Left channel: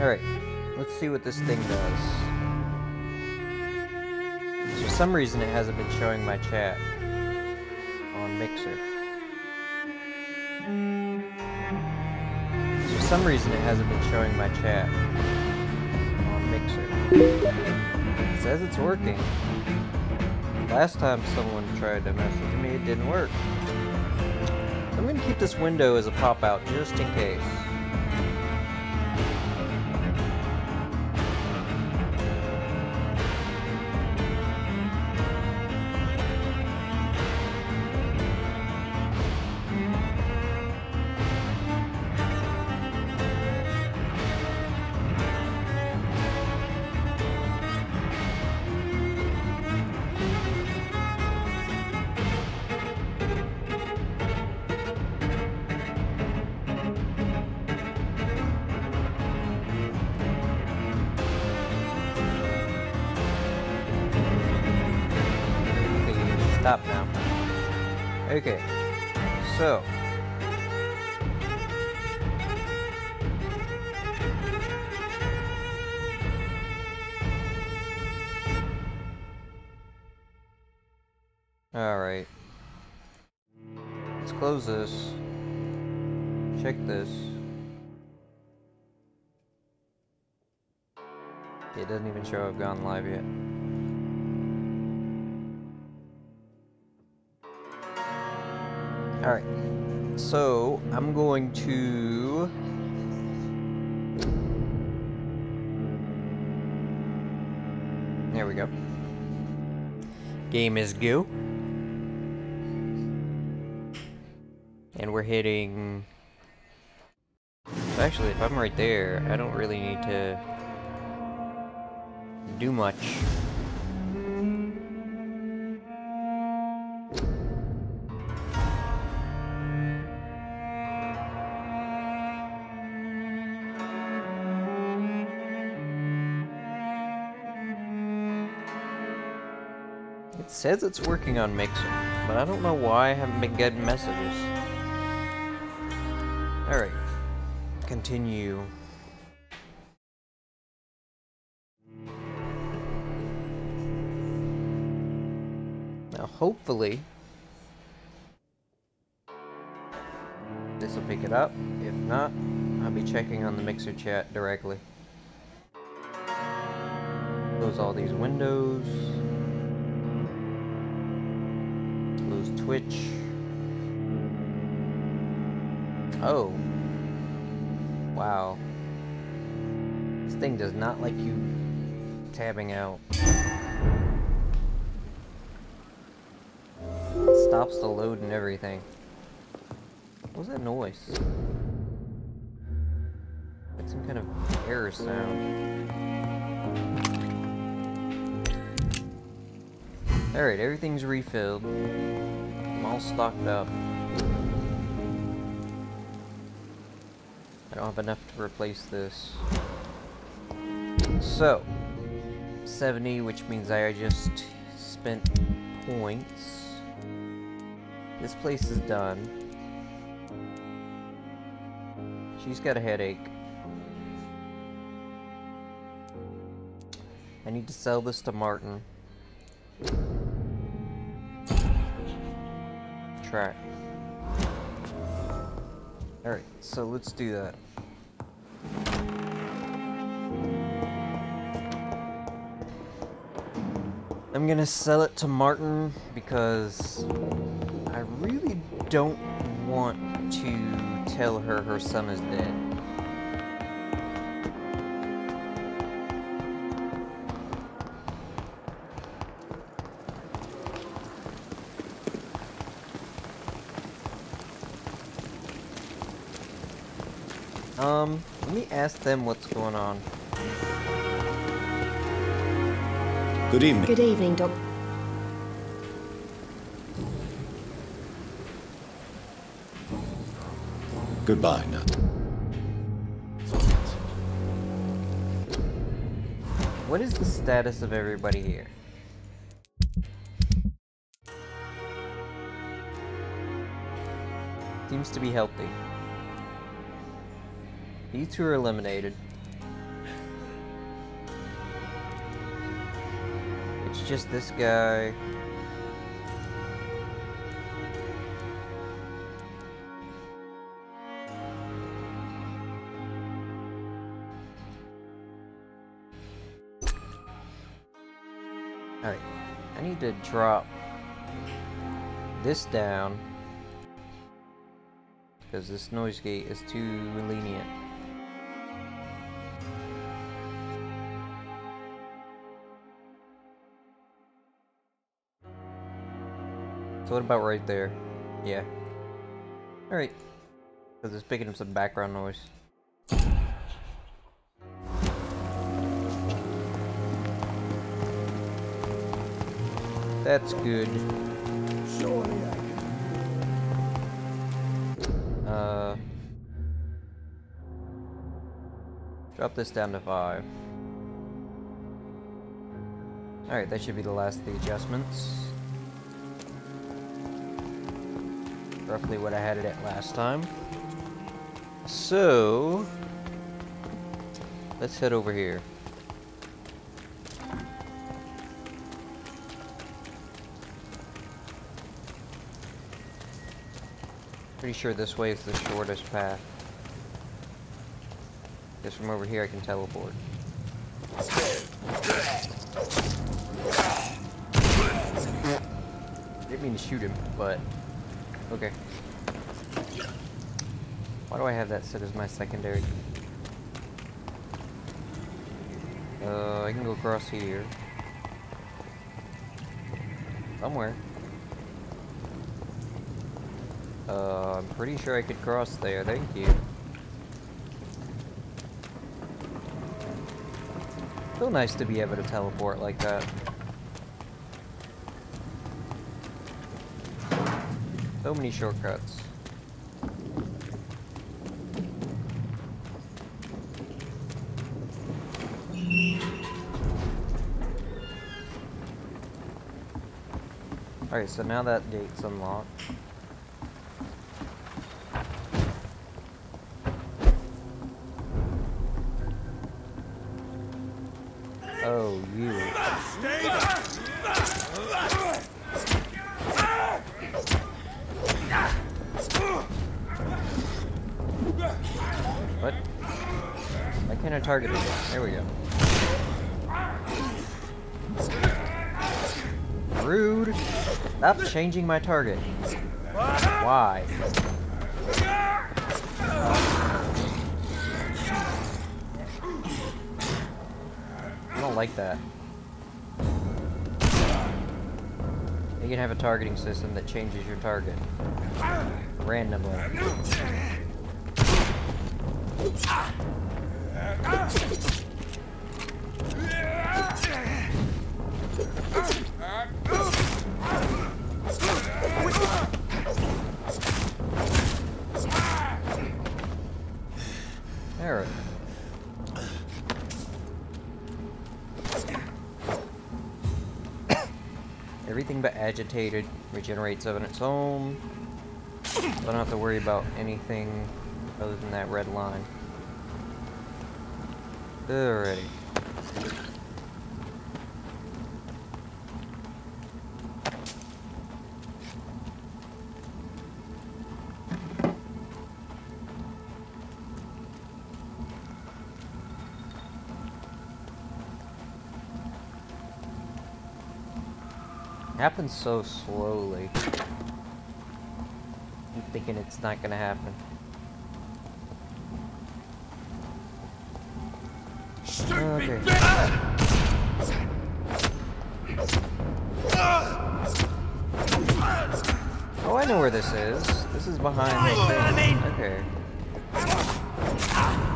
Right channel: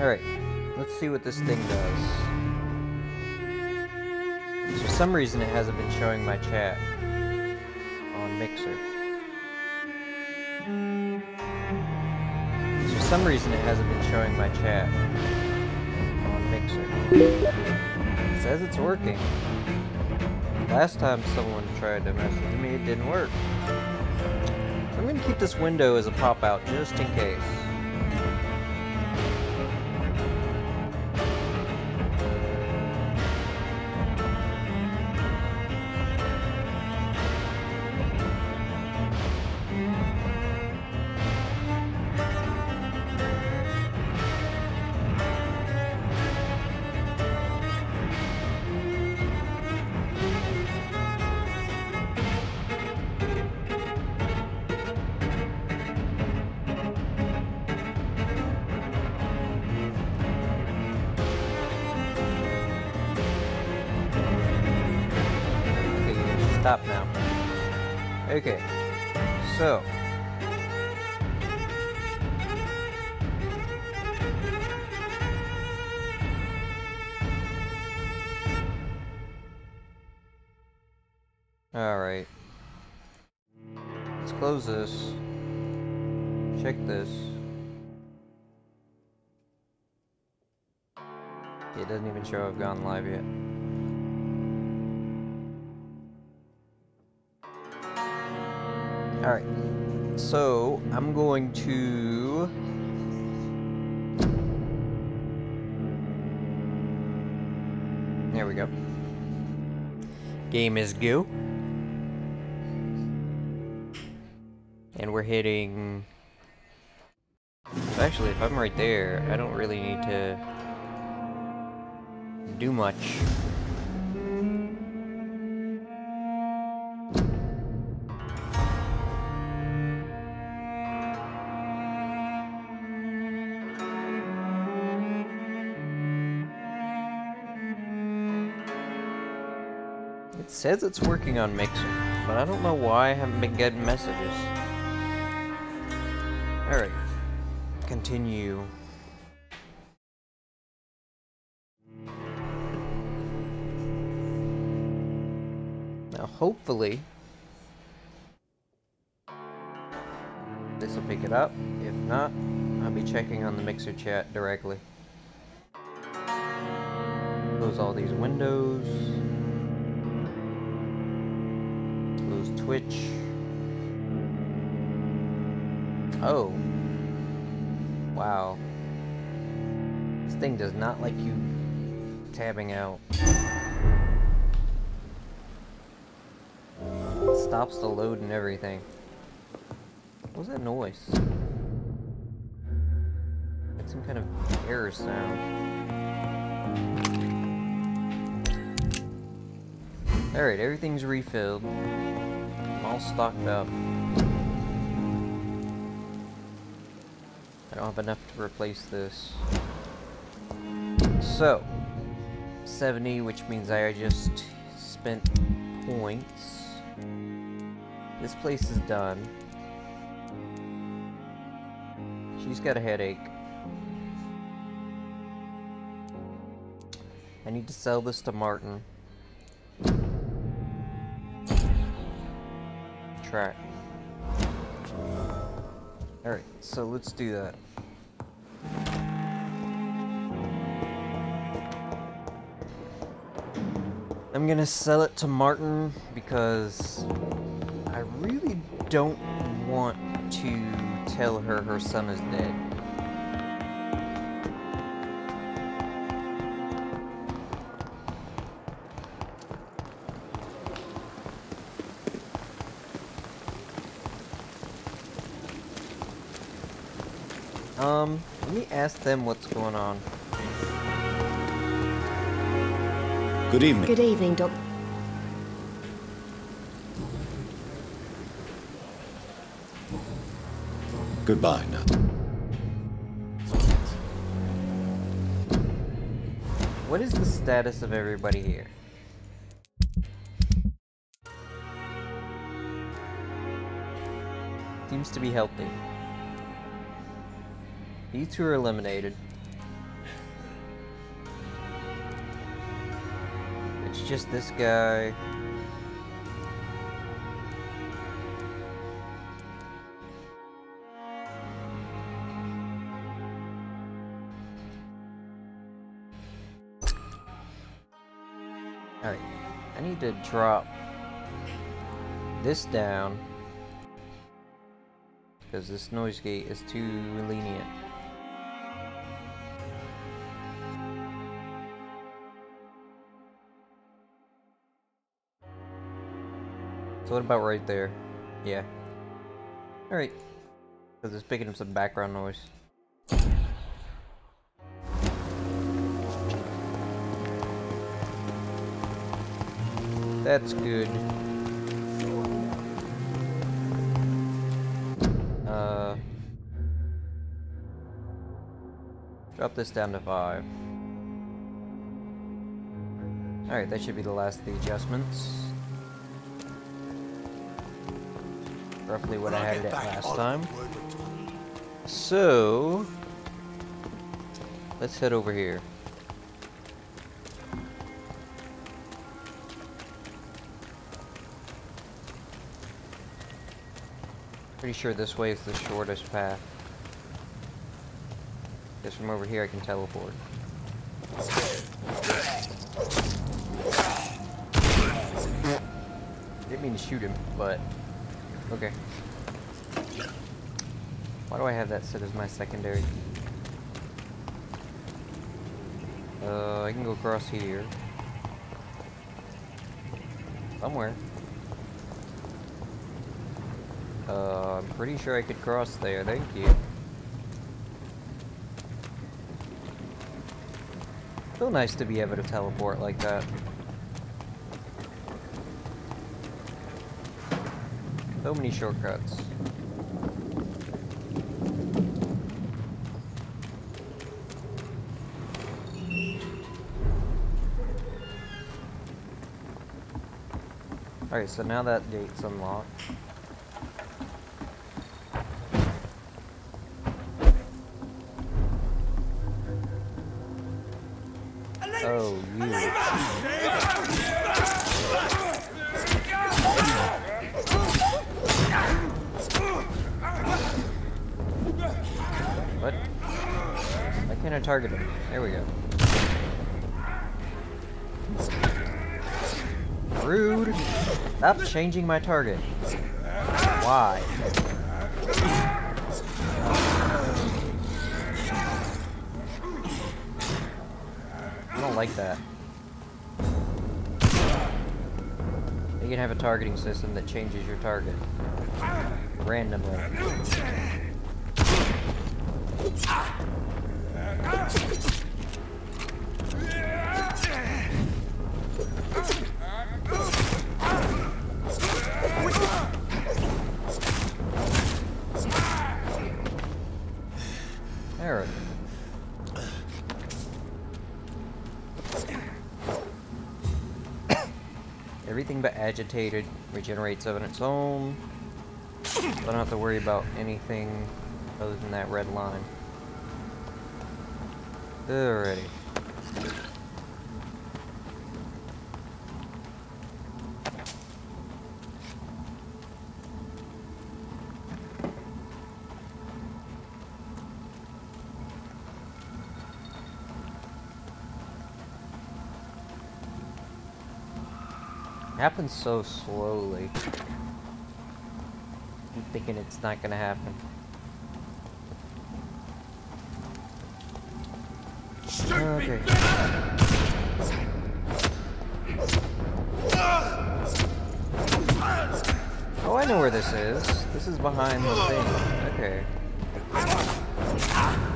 Alright, let's see what this thing does. For some reason it hasn't been showing my chat on Mixer. For some reason it hasn't been showing my chat on Mixer. It says it's working. Last time someone tried to message me, it didn't work. So I'm going to keep this window as a pop-out just in case. Stop now. Okay, so alright, let's close this, check this. It doesn't even show I've gone live yet. Alright, so I'm going to there we go. Game is go. And we're hitting, so actually if I'm right there, I don't really need to do much. It says it's working on Mixer, but I don't know why I haven't been getting messages. Alright, continue. Now hopefully this will pick it up. If not, I'll be checking on the Mixer chat directly. Close all these windows. Close Twitch. Oh. Wow. This thing does not like you tabbing out. It stops the load and everything. What was that noise? That's some kind of error sound. Alright, everything's refilled. I'm all stocked up. I don't have enough to replace this. So, 70, which means I just spent points. This place is done. She's got a headache. I need to sell this to Martin. Track. Alright, so let's do that. I'm gonna sell it to Martin because I really don't want to tell her her son is dead. Let me ask them what's going on. Good evening. Good evening, Doc. Goodbye now. What is the status of everybody here? Seems to be healthy. These two are eliminated. just this guy. Alright, I need to drop this down because this noise gate is too lenient. So what about right there? Yeah. Alright. Because it's picking up some background noise. That's good. Drop this down to 5. Alright, that should be the last of the adjustments. Roughly what I had it at last time. So, let's head over here. Pretty sure this way is the shortest path. Because from over here I can teleport. Didn't mean to shoot him, but okay. Why do I have that set as my secondary? I can go across here. Somewhere. I'm pretty sure I could cross there, thank you. So nice to be able to teleport like that. So many shortcuts. Alright, so now that gate's unlocked. Oh, you. What? Why can't I target him? There we go. Rude! Stop changing my target. Why? I don't like that. You can have a targeting system that changes your target randomly. There. Everything but agitated regenerates on its own. So I don't have to worry about anything other than that red line. Alrighty. Happens so slowly. I'm thinking it's not gonna happen. Okay. Oh, I know where this is. This is behind the thing. Okay.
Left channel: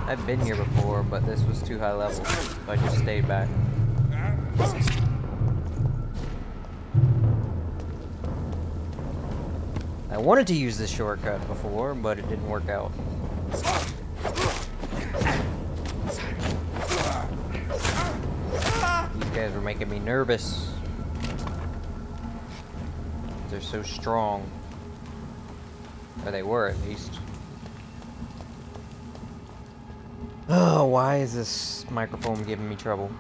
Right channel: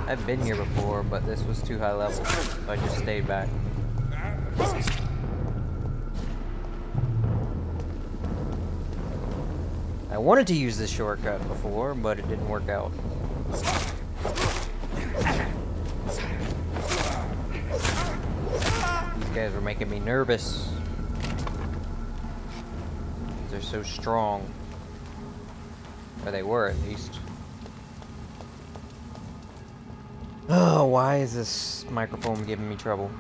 I've been here before, but this was too high level, so I just stayed back. I wanted to use this shortcut before, but it didn't work out. These guys were making me nervous. They're so strong. Or they were, at least. Oh, why is this microphone giving me trouble?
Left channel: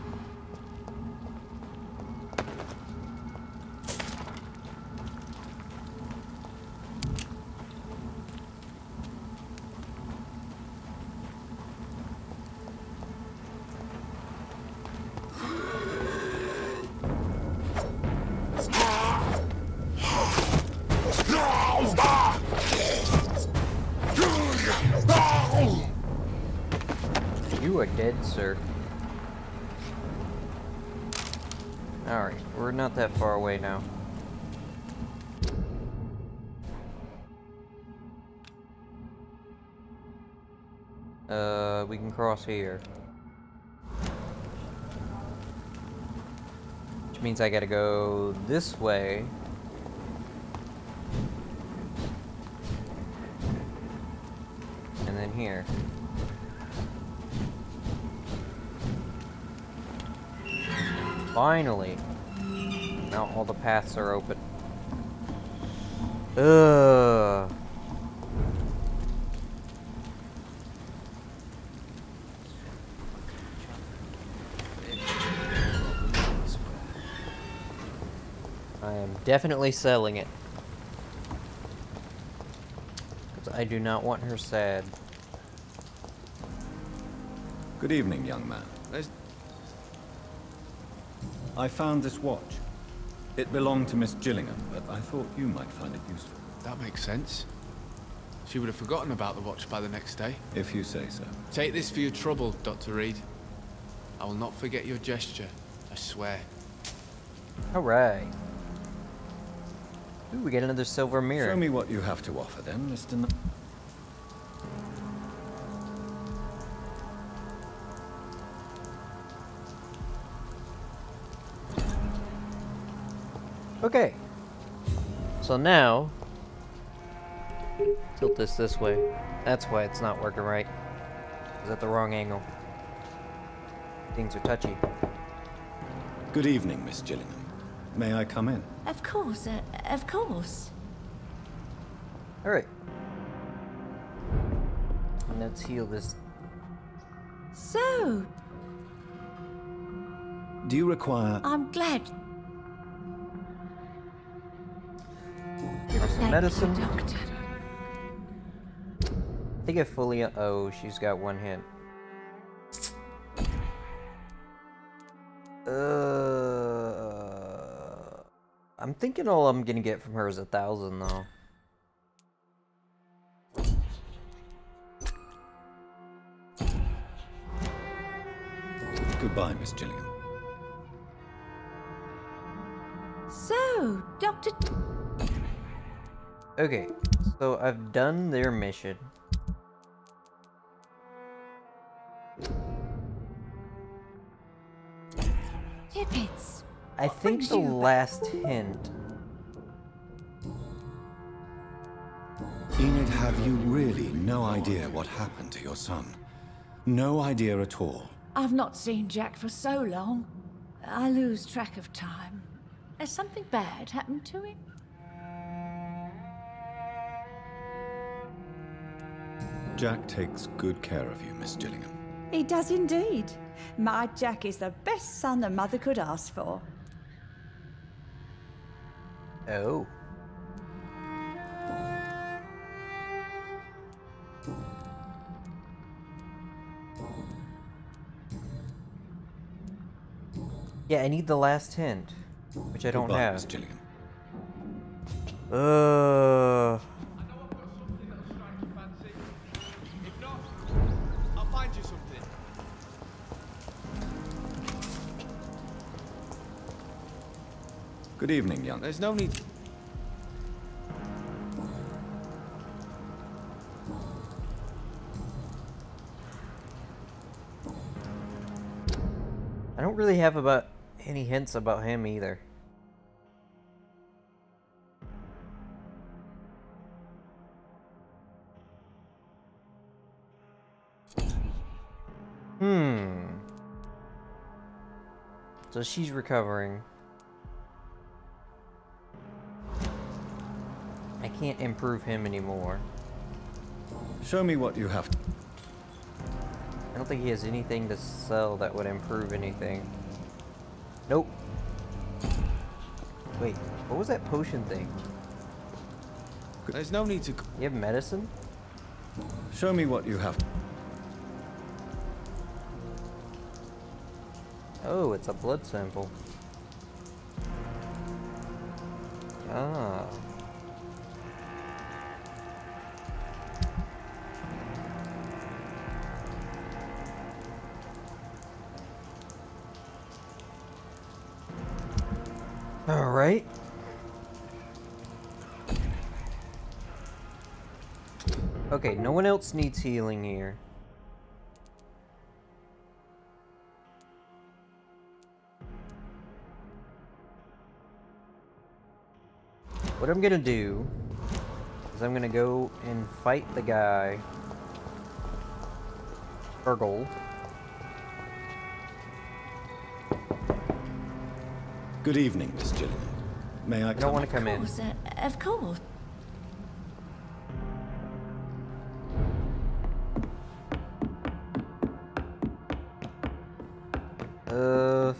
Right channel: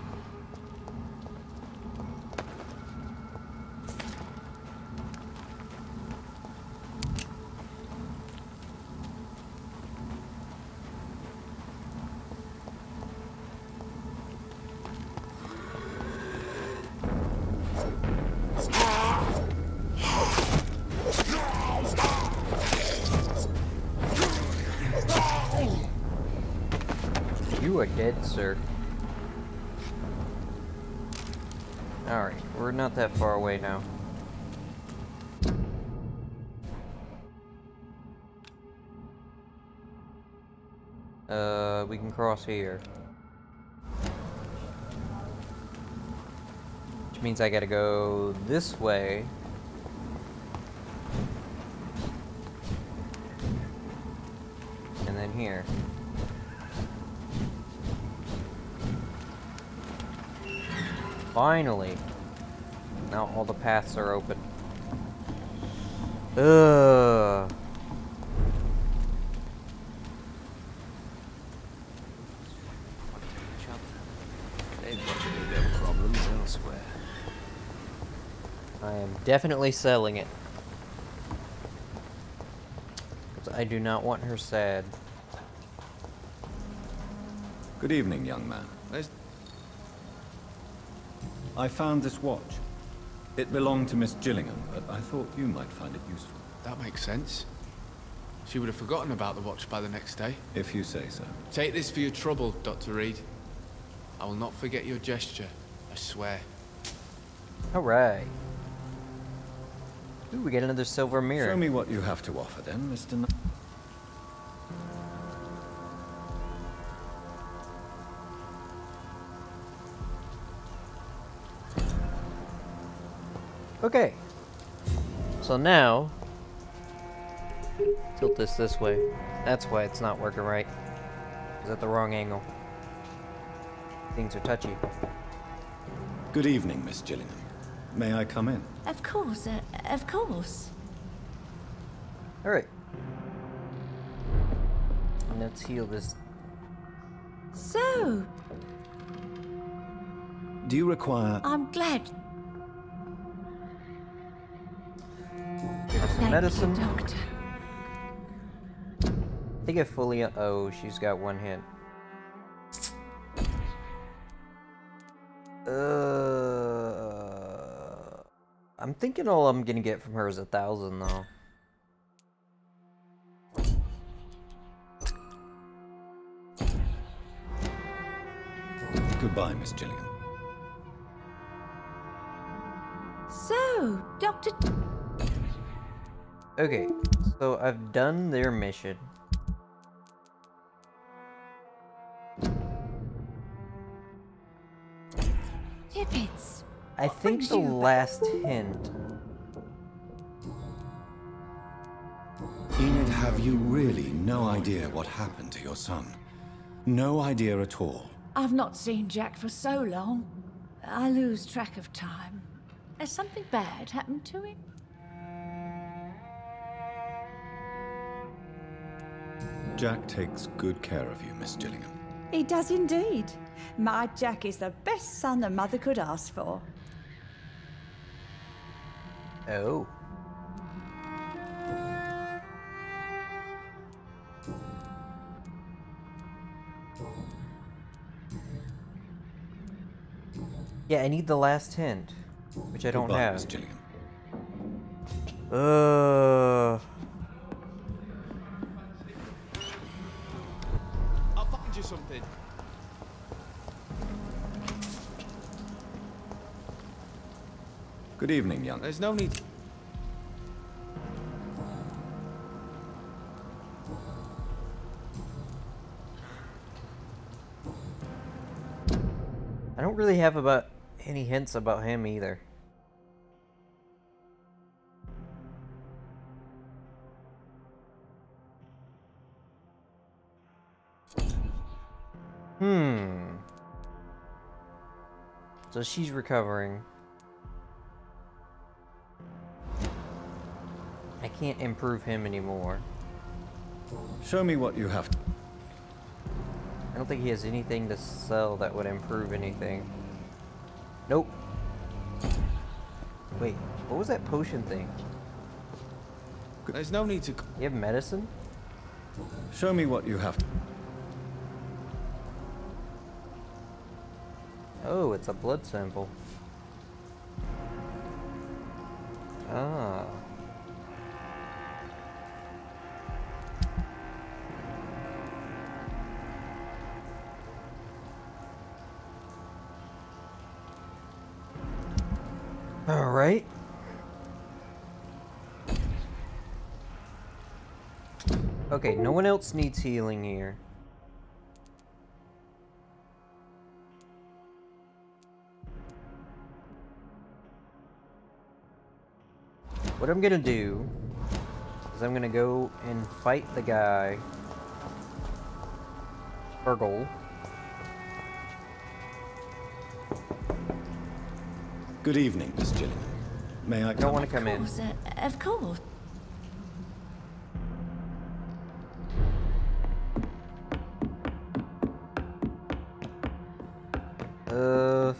You are dead, sir. Alright, we're not that far away now. We can cross here. Which means I gotta go this way. And then here. Finally! Now all the paths are open. Ugh. I am definitely selling it. Because I do not want her sad. Good evening, young man. I found this watch. It belonged to Miss Gillingham, but I thought you might find it useful. That makes sense. She would have forgotten about the watch by the next day. If you say so. Take this for your trouble, Dr. Reed. I will not forget your gesture, I swear. Alright. Ooh, we get another silver mirror. Show me what you have to offer then, Mr. Okay. So now, tilt this way. That's why it's not working right. It's at the wrong angle. Things are touchy. Good evening, Miss Gillingham. May I come in? Of course, of course. Alright. Let's heal this. So, Do you require... I'm glad. Give her some Thank medicine. you, Doctor. I think I fully. Oh, she's got one hit. I'm thinking all I'm gonna get from her is 1,000 though. Goodbye, Miss Gillingham. So, Doctor... Okay, so I've done their mission. Tippets. I What think brings the you back? last hint. Enid, have you really no idea what happened to your son? No idea at all. I've not seen Jack for so long. I lose track of time. Has something bad happened to him? Jack takes good care of you, Miss Gillingham. He does indeed. My Jack is the best son a mother could ask for. Oh. Yeah, I need the last hint, which I don't Goodbye, have. Miss Gillingham. I'll find you something. Good evening, young. There's no need. I don't really have about any hints about him either. So she's recovering. I can't improve him anymore. Show me what you have. I don't think he has anything to sell that would improve anything. Nope. Wait, what was that potion thing? There's no need to. You have medicine? Show me what you have. Oh, it's a blood sample. Ah. Alright. Okay, no one else needs healing here. What I'm gonna do is I'm gonna go and fight the guy. Burgle. Good evening, Miss Gillingham. May I I don't want to come in. Of course. I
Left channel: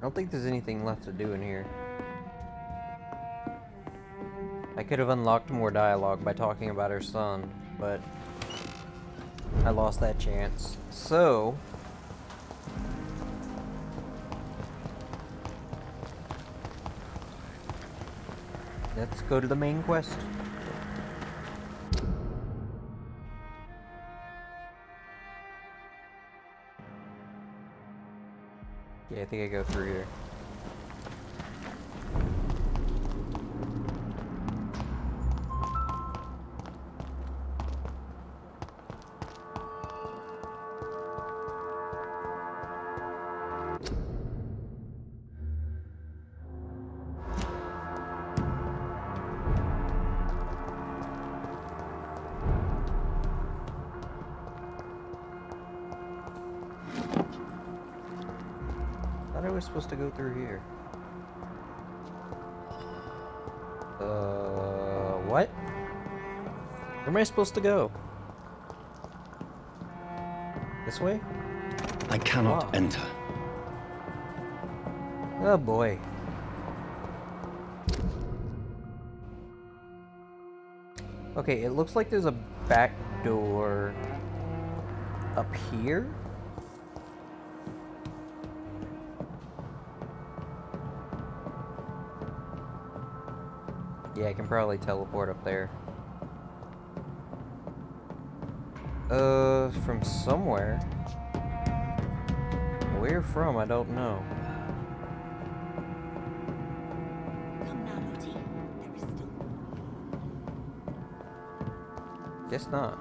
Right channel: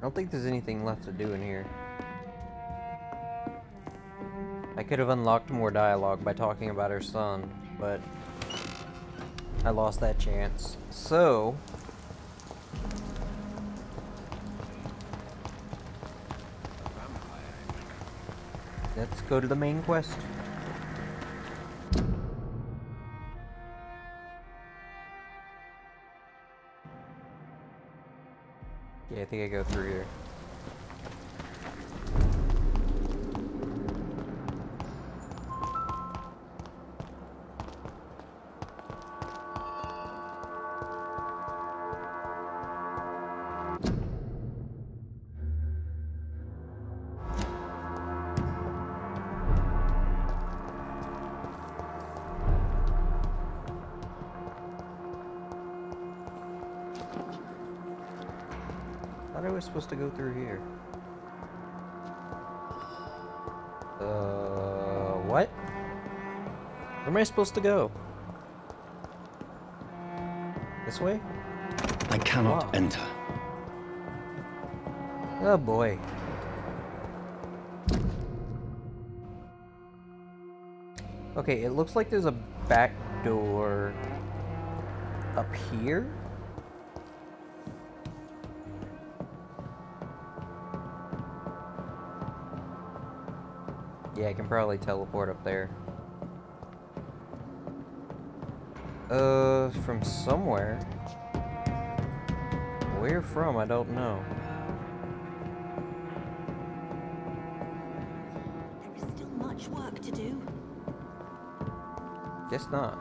don't think there's anything left to do in here. I could have unlocked more dialogue by talking about her son, but I lost that chance. So let's go to the main quest. Yeah, I think I go through here. I thought I was supposed to go through here. What? Where am I supposed to go? This way? I cannot Wow. enter. Oh boy. Okay, it looks like there's a back door up here. Yeah, I can probably teleport up there. From somewhere. Where from? I don't know. There is still much work to do. Guess not.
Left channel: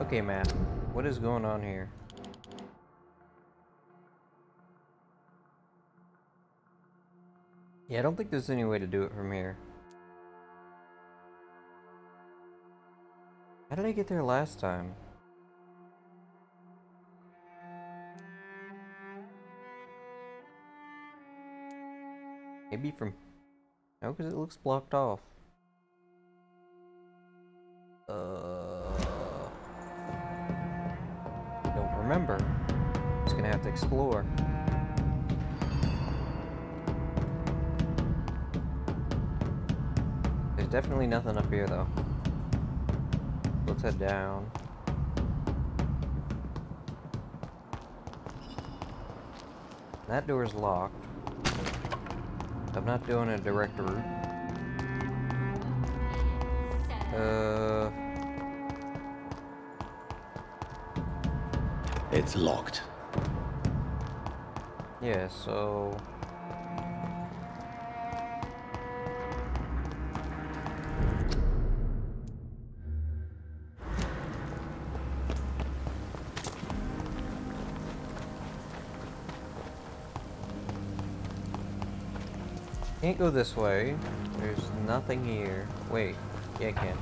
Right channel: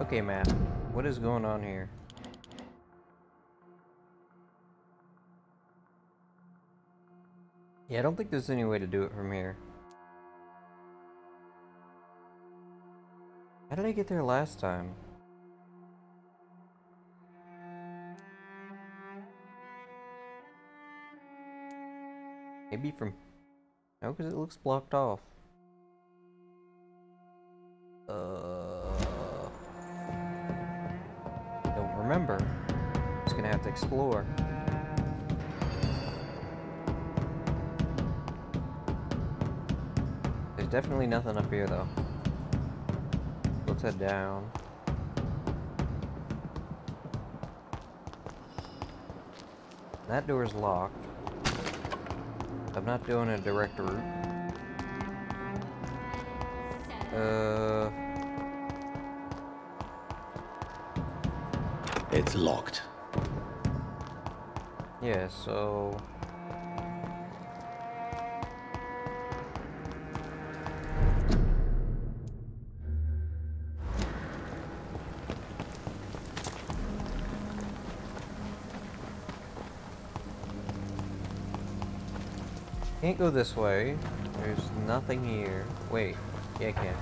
Okay, Matt. What is going on here? Yeah, I don't think there's any way to do it from here. How did I get there last time? Maybe from... No, because it looks blocked off. Don't remember. Just gonna have to explore. There's definitely nothing up here, though. Let's head down. That door's locked. I'm not doing a direct route. It's locked. Yeah, so... Can't go this way. There's nothing here. Wait. Yeah, I can.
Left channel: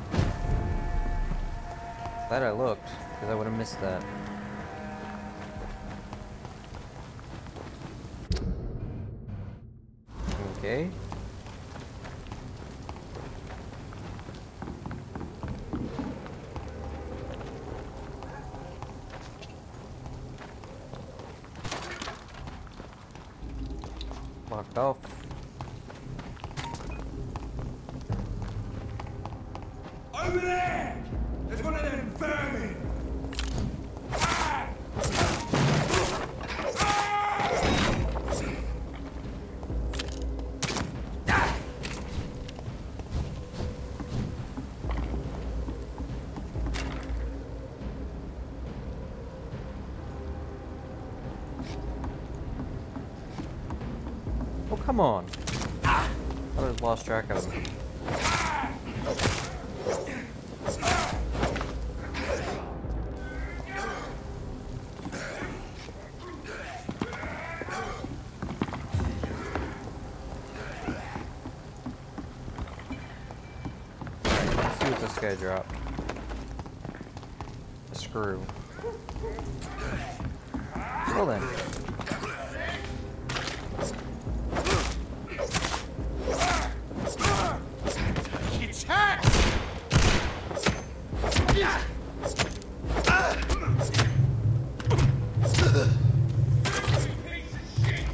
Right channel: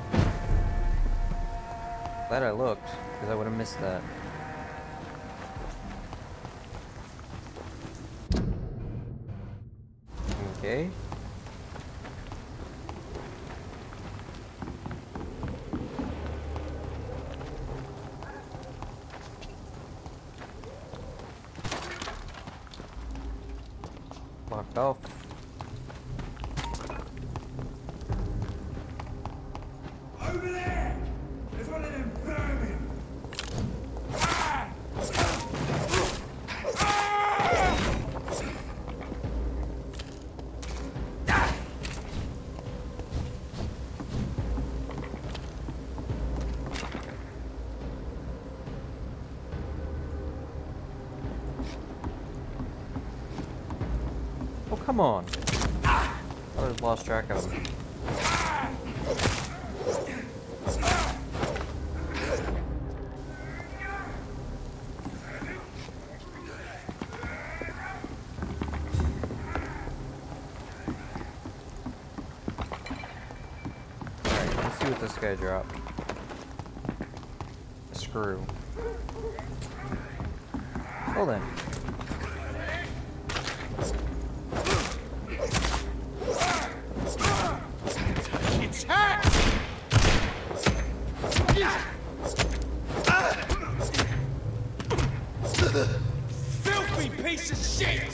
Glad I looked, because I would have missed that. Okay. Locked off. Over there! There's one of them vermin! come on. I just lost track of him. Alright, let's see what this guy dropped. A screw. Well then. Filthy piece of shit!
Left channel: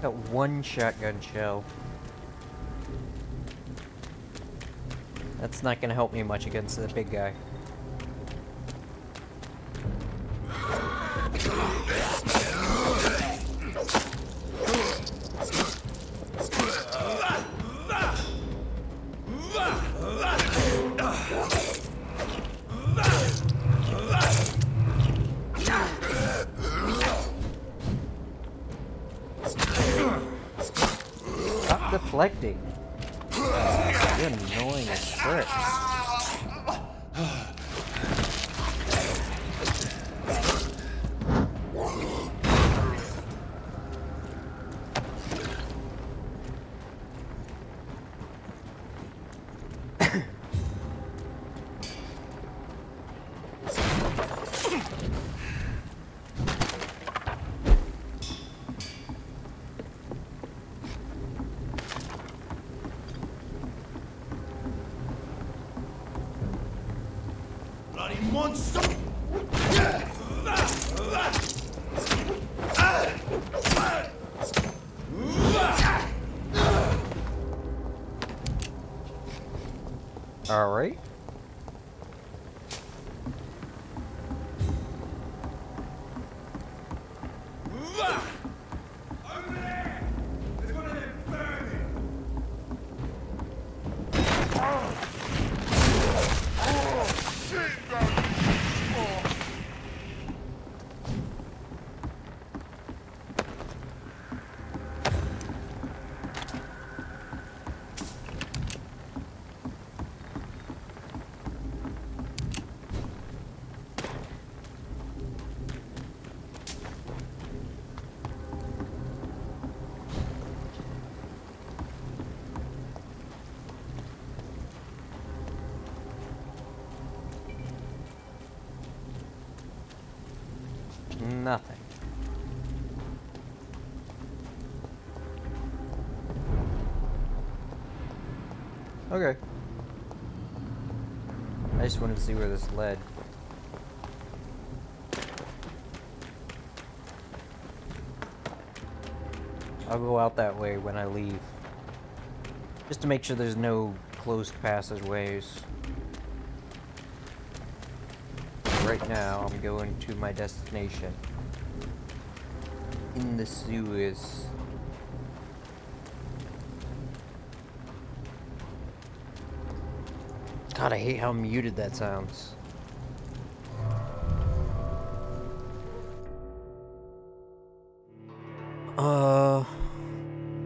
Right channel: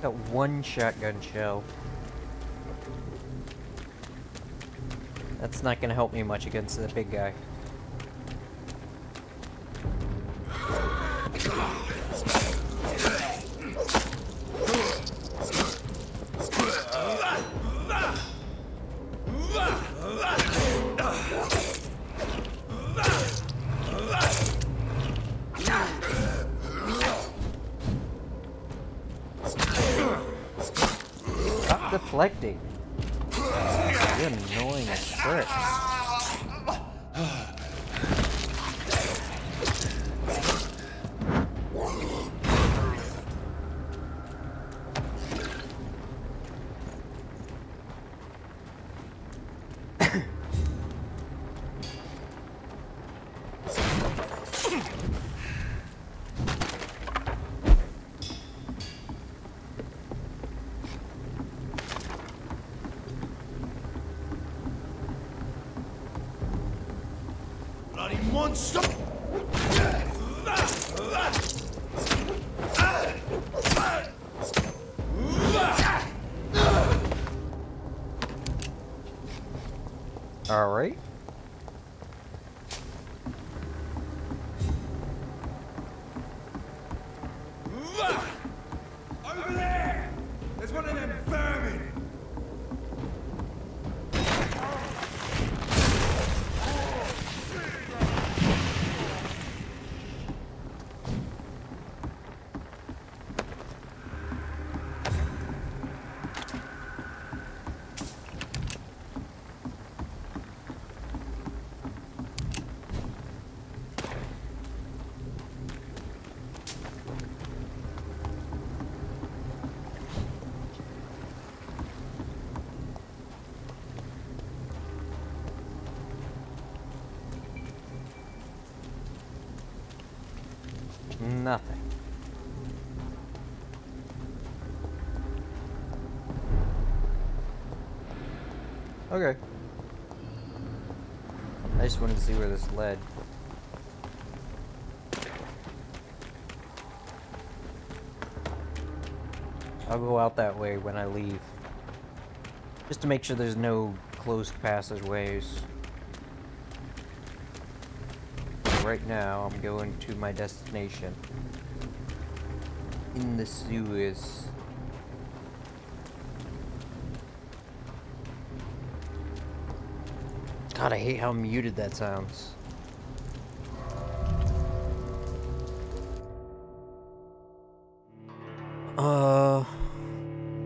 Got one shotgun shell. That's not gonna help me much against the big guy. Stop deflecting. You're annoying as frick. Bloody monster! All right. Over there! There's one of them vermin! Nothing. Okay. I just wanted to see where this led. I'll go out that way when I leave. Just to make sure there's no closed passageways. Right now, I'm going to my destination. In the sewers. God, I hate how muted that sounds.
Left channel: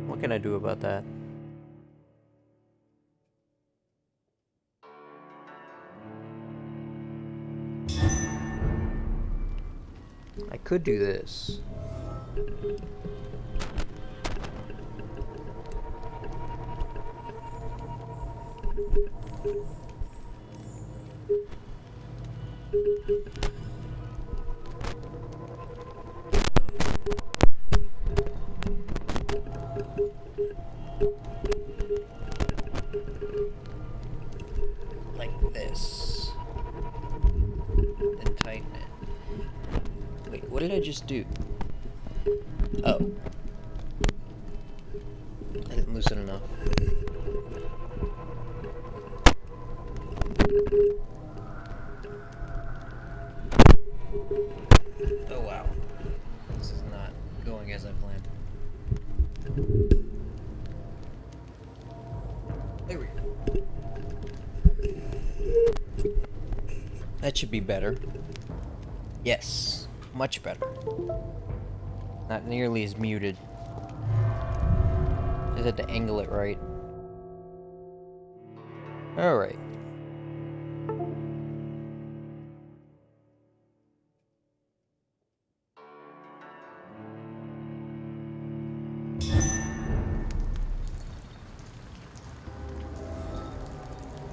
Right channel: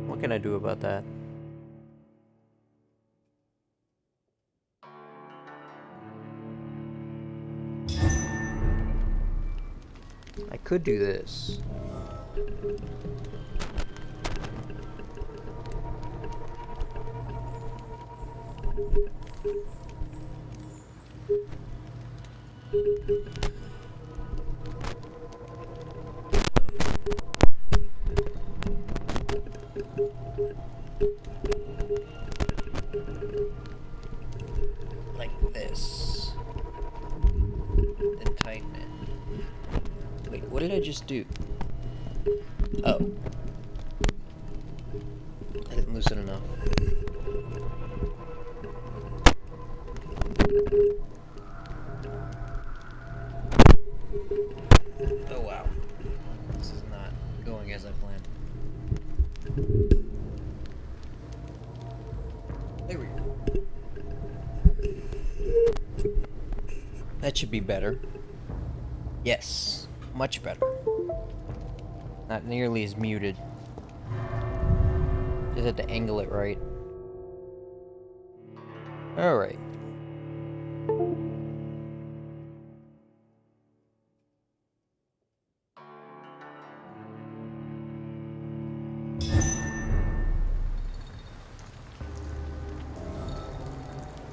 What can I do about that? I could do this. Like this. And tighten it. Wait, what did I just do? Oh. I didn't loosen enough. There we go. That should be better. Yes, much better. Not nearly as muted. Just had to angle it right. Alright.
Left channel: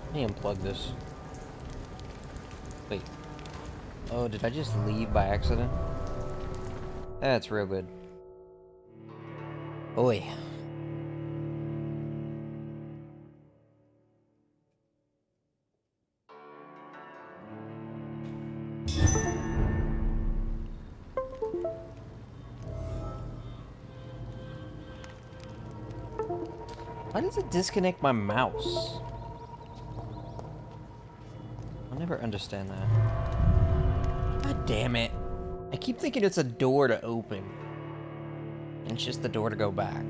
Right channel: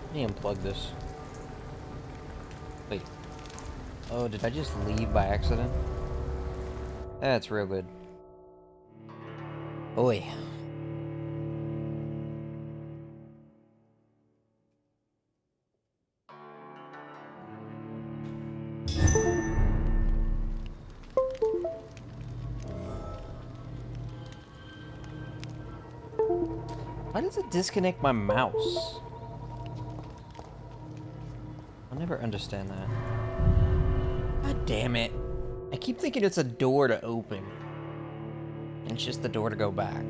Let me unplug this. Wait. Oh, did I just leave by accident? That's real good. Oi. Why does it disconnect my mouse? I'll never understand that. God damn it. I keep thinking it's a door to open. And it's just the door to go back.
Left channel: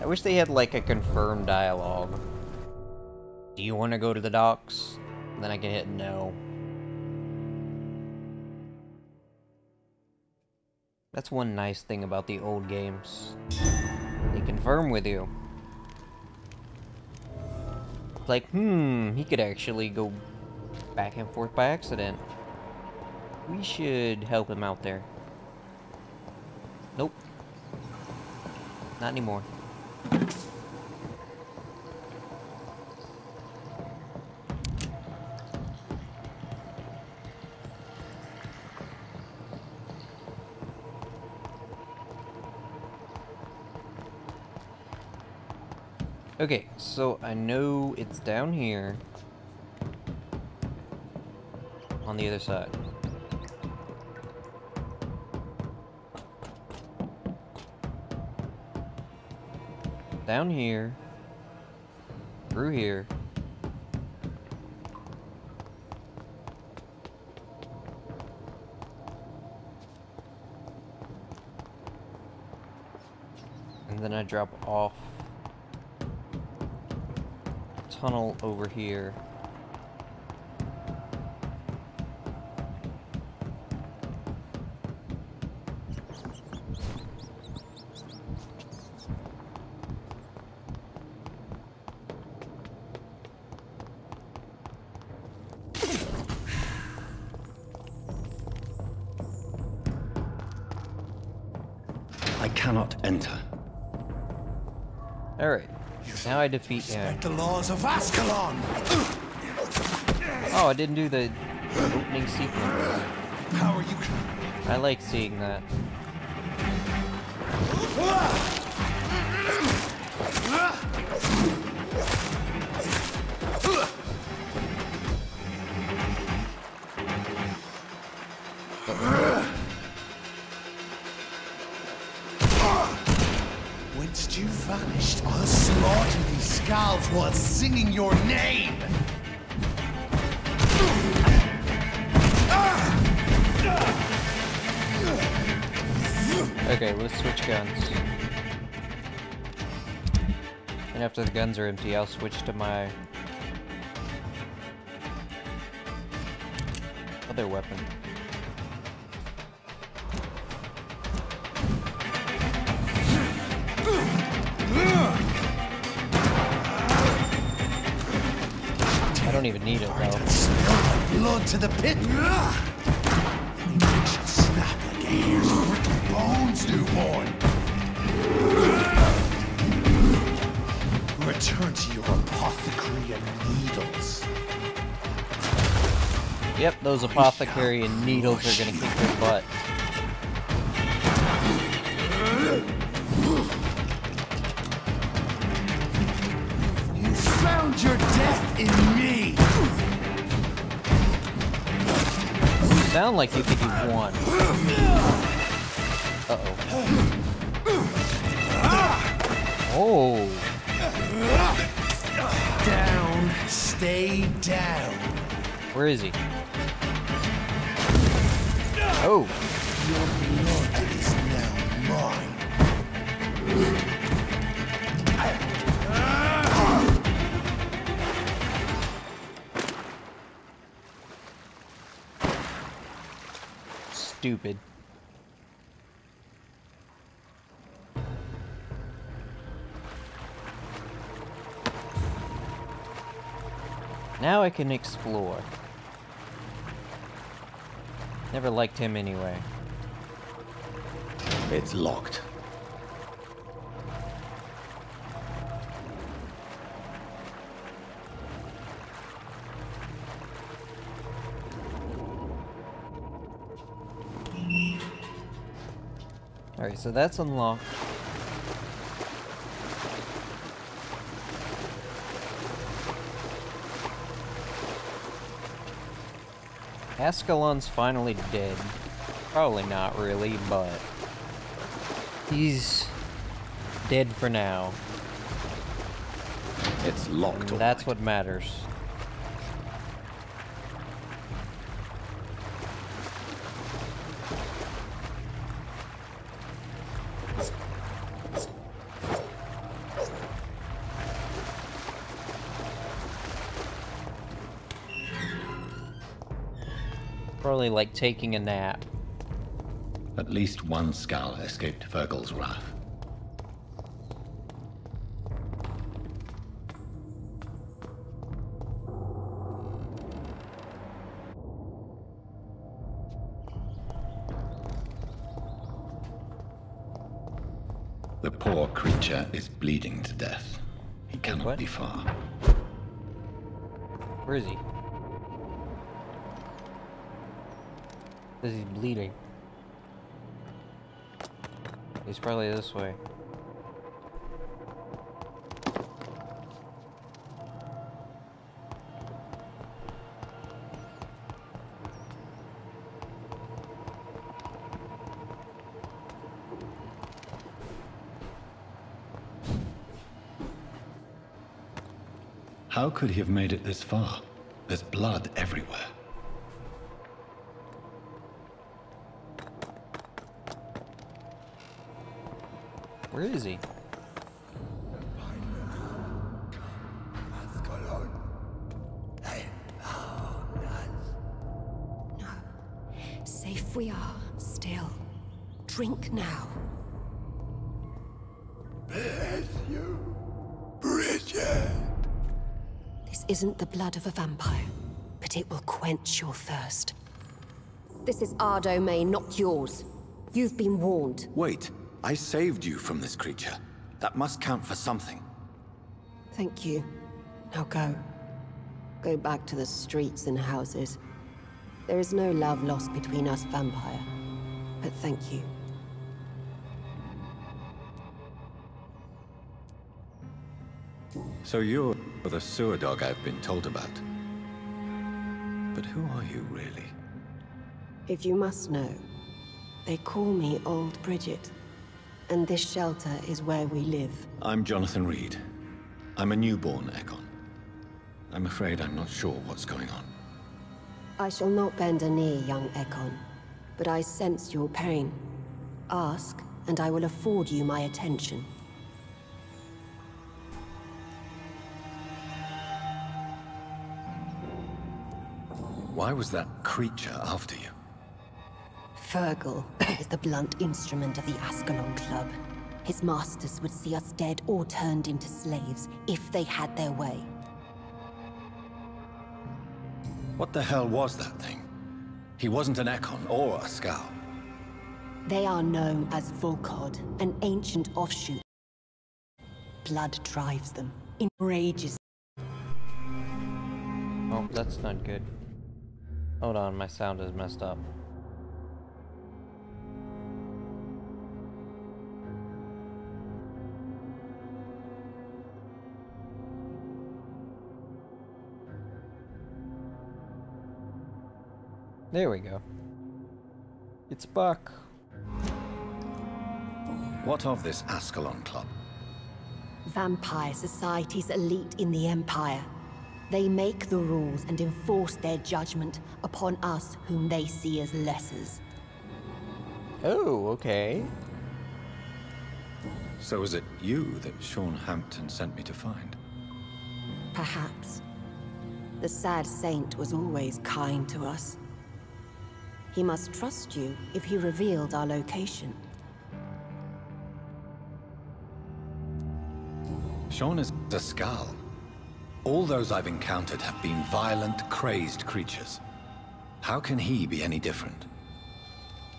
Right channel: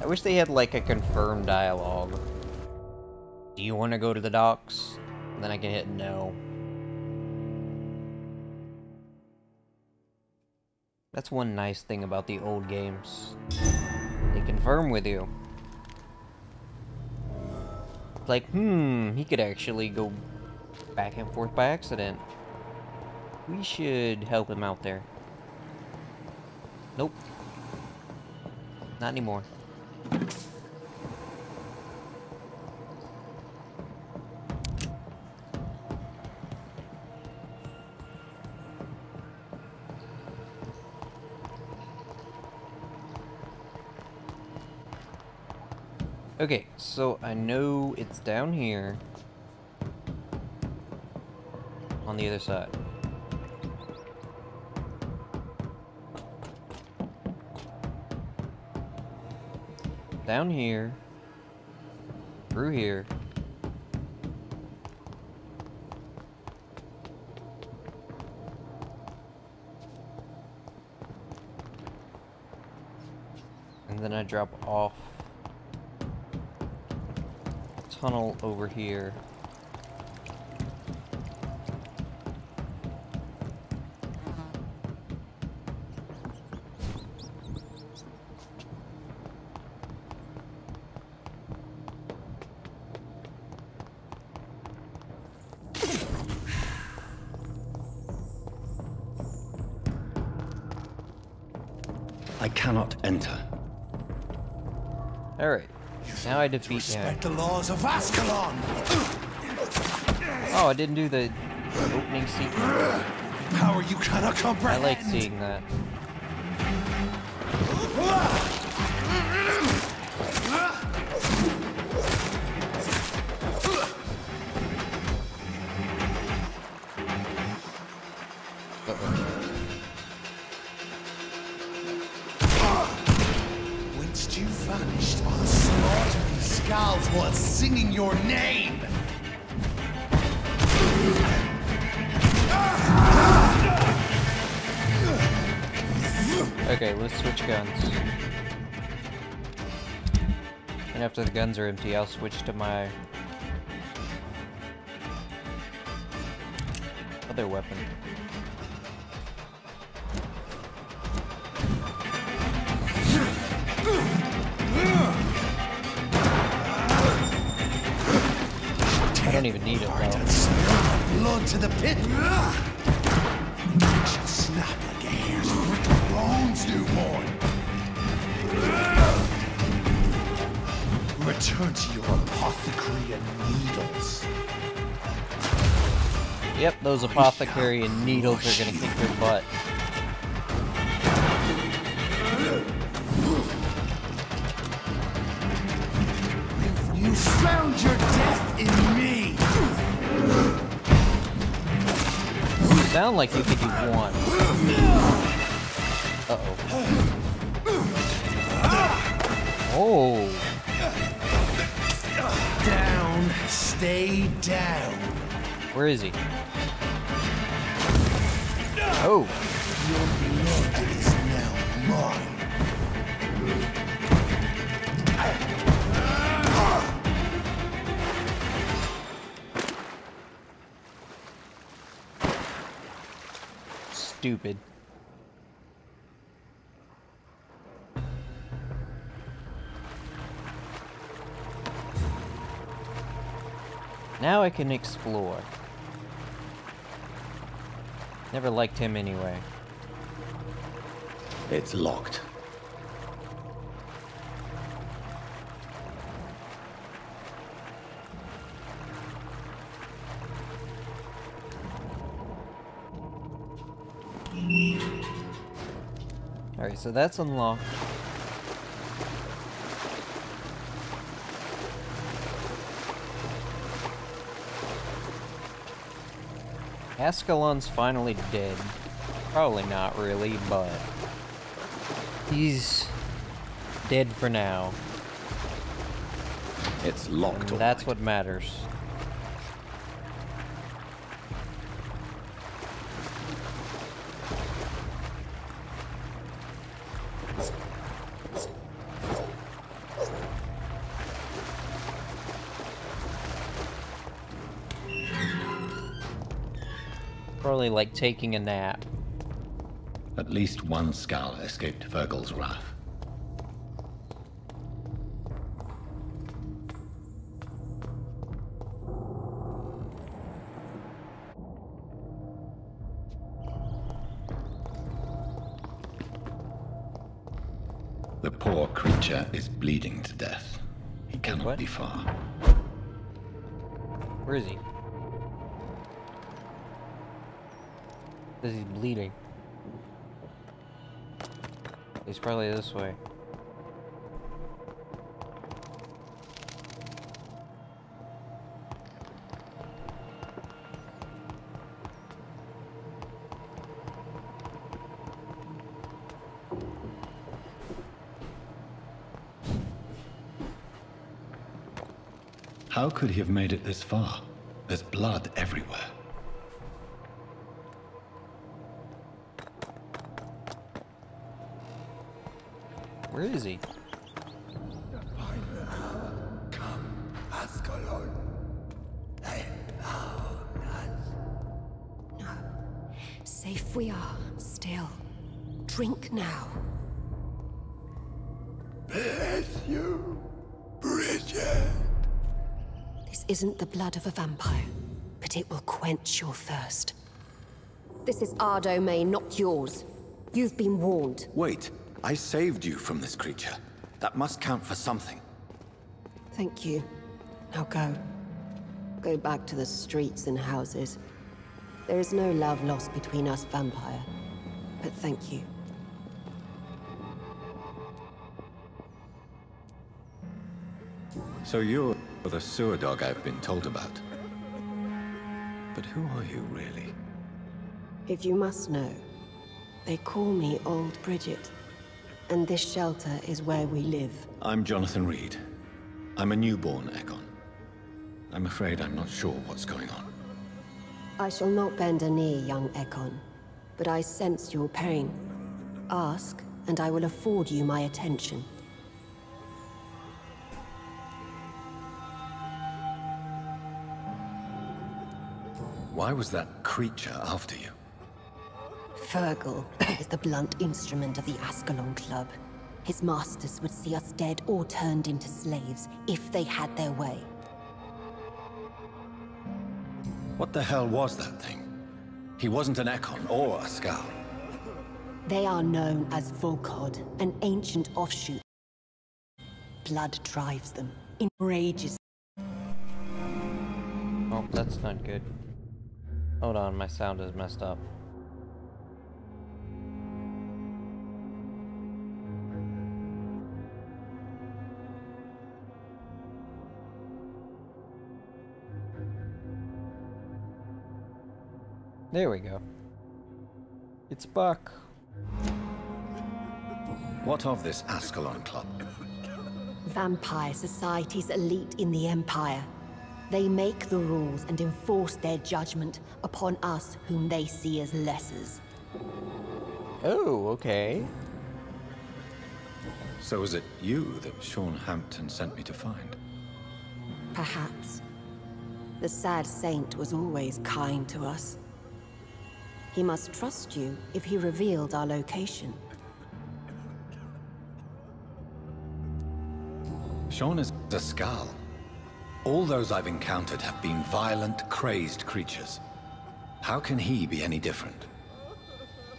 I wish they had like a confirmed dialogue. Do you want to go to the docks? And then I can hit no. That's one nice thing about the old games. They confirm with you. It's like, he could actually go back and forth by accident. We should help him out there. Nope. Not anymore. Okay, so I know it's down here on the other side. Down here, through here. And then I drop off. Tunnel over here. I cannot enter. All right. Now I defeat him. Respect the laws of Ascalon. Oh, I didn't do the opening sequence. Power you cannot comprehend. I like seeing that. Whence you vanished, I'll slaughter these skulls while singing your name. Okay, let's switch guns. And after the guns are empty, I'll switch to my other weapon. I don't even need it though. Spill my blood to the pit. My neck shall snap like a hare's brittle bones, newborn. Return to your apothecary and needles. Yep, those apothecary and needles are gonna kick your butt. You found your death in me. You sound like you think you won. Uh-oh. Oh. Down, stay down. Where is he? Oh! Your blood is now mine. Stupid. Now I can explore. Never liked him anyway. It's locked. Alright, so that's unlocked. Ascalon's finally dead. Probably not really, but he's dead for now. It's locked. And that's what matters. Probably like taking a nap. At least one Skull escaped Fergal's wrath. The poor creature is bleeding to death. He cannot what? be far. Where is he? Says he's bleeding. He's probably this way. How could he have made it this far? There's blood everywhere. Where is he? Come, Ascalon. They found us. No. Safe we are, still. Drink now. Bless you, Bridget. This isn't the blood of a vampire, but it will quench your thirst. This is our domain, not yours. You've been warned. Wait, I saved you from this creature. That must count for something. Thank you. Now go. Go back to the streets and houses. There is no love lost between us, vampire. But thank you. So you're the sewer dog I've been told about. But who are you, really? If you must know, they call me Old Bridget. And this shelter is where we live. I'm Jonathan Reed. I'm a newborn Ekon. I'm afraid I'm not sure what's going on. I shall not bend a knee, young Ekon, but I sense your pain. Ask, and I will afford you my attention. Why was that creature after you? Fergal is the blunt instrument of the Ascalon Club. His masters would see us dead or turned into slaves if they had their way. What the hell was that thing? He wasn't an Ekon or a Skull. They are known as Volkod, an ancient offshoot. Blood drives them, enrages. Oh, that's not good. Hold on, my sound is messed up. There we go. It's back. What of this Ascalon Club? Vampire society's elite in the Empire. They make the rules and enforce their judgment upon us whom they see as lessers. Oh, okay. So is it you that Sean Hampton sent me to find? Perhaps. The sad saint was always kind to us. He must trust you if he revealed our location. Sean is a Skal. All those I've encountered have been violent, crazed creatures. How can he be any different?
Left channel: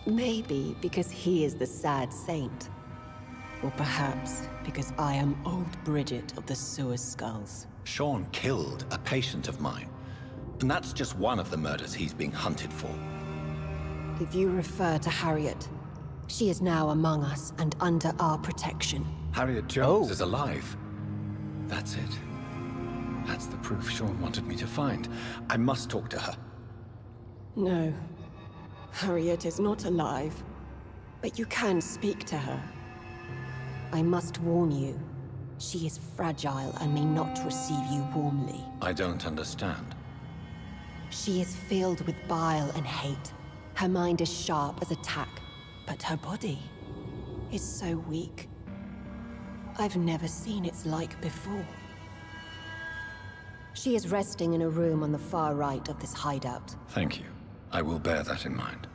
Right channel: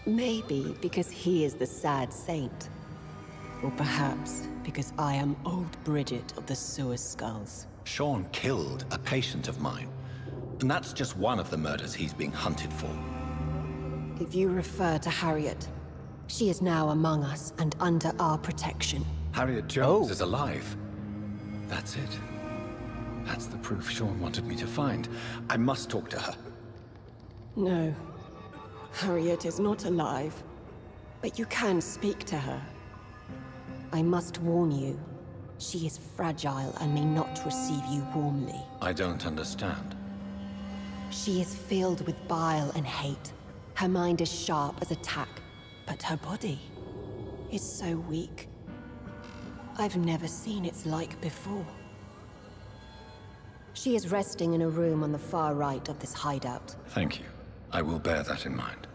Maybe because he is the sad saint. Or perhaps because I am old Bridget of the Sewer Skulls. Sean killed a patient of mine. And that's just one of the murders he's being hunted for. If you refer to Harriet, she is now among us and under our protection. Harriet Jones is alive. That's it. That's the proof Sean wanted me to find. I must talk to her. No. Harriet is not alive. But you can speak to her. I must warn you. She is fragile and may not receive you warmly. I don't understand. She is filled with bile and hate. Her mind is sharp as a tack, but her body is so weak. I've never seen its like before. She is resting in a room on the far right of this hideout. Thank you. I will bear that in mind.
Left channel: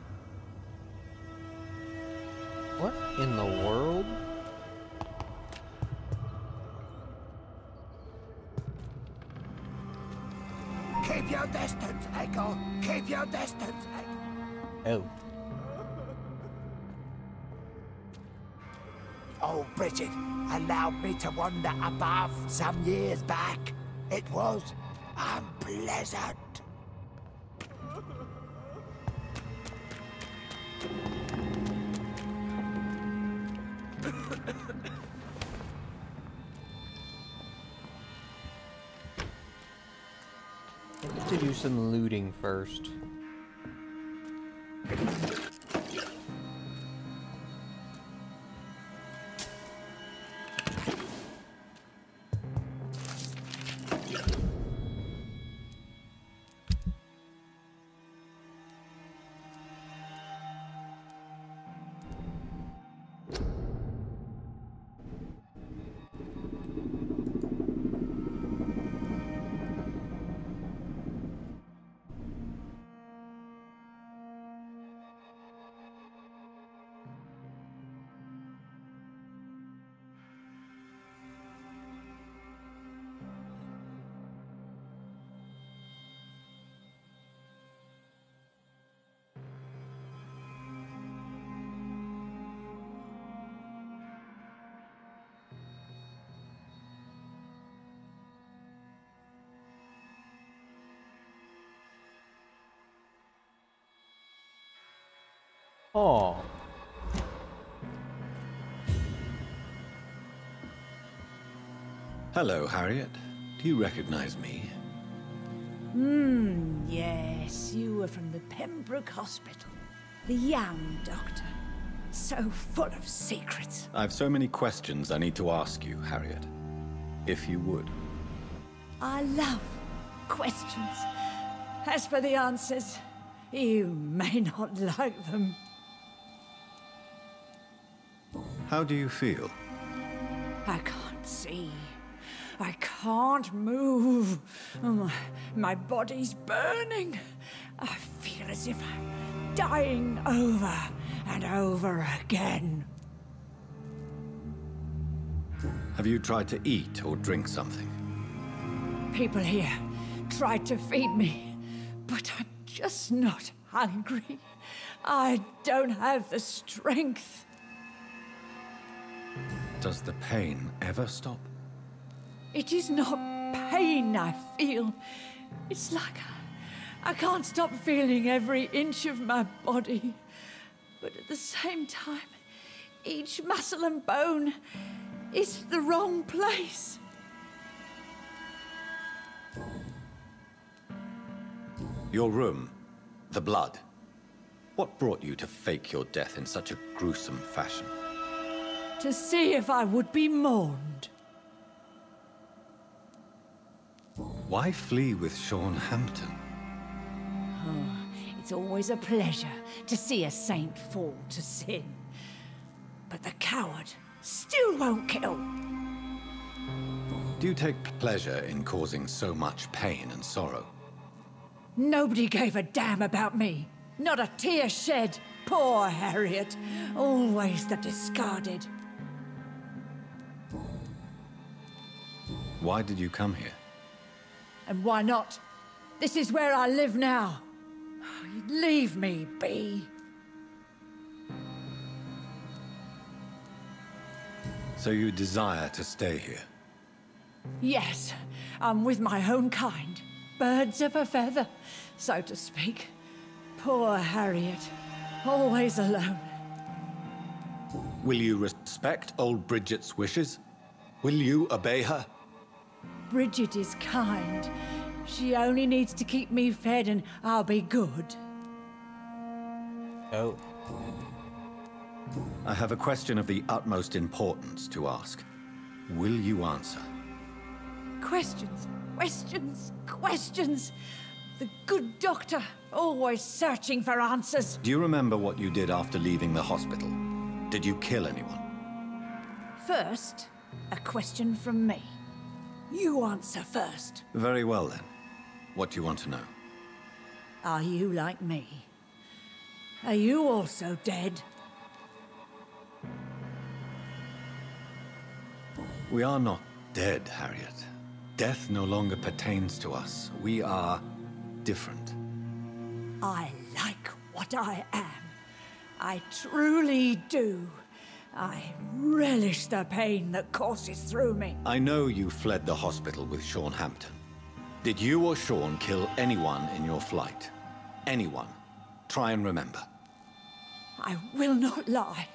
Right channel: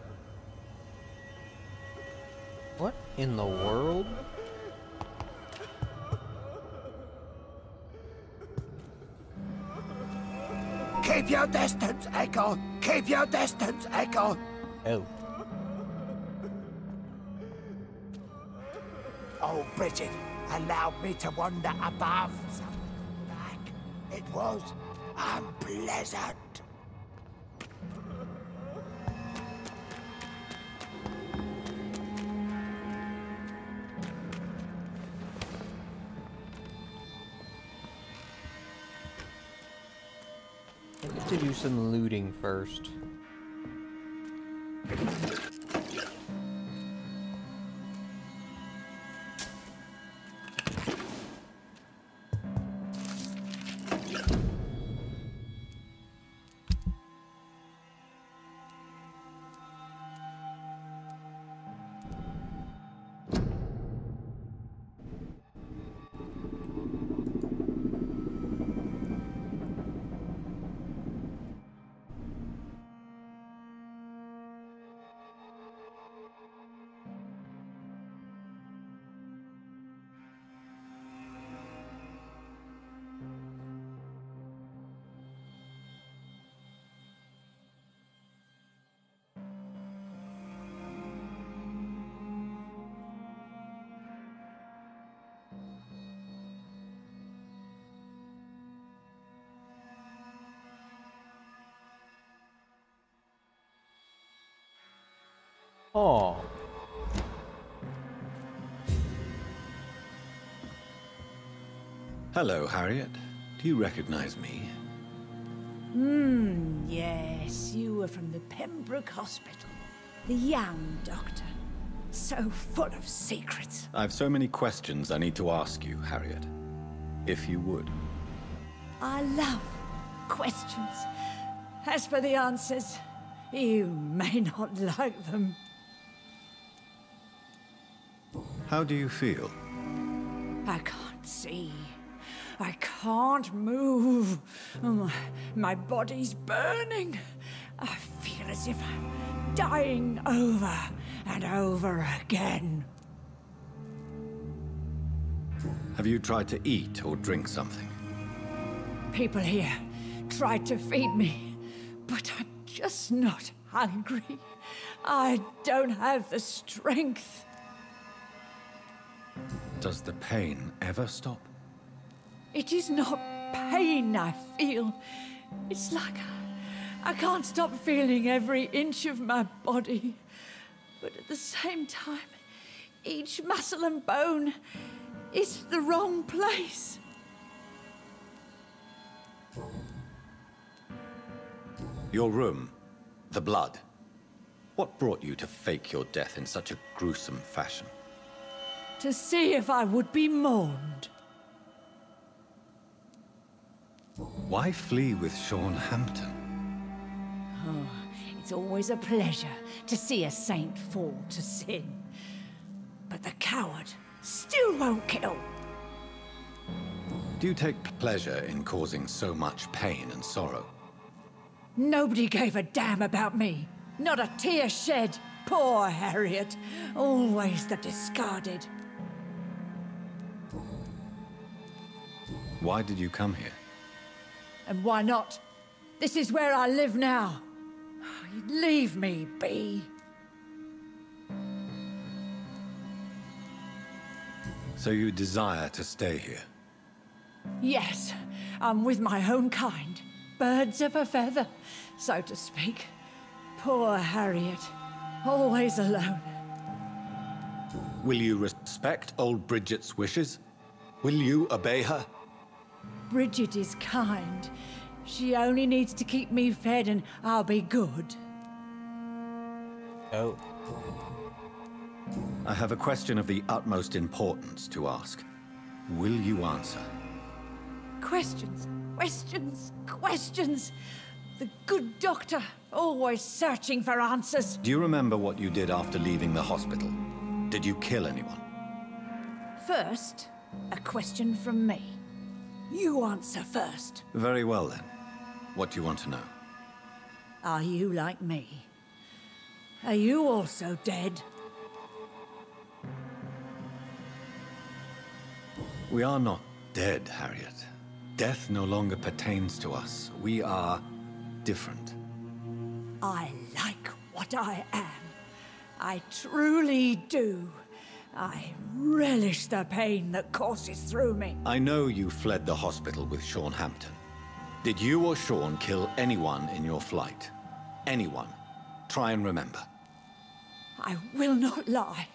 What in the world? Keep your distance, Echo! Keep your distance, Echo! Oh. Oh, Bridget allowed me to wander above some years back. It was unpleasant. I need to do some looting first. Oh. Hello, Harriet. Do you recognize me? Yes, you were from the Pembroke Hospital. The young doctor. So full of secrets. I have so many questions I need to ask you, Harriet. If you would. I love questions. As for the answers, you may not like them. How do you feel? I can't see. I can't move. My body's burning. I feel as if I'm dying over and over again. Have you tried to eat or drink something? People here tried to feed me, but I'm just not hungry. I don't have the strength. Does the pain ever stop? It is not pain I feel. It's like I can't stop feeling every inch of my body. But at the same time, each muscle and bone is the wrong place. Your room, the blood. What brought you to fake your death in such a gruesome fashion? To see if I would be mourned. Why flee with Sean Hampton? Oh, it's always a pleasure to see a saint fall to sin. But the coward still won't kill. Do you take pleasure in causing so much pain and sorrow? Nobody gave a damn about me. Not a tear shed. Poor Harriet. Always the discarded. Why did you come here? And why not? This is where I live now. Leave me be. So you desire to stay here? Yes, I'm with my own kind. Birds of a feather, so to speak. Poor Harriet. Always alone. Will you respect old Bridget's wishes? Will you obey her? Bridget is kind. She only needs to keep me fed and I'll be good. Oh. I have a question of the utmost importance to ask. Will you answer? Questions, questions, questions. The good doctor, always searching for answers. Do you remember what you did after leaving the hospital? Did you kill anyone? First, a question from me. You answer first. Very well then. What do you want to know? Are you like me? Are you also dead? We are not dead, Harriet. Death no longer pertains to us. We are different. I like what I am. I truly do. I relish the pain that courses through me. I know you fled the hospital with Sean Hampton. Did you or Sean kill anyone in your flight? Anyone? Try and remember. I will not lie.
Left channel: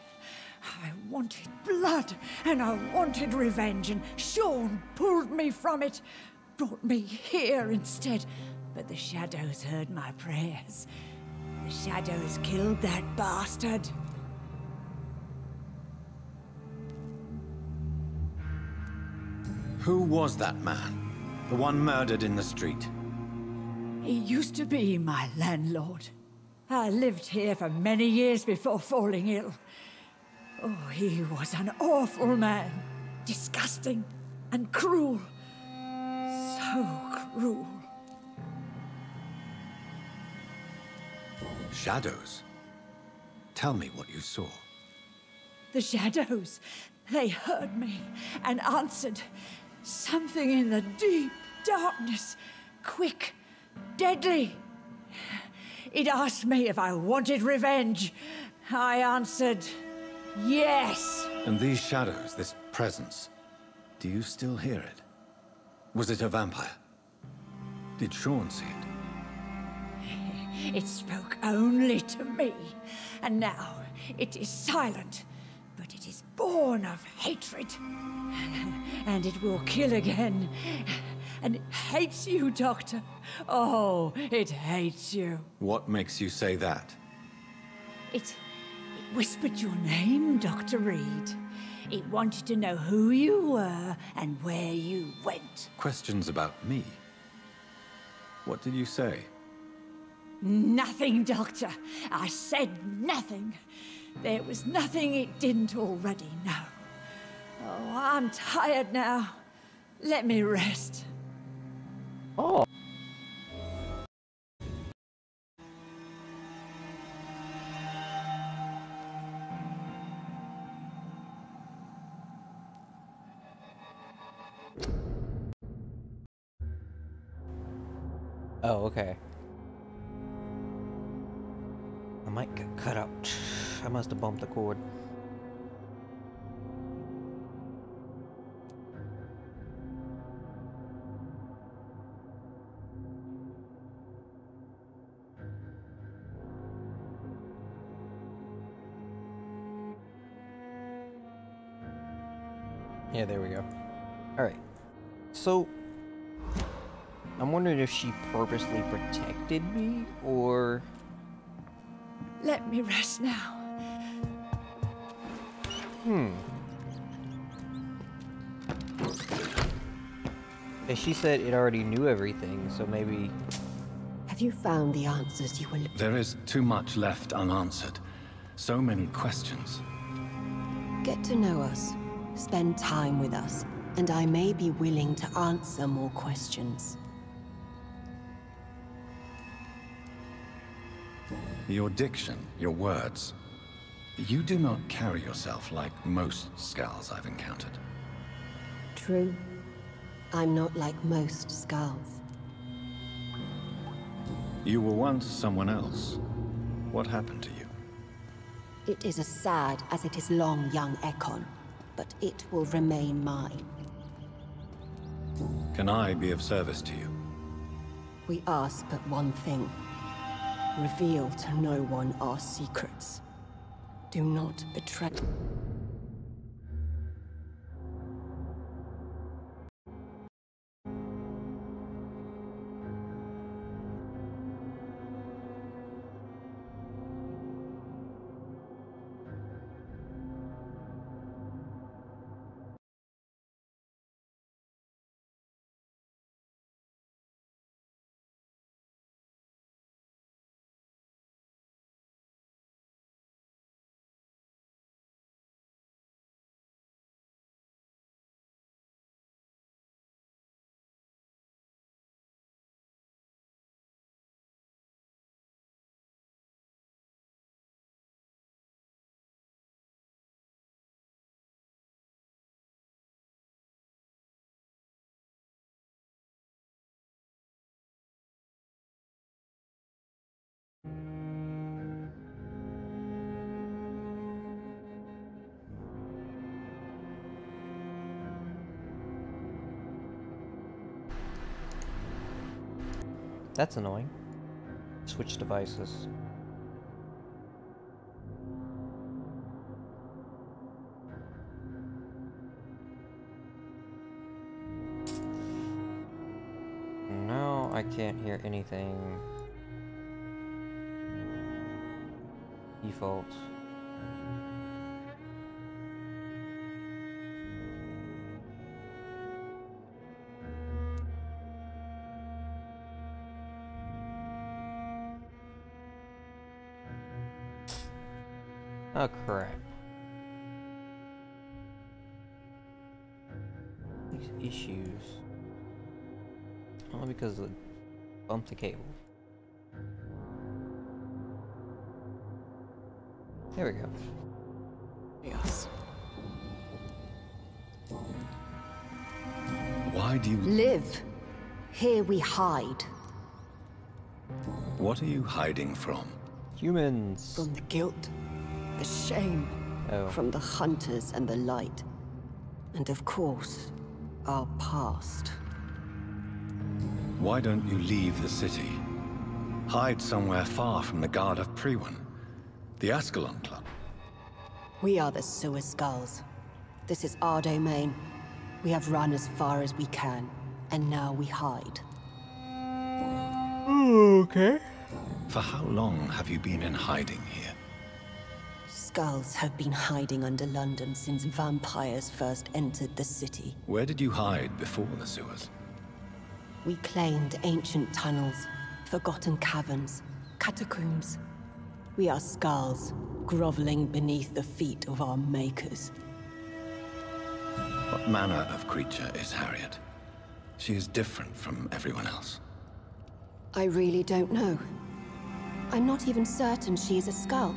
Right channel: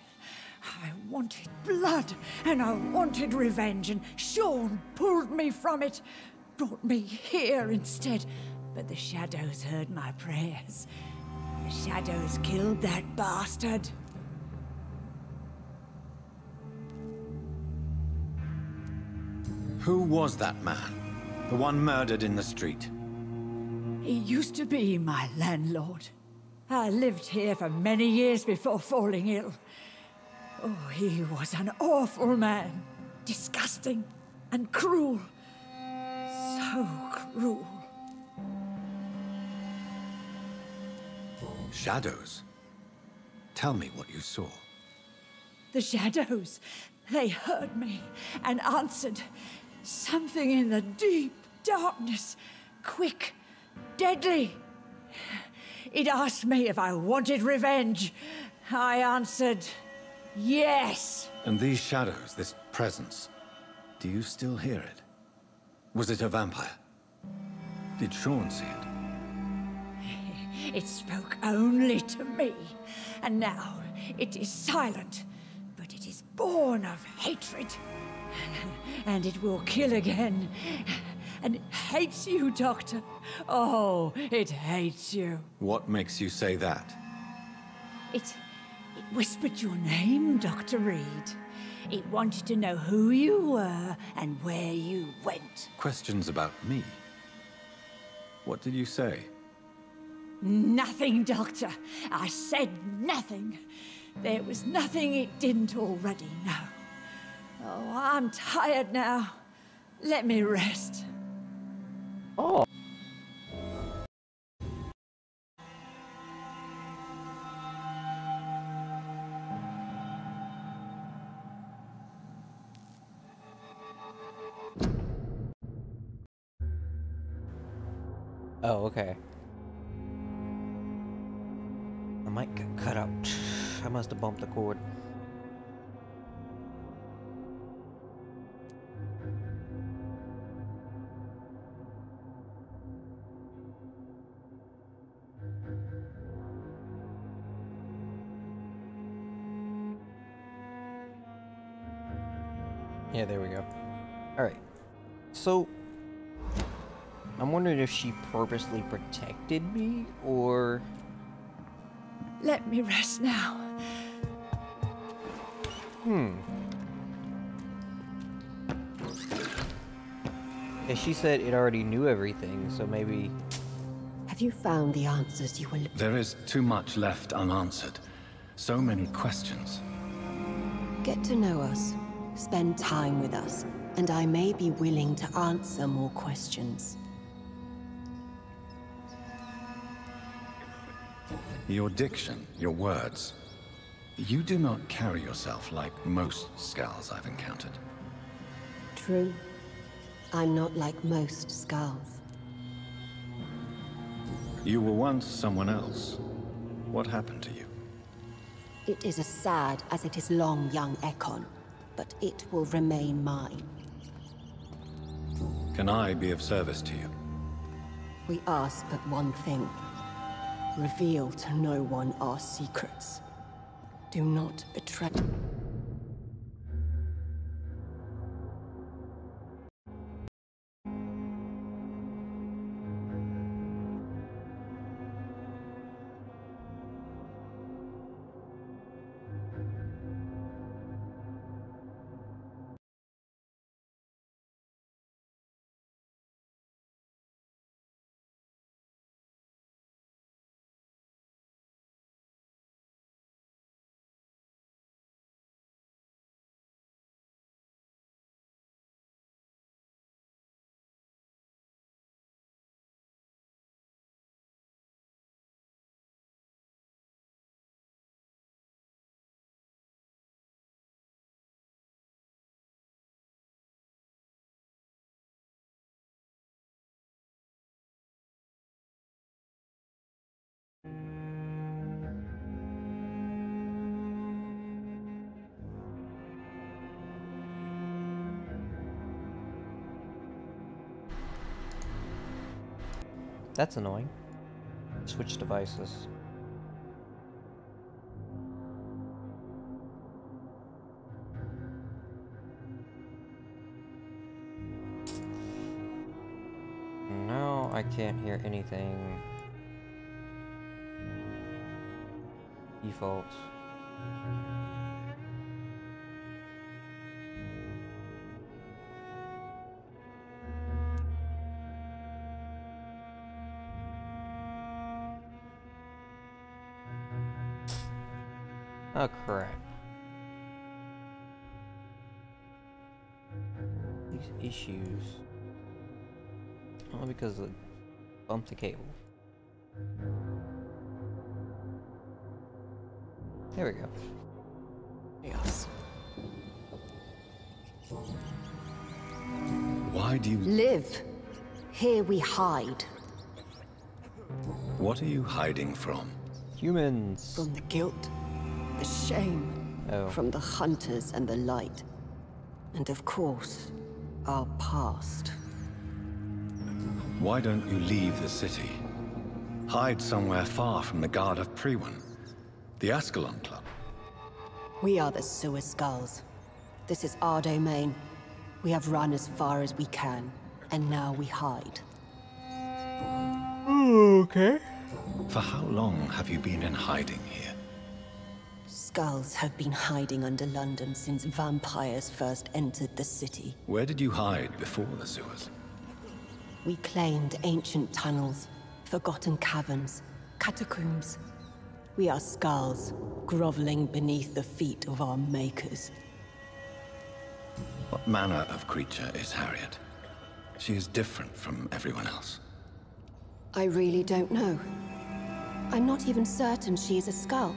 I wanted blood, and I wanted revenge, and Sean pulled me from it, brought me here instead. But the shadows heard my prayers. The shadows killed that bastard. Who was that man? The one murdered in the street? He used to be my landlord. I lived here for many years before falling ill. Oh, he was an awful man. Disgusting and cruel. So cruel. Shadows? Tell me what you saw. The shadows, they heard me and answered. Something in the deep darkness, quick, deadly. It asked me if I wanted revenge. I answered, yes. And these shadows, this presence, do you still hear it? Was it a vampire? Did Sean see it? It spoke only to me, and now it is silent, but it is born of hatred. And it will kill again. And it hates you, Doctor. Oh, it hates you. What makes you say that? It whispered your name, Dr. Reed. It wanted to know who you were and where you went. Questions about me? What did you say? Nothing, Doctor. I said nothing. There was nothing it didn't already know. Oh, I'm tired now. Let me rest. Oh. Oh, okay. I might get cut out. I must have bumped the cord. Yeah, there we go. Alright. So, I'm wondering if she purposely protected me, or... Let me rest now. Yeah, she said it already knew everything, so maybe... Have you found the answers you were looking for? There is too much left unanswered. So many questions. Get to know us, spend time with us, and I may be willing to answer more questions. Your diction, your words. You do not carry yourself like most Skulls I've encountered. True. I'm not like most Skulls. You were once someone else. What happened to you? It is as sad as it is long, young Ekon, but it will remain mine. Can I be of service to you? We ask but one thing. Reveal to no one our secrets. Do not betray. That's annoying. Switch devices. No, I can't hear anything. Default. Oh crap. These issues. Only because I bumped the cable. There we go. Yes. Why do you... Live. Here we hide. What are you hiding from? Humans. From the guilt, the shame, Oh. from the hunters and the light. And of course, our past. Why don't you leave the city? Hide somewhere far from the Guard of Priwen, the Ascalon Club. We are the Sewer Skulls. This is our domain. We have run as far as we can, and now we hide. Okay. For how long have you been in hiding here? Skulls have been hiding under London since vampires first entered the city. Where did you hide before the sewers? We claimed ancient tunnels, forgotten caverns, catacombs. We are Skulls, groveling beneath the feet of our makers. What manner of creature is Harriet? She is different from everyone else. I really don't know. I'm not even certain she is a Skull.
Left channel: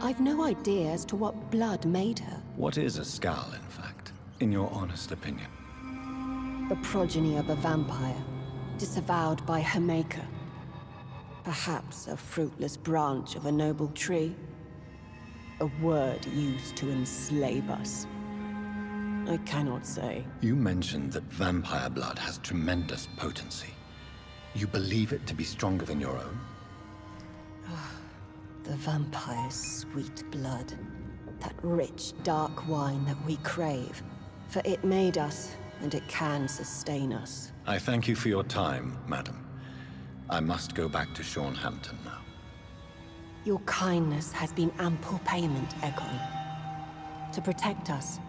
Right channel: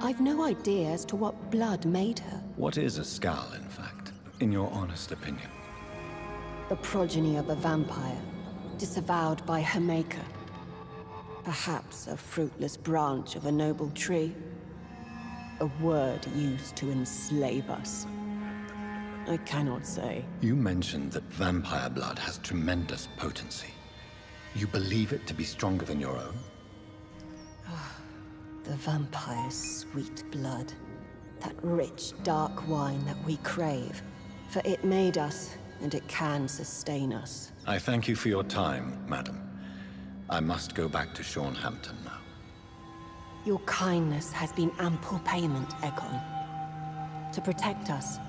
I've no idea as to what blood made her. What is a Skull, in fact, in your honest opinion? The progeny of a vampire, disavowed by her maker. Perhaps a fruitless branch of a noble tree. A word used to enslave us. I cannot say. You mentioned that vampire blood has tremendous potency. You believe it to be stronger than your own? The vampire's sweet blood. That rich, dark wine that we crave. For it made us, and it can sustain us. I thank you for your time, madam. I must go back to Shornhampton now. Your kindness has been ample payment, Ekon. To protect us,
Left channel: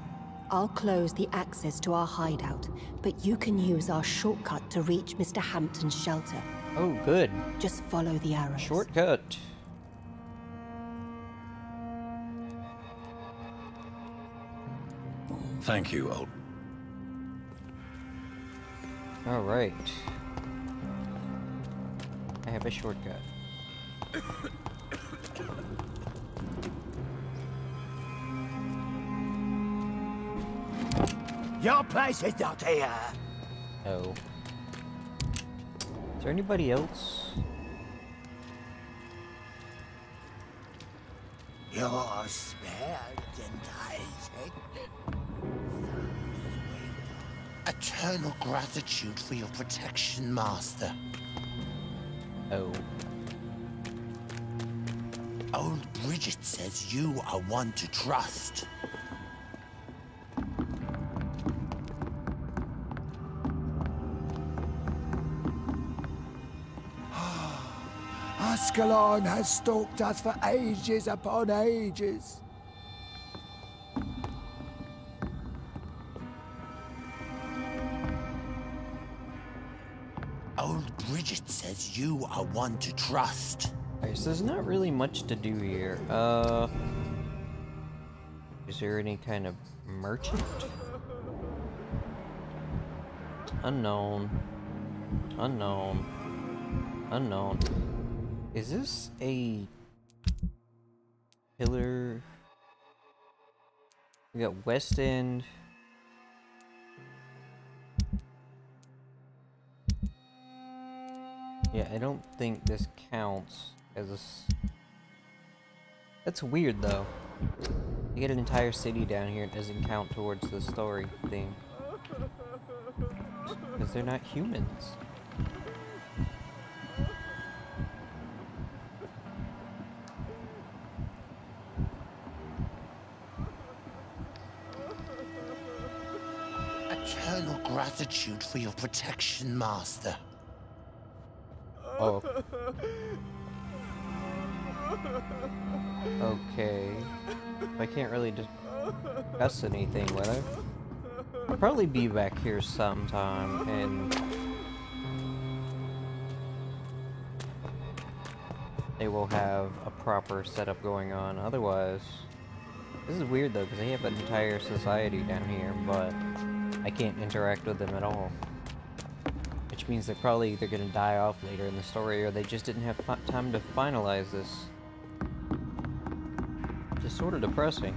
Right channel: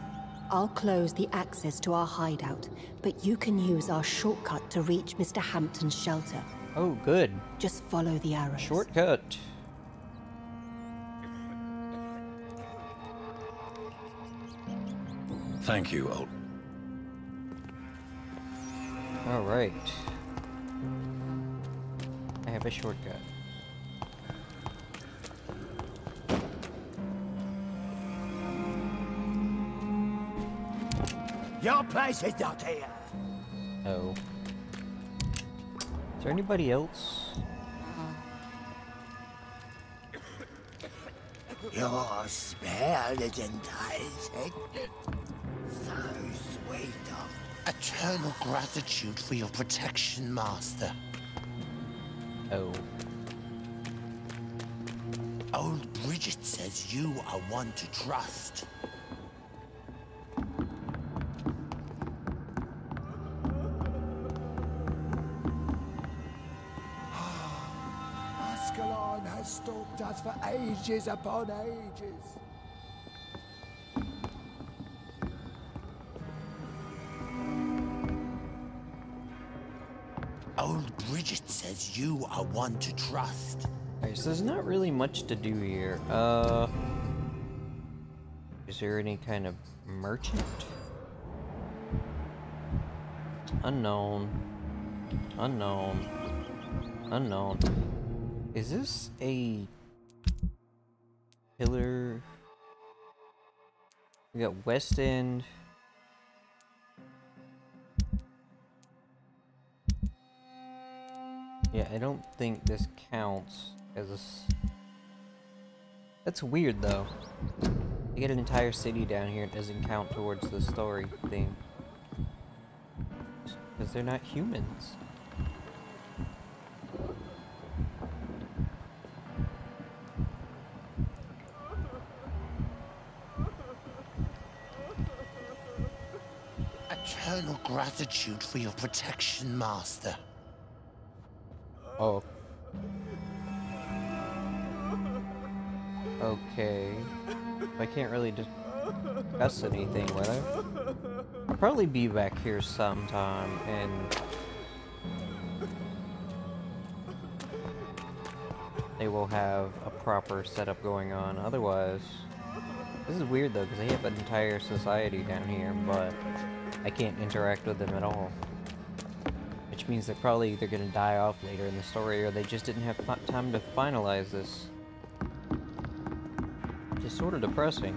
I'll close the access to our hideout, but you can use our shortcut to reach Mr. Hampton's shelter. Oh, good. Just follow the arrows. Shortcut. Thank you, old. Alright. I have a shortcut. Your place is not here. Oh. Is there anybody else? Your smell is enticing. So sweet of eternal gratitude for your protection, Master. Oh. Old Bridget says you are one to trust. Ascalon has stalked us for ages upon ages. Old Bridget says you are one to trust. Alright, so there's not really much to do here. Is there any kind of merchant? Unknown. Unknown. Unknown. Is this a pillar? We got West End. Yeah, I don't think this counts as a... That's weird, though. You get an entire city down here, it doesn't count towards the story thing. Because they're not humans. Eternal gratitude for your protection, Master. Oh. Okay. I can't really discuss anything, will I? I'll probably be back here sometime, and they will have a proper setup going on. Otherwise, this is weird though, because they have an entire society down here, but I can't interact with them at all. Which means they're probably either gonna die off later in the story, or they just didn't have time to finalize this. Just sort of depressing.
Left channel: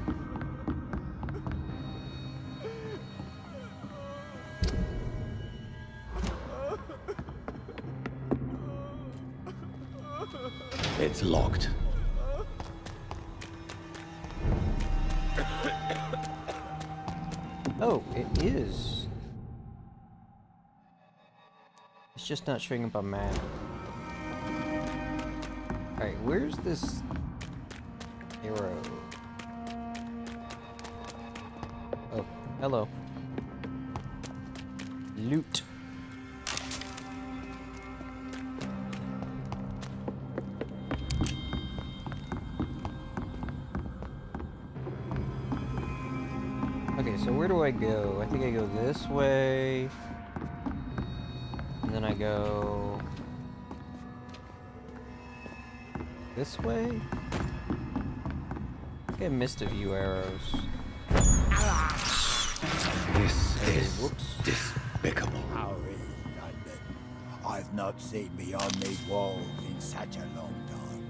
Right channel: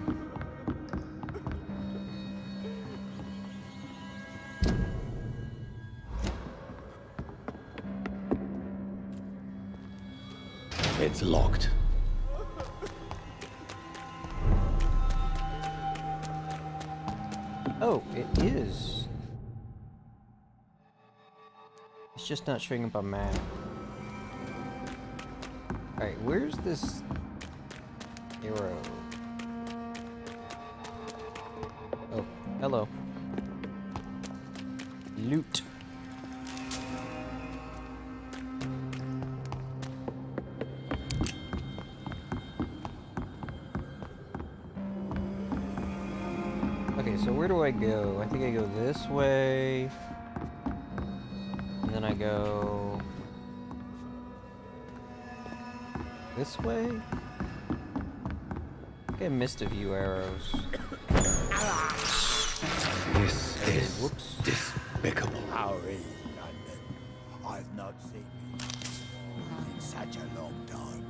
It's locked. Oh, it is. It's just not showing up on map. Alright, where's this arrow? Oh, hello. Loot. Okay, so where do I go? I think I go this way. And then I go this way? I think I missed a few arrows. This is Whoops. despicable. How is London? I've not seen beyond these walls in such a long time.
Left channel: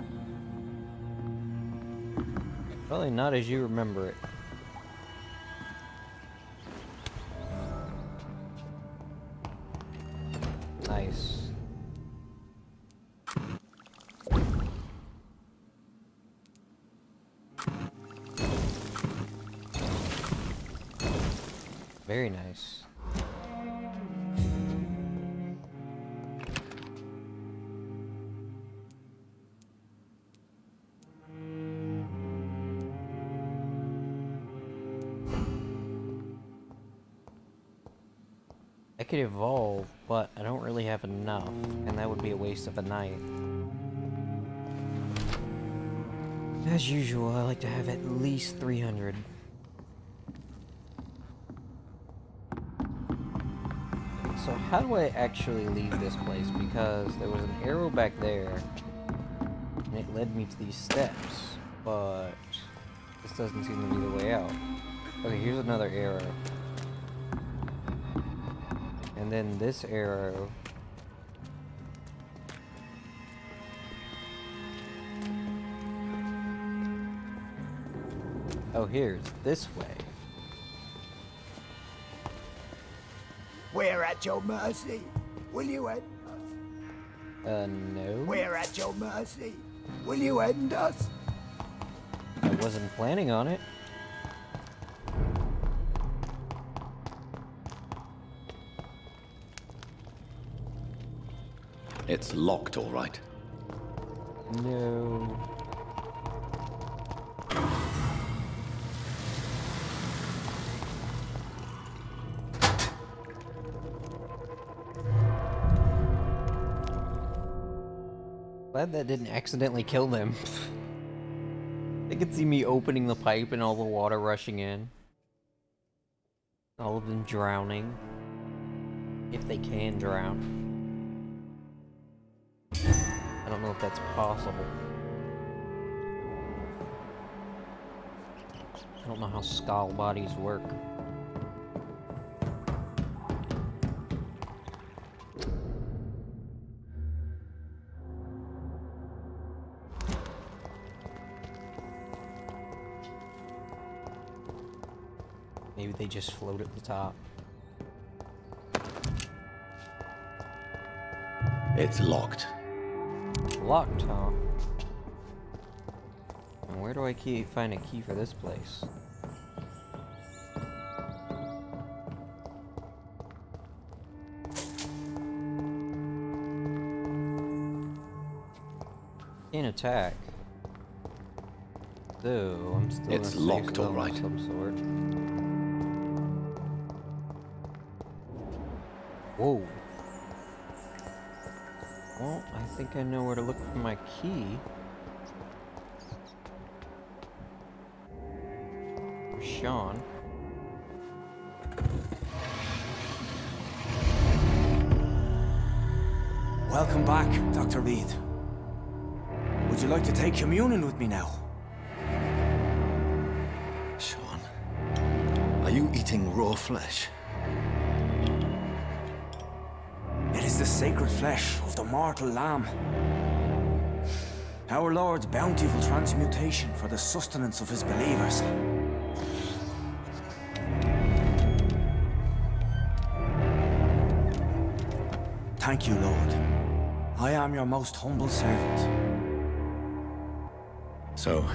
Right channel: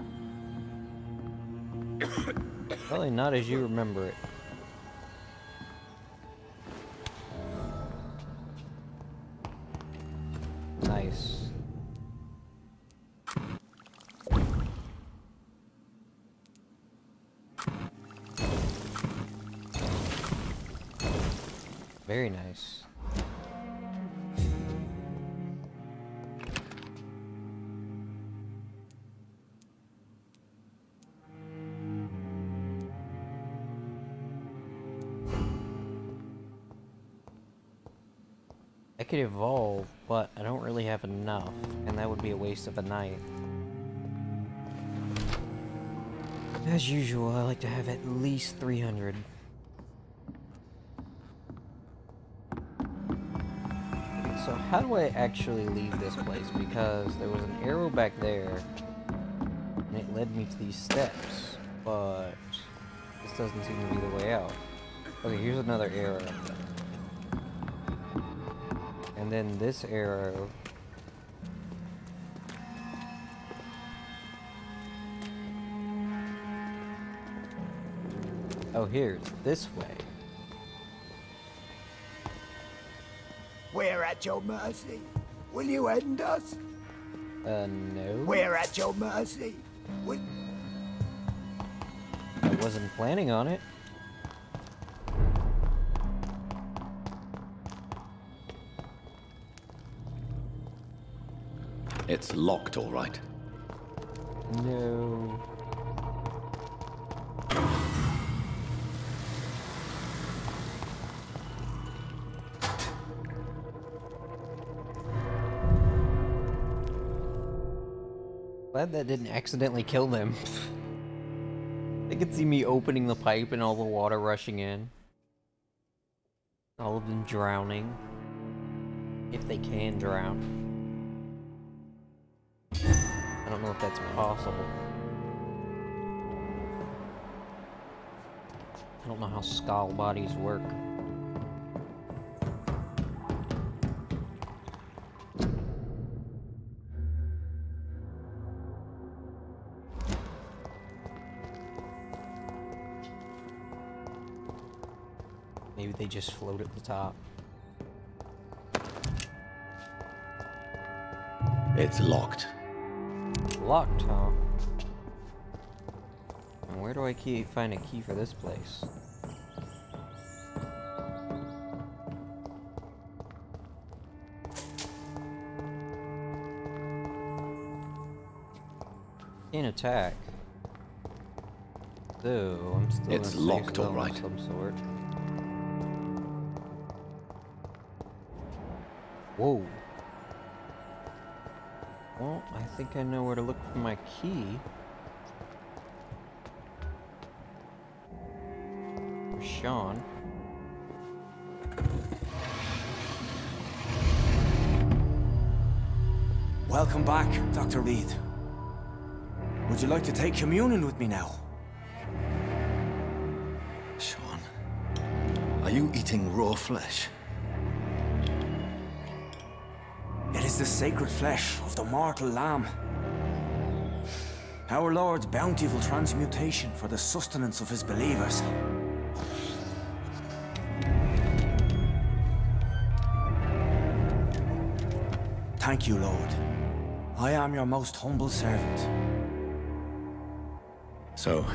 Probably not as you remember it. Nice. Very nice. I could evolve, but I don't really have enough, and that would be a waste of a night. As usual, I like to have at least 300. So how do I actually leave this place? Because there was an arrow back there, and it led me to these steps, but this doesn't seem to be the way out. Okay, here's another arrow. And then this arrow. Oh, here's this way. We're at your mercy. Will you end us? No. We're at your mercy. Will you end us? I wasn't planning on it. It's locked, all right. No. Glad that didn't accidentally kill them. They could see me opening the pipe and all the water rushing in. All of them drowning. If they can drown. I don't know if that's possible. I don't know how skull bodies work. Maybe they just float at the top. It's locked. Locked, huh? And where do I find a key for this place? Can't attack. Though I'm still It's in a safe locked, all zone right. of some sort. Whoa. Well, I think I know where to look for my key. For Sean. Welcome back, Dr. Reed. Would you like to take communion with me now? Sean, are you eating raw flesh? It is the sacred flesh of the mortal lamb. Our Lord's bountiful transmutation for the sustenance of his believers. Thank you, Lord. I am your most humble servant. So,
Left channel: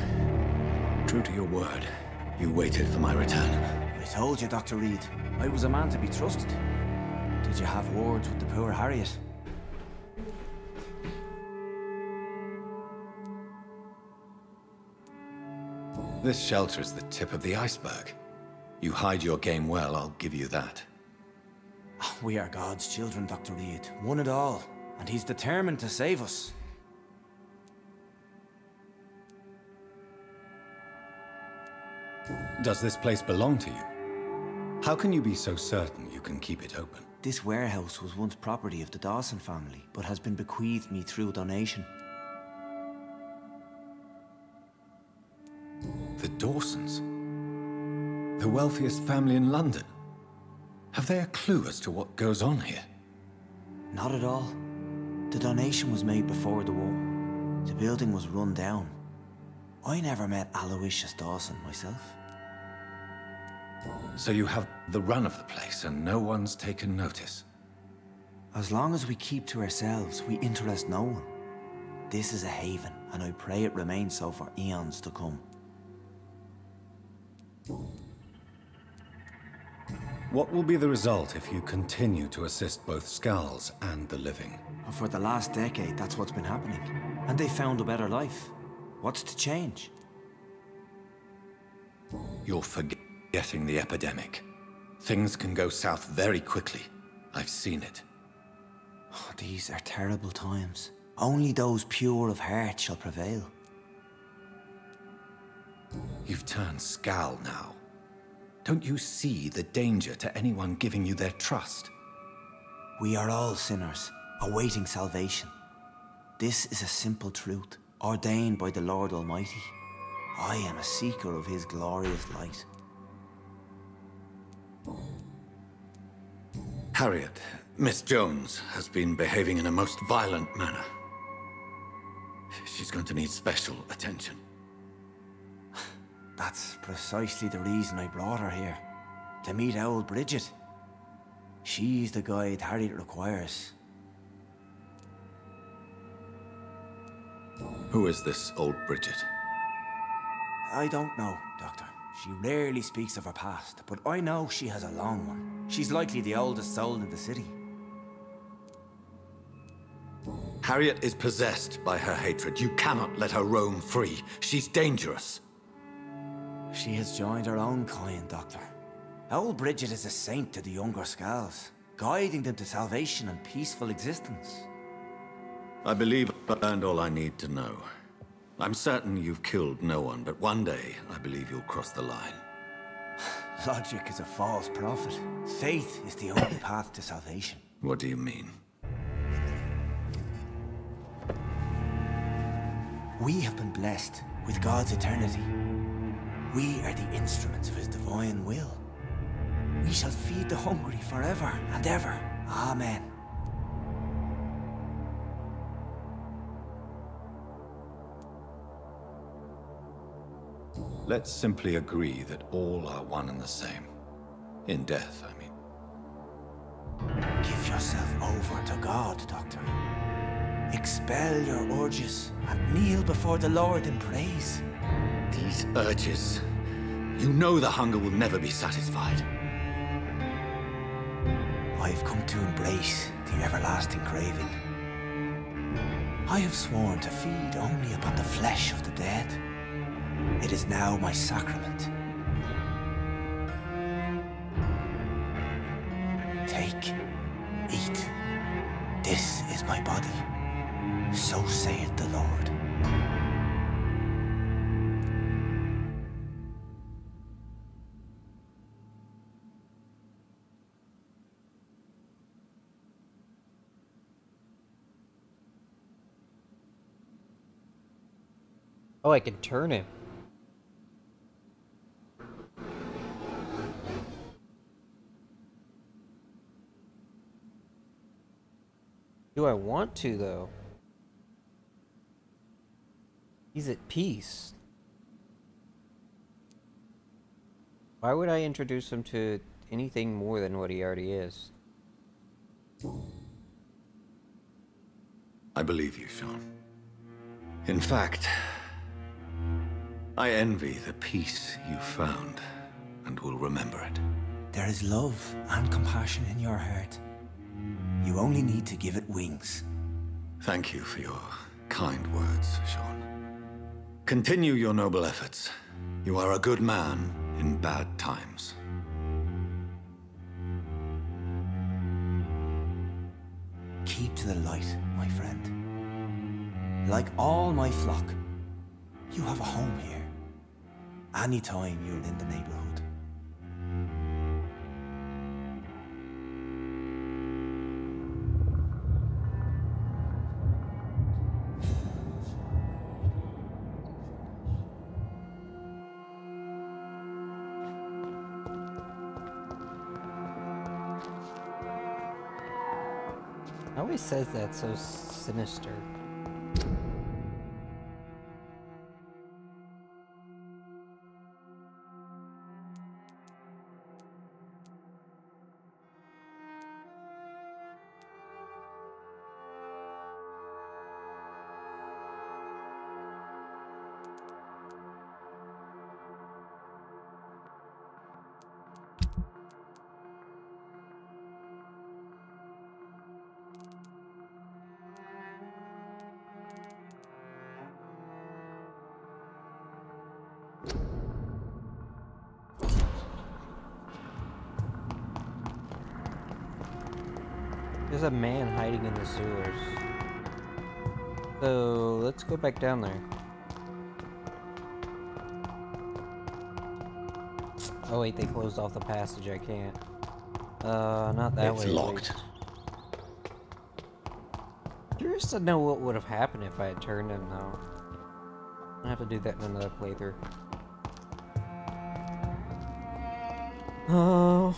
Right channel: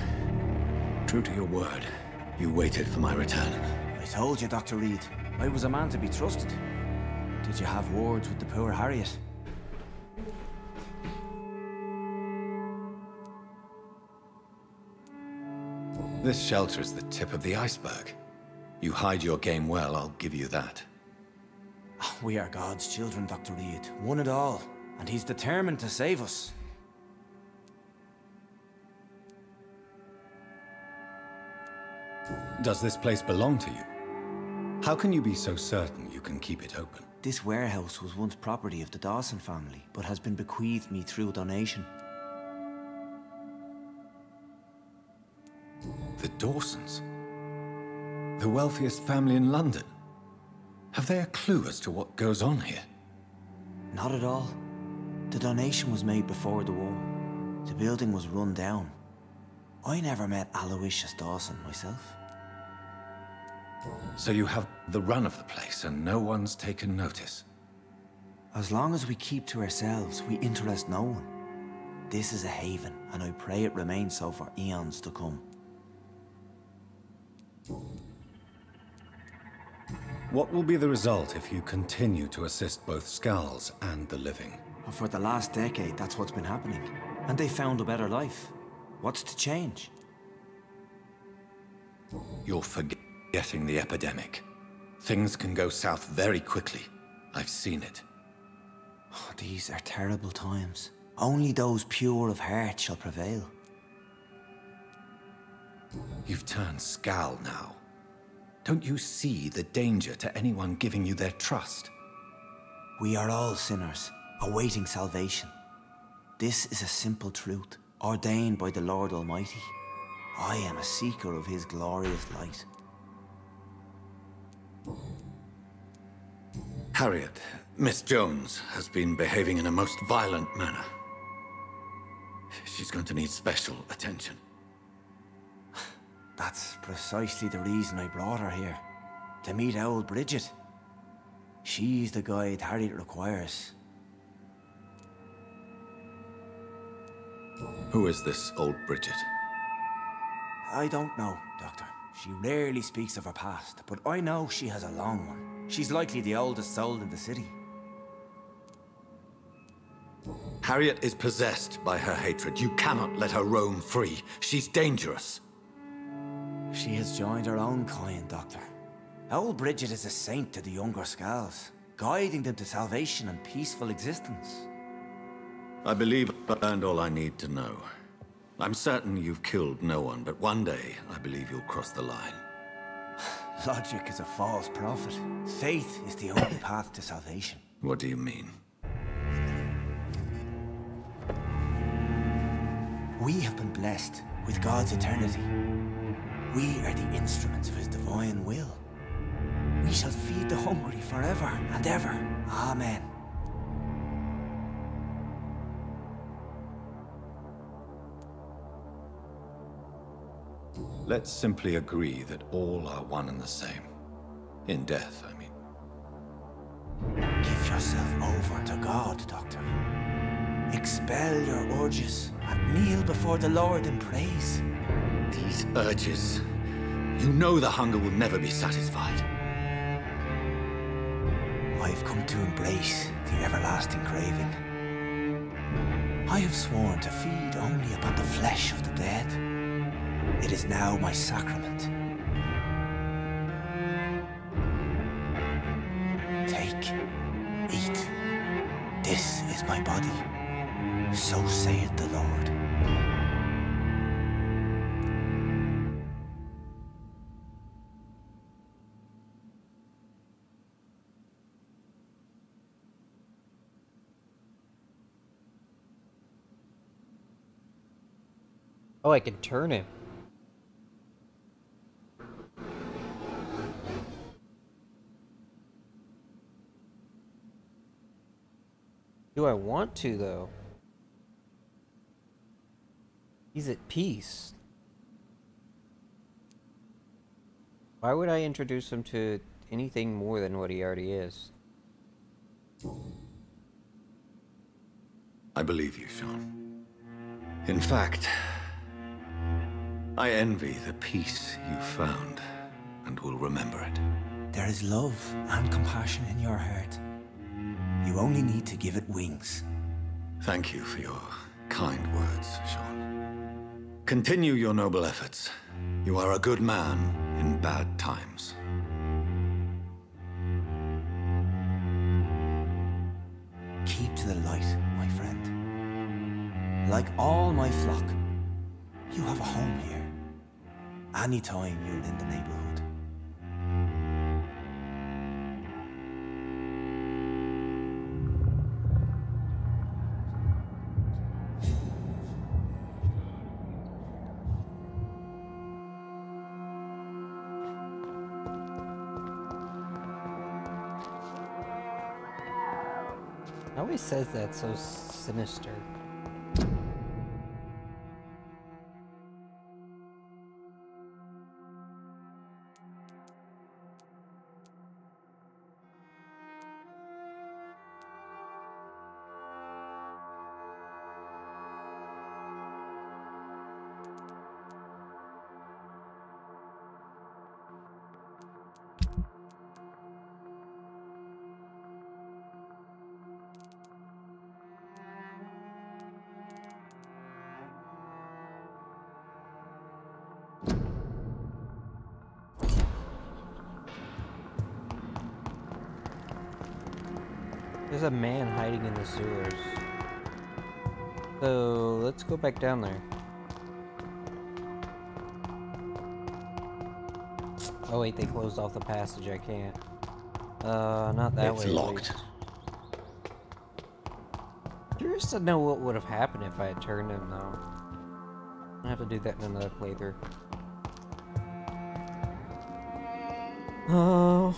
true to your word, you waited for my return. I told you, Dr. Reed, I was a man to be trusted. Did you have words with the poor Harriet? This shelter is the tip of the iceberg. You hide your game well, I'll give you that. We are God's children, Dr. Reed. One and all. And he's determined to save us. Does this place belong to you? How can you be so certain you can keep it open? This warehouse was once property of the Dawson family, but has been bequeathed me through donation. The Dawsons? The wealthiest family in London? Have they a clue as to what goes on here? Not at all. The donation was made before the war. The building was run down. I never met Aloysius Dawson myself. So you have the run of the place and no one's taken notice? As long as we keep to ourselves, we interest no one. This is a haven, and I pray it remains so for eons to come. What will be the result if you continue to assist both Skulls and the living? For the last decade, that's what's been happening. And they found a better life. What's to change? You're forgetting the epidemic. Things can go south very quickly. I've seen it. Oh, these are terrible times. Only those pure of heart shall prevail. You've turned Skull now. Don't you see the danger to anyone giving you their trust? We are all sinners, awaiting salvation. This is a simple truth, ordained by the Lord Almighty. I am a seeker of His glorious light. Harriet, Miss Jones has been behaving in a most violent manner. She's going to need special attention. That's precisely the reason I brought her here. To meet old Bridget. She's the guide Harriet requires. Who is this old Bridget? I don't know, Doctor. She rarely speaks of her past, but I know she has a long one. She's likely the oldest soul in the city. Harriet is possessed by her hatred. You cannot let her roam free. She's dangerous. She has joined her own kind, Doctor. Old Bridget is a saint to the younger Scals, guiding them to salvation and peaceful existence. I believe I've learned all I need to know. I'm certain you've killed no one, but one day I believe you'll cross the line. Logic is a false prophet. Faith is the only path to salvation. What do you mean? We have been blessed with God's eternity. We are the instruments of His divine will. We shall feed the hungry forever and ever. Amen. Let's simply agree that all are one and the same. In death, I mean. Give yourself over to God, Doctor. Expel your urges and kneel before the Lord in praise. These urges. You know the hunger will never be satisfied. I've come to embrace the everlasting craving. I have sworn to feed only upon the flesh of the dead. It is now my sacrament. Take, eat. This is my body. So saith the Lord. Oh, I can turn him. Do I want to, though? He's at peace. Why would I introduce him to anything more than what he already is? I believe you, Sean. In fact, I envy the peace you found, and will remember it. There is love and compassion in your heart. You only need to give it wings. Thank you for your kind words, Sean. Continue your noble efforts. You are a good man in bad times. Keep to the light, my friend. Like all my flock, you have a home here. Anytime you're in the neighborhood. Always says that so sinister. There's a man hiding in the sewers. So let's go back down there. Oh wait, they closed off the passage. I can't. Not that way. It's locked. curious to know what would have happened if I had turned him, though. I have to do that in another playthrough. Oh.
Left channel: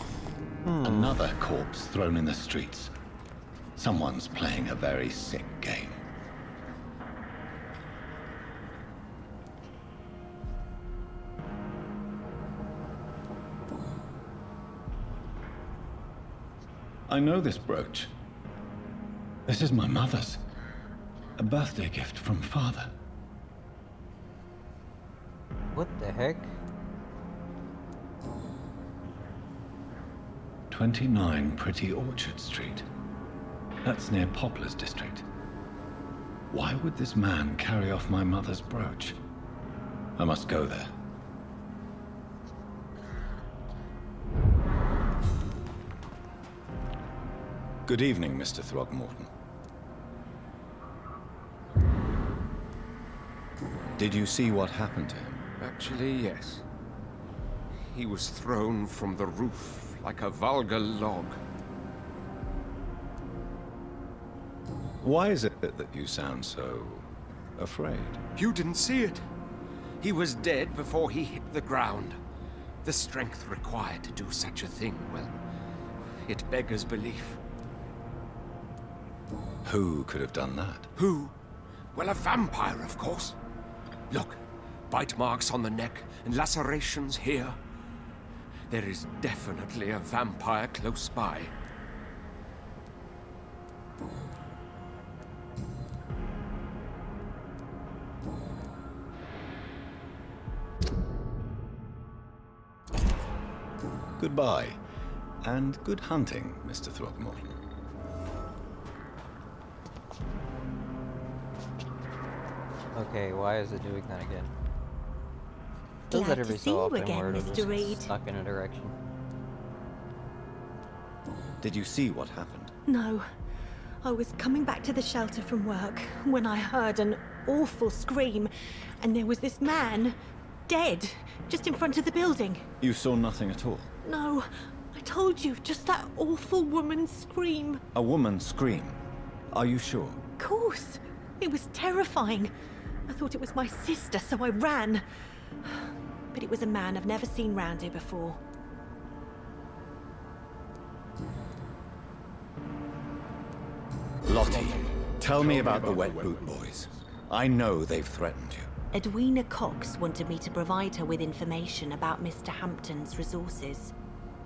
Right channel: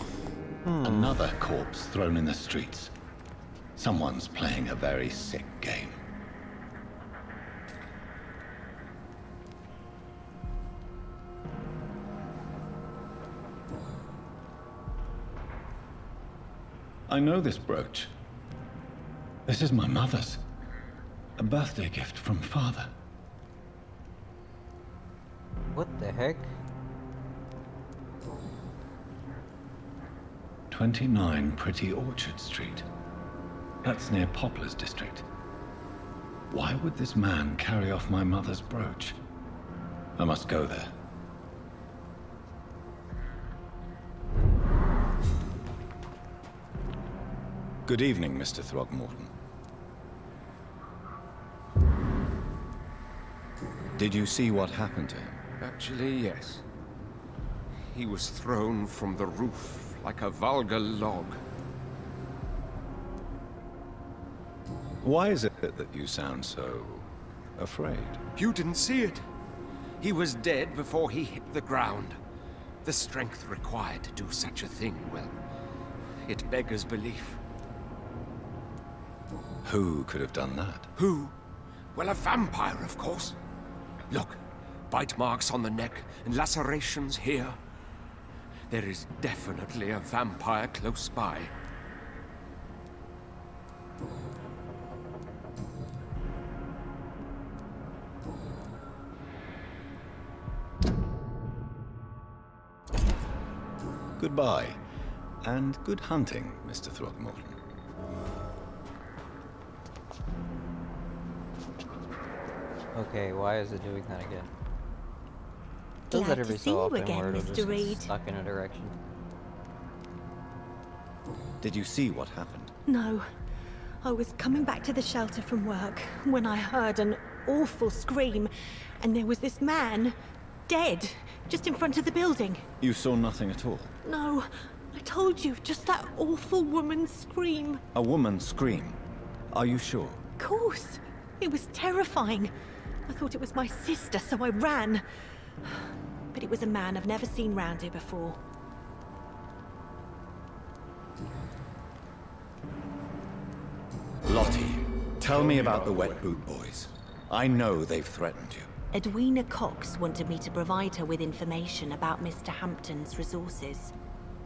Another corpse thrown in the streets. Someone's playing a very sick game. I know this brooch. This is my mother's. A birthday gift from father. What the heck? 29 Pretty Orchard Street. That's near Poplar's district. Why would this man carry off my mother's brooch? I must go there. Good evening, Mr. Throgmorton. Did you see what happened to him? Actually, yes. He was thrown from the roof like a vulgar log. Why is it that you sound so afraid? You didn't see it. He was dead before he hit the ground. The strength required to do such a thing, well, it beggars belief. Who could have done that? Who? Well, a vampire, of course. Look, bite marks on the neck and lacerations here. There is definitely a vampire close by. Goodbye, and good hunting, Mr. Throgmorton. Okay, why is it doing that again? Does Glad that to every see so you often again, where it'll Mr. just get Reed. stuck in a direction. Did you see what happened? No. I was coming back to the shelter from work when I heard an awful scream, and there was this man, dead, just in front of the building. You saw nothing at all? No, I told you, just that awful woman's scream. A woman scream? Are you sure? Of course. It was terrifying. I thought it was my sister, so I ran. But it was a man I've never seen round here before. Lottie, tell me about the Wet Boot Boys. I know they've threatened you. Edwina Cox wanted me to provide her with information about Mr. Hampton's resources.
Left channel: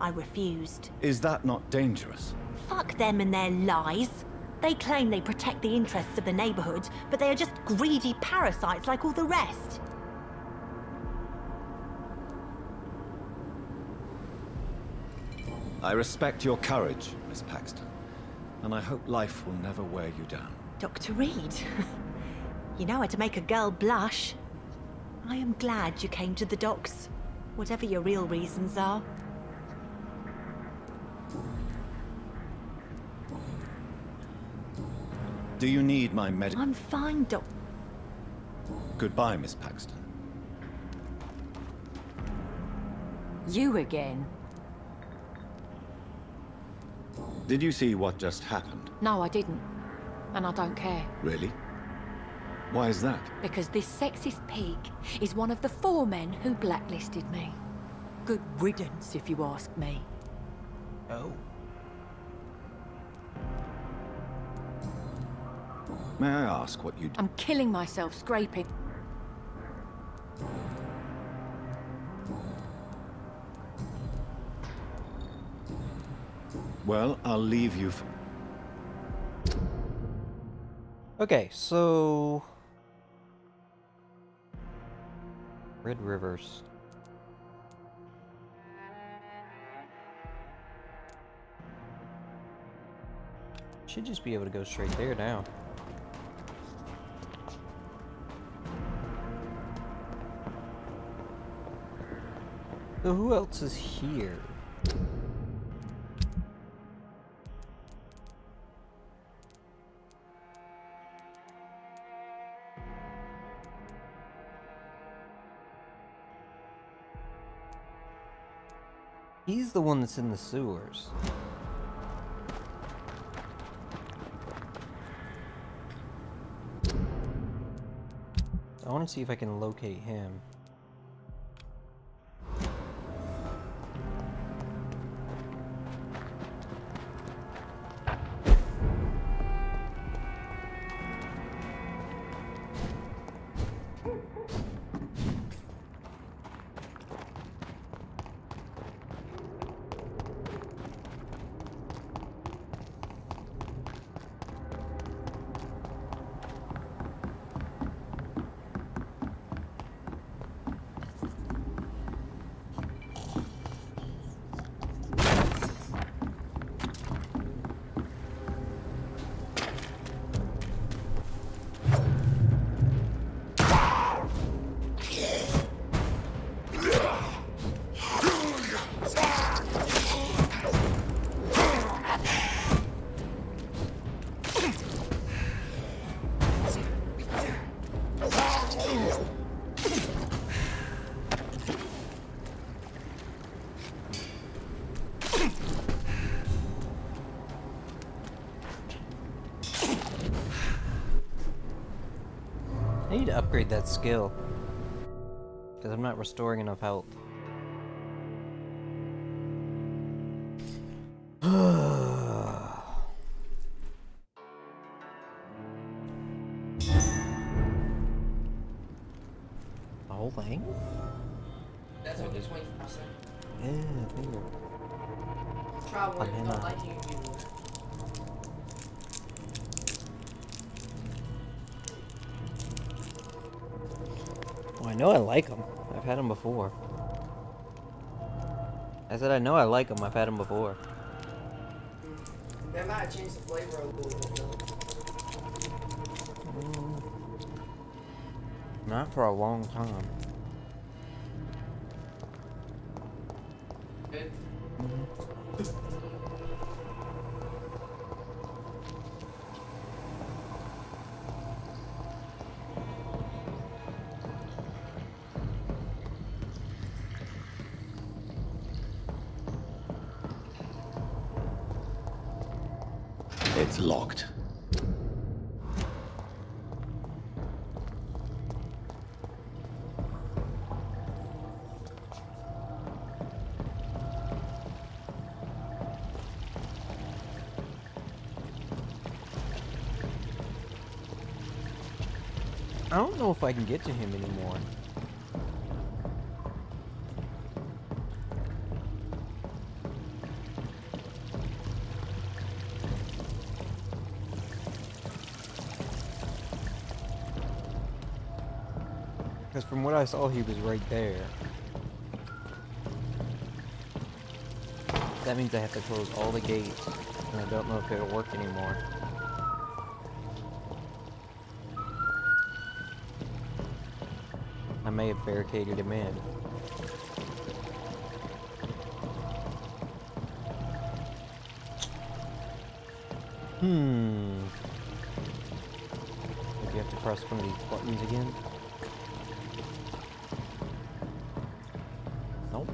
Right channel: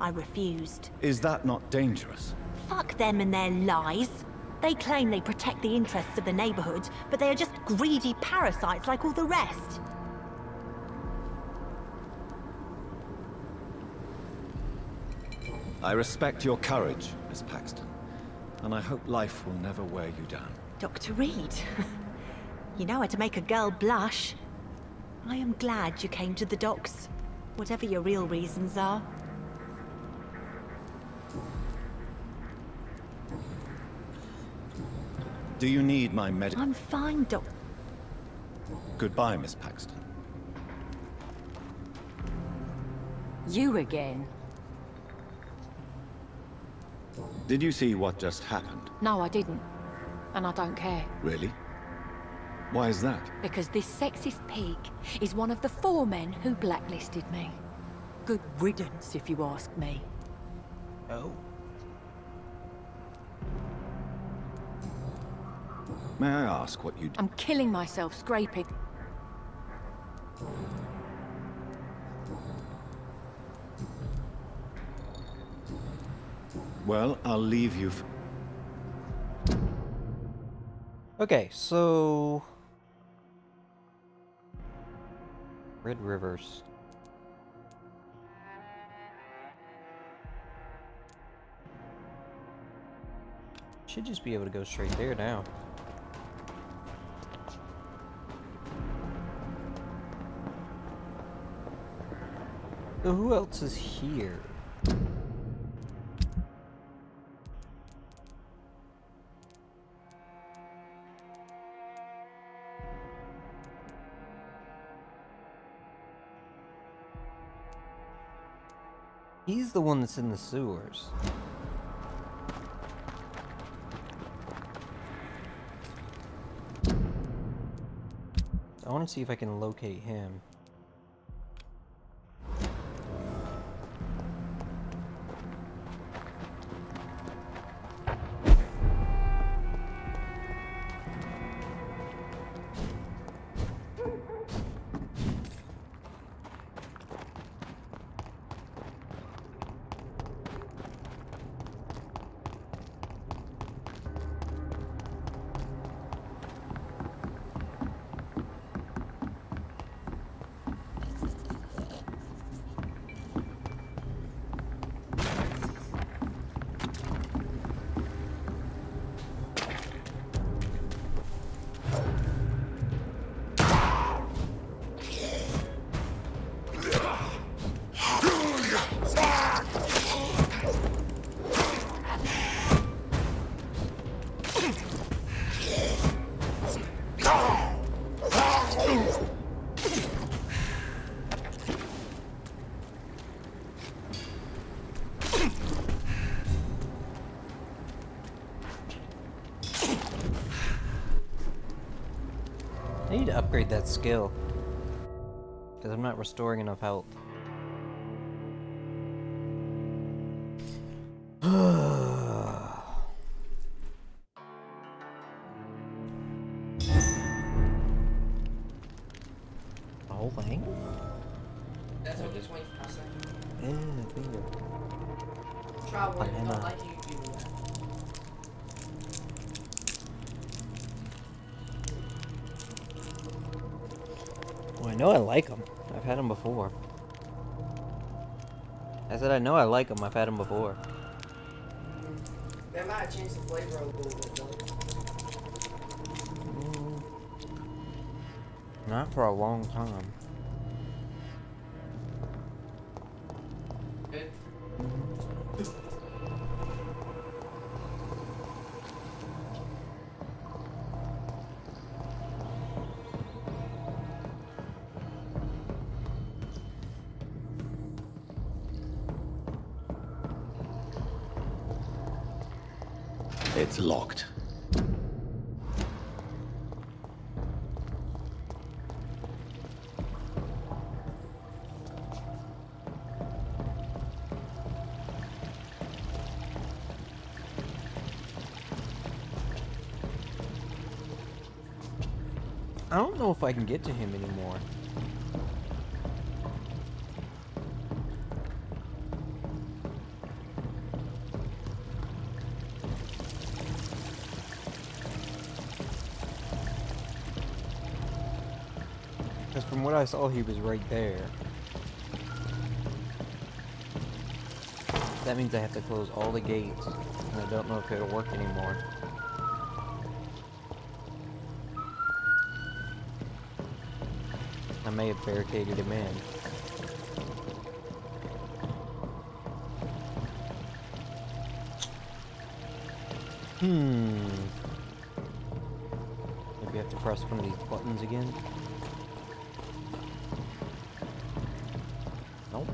I refused. Is that not dangerous? Fuck them and their lies. They claim they protect the interests of the neighborhood, but they are just greedy parasites like all the rest. I respect your courage, Miss Paxton, and I hope life will never wear you down. Dr. Reed, you know how to make a girl blush. I am glad you came to the docks, whatever your real reasons are. Do you need my medical? I'm fine, Doc. Goodbye, Miss Paxton. You again? Did you see what just happened? No, I didn't. And I don't care. Really? Why is that? Because this sexist pig is one of the 4 men who blacklisted me. Good riddance, if you ask me. Oh. May I ask what you do? I'm killing myself scraping. Well, I'll leave you Okay, so... Red Rivers. Should just be able to go straight there now. So who else is here? He's the one that's in the sewers. I want to see if I can locate him. I need to upgrade that skill, because I'm not restoring enough health. The whole thing? That's only 25%. Yeah, finger. Try one, if you don't like it, you do that. Well, I know I like them. I've had them before. I said I know I like them. I've had them before. That might change the flavor a little bit, though. Not for a long time. Good. It's locked. I don't know if I can get to him anymore. Because from what I saw, he was right there. That means I have to close all the gates, and I don't know if it'll work anymore. I may have barricaded him in. Maybe I have to press one of these buttons again. Nope.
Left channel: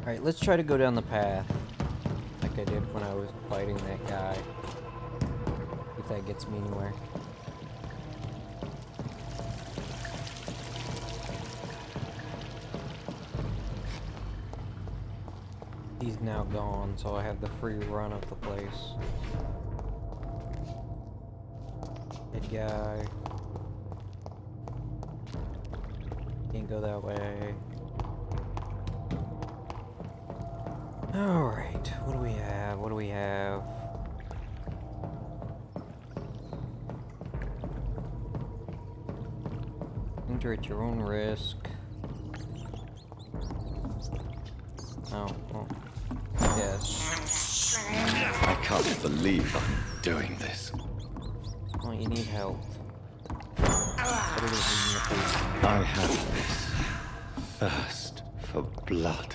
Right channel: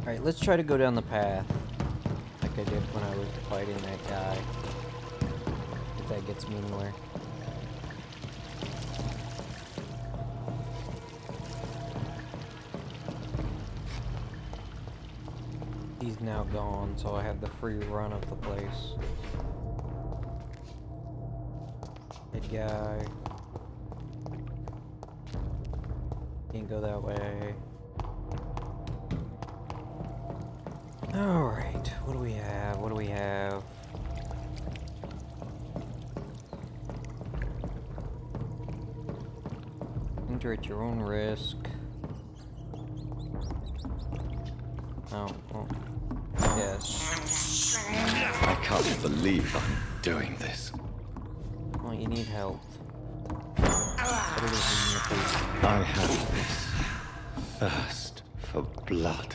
Alright, let's try to go down the path like I did when I was fighting that guy. If that gets me anywhere. He's now gone, so I have the free run of the place. Head guy. Can't go that way. Alright, what do we have? What do we have? Enter at your own risk. Oh, well, yes. I can't believe I'm doing this. Well, you need help. Put it in your face. I have this thirst for blood.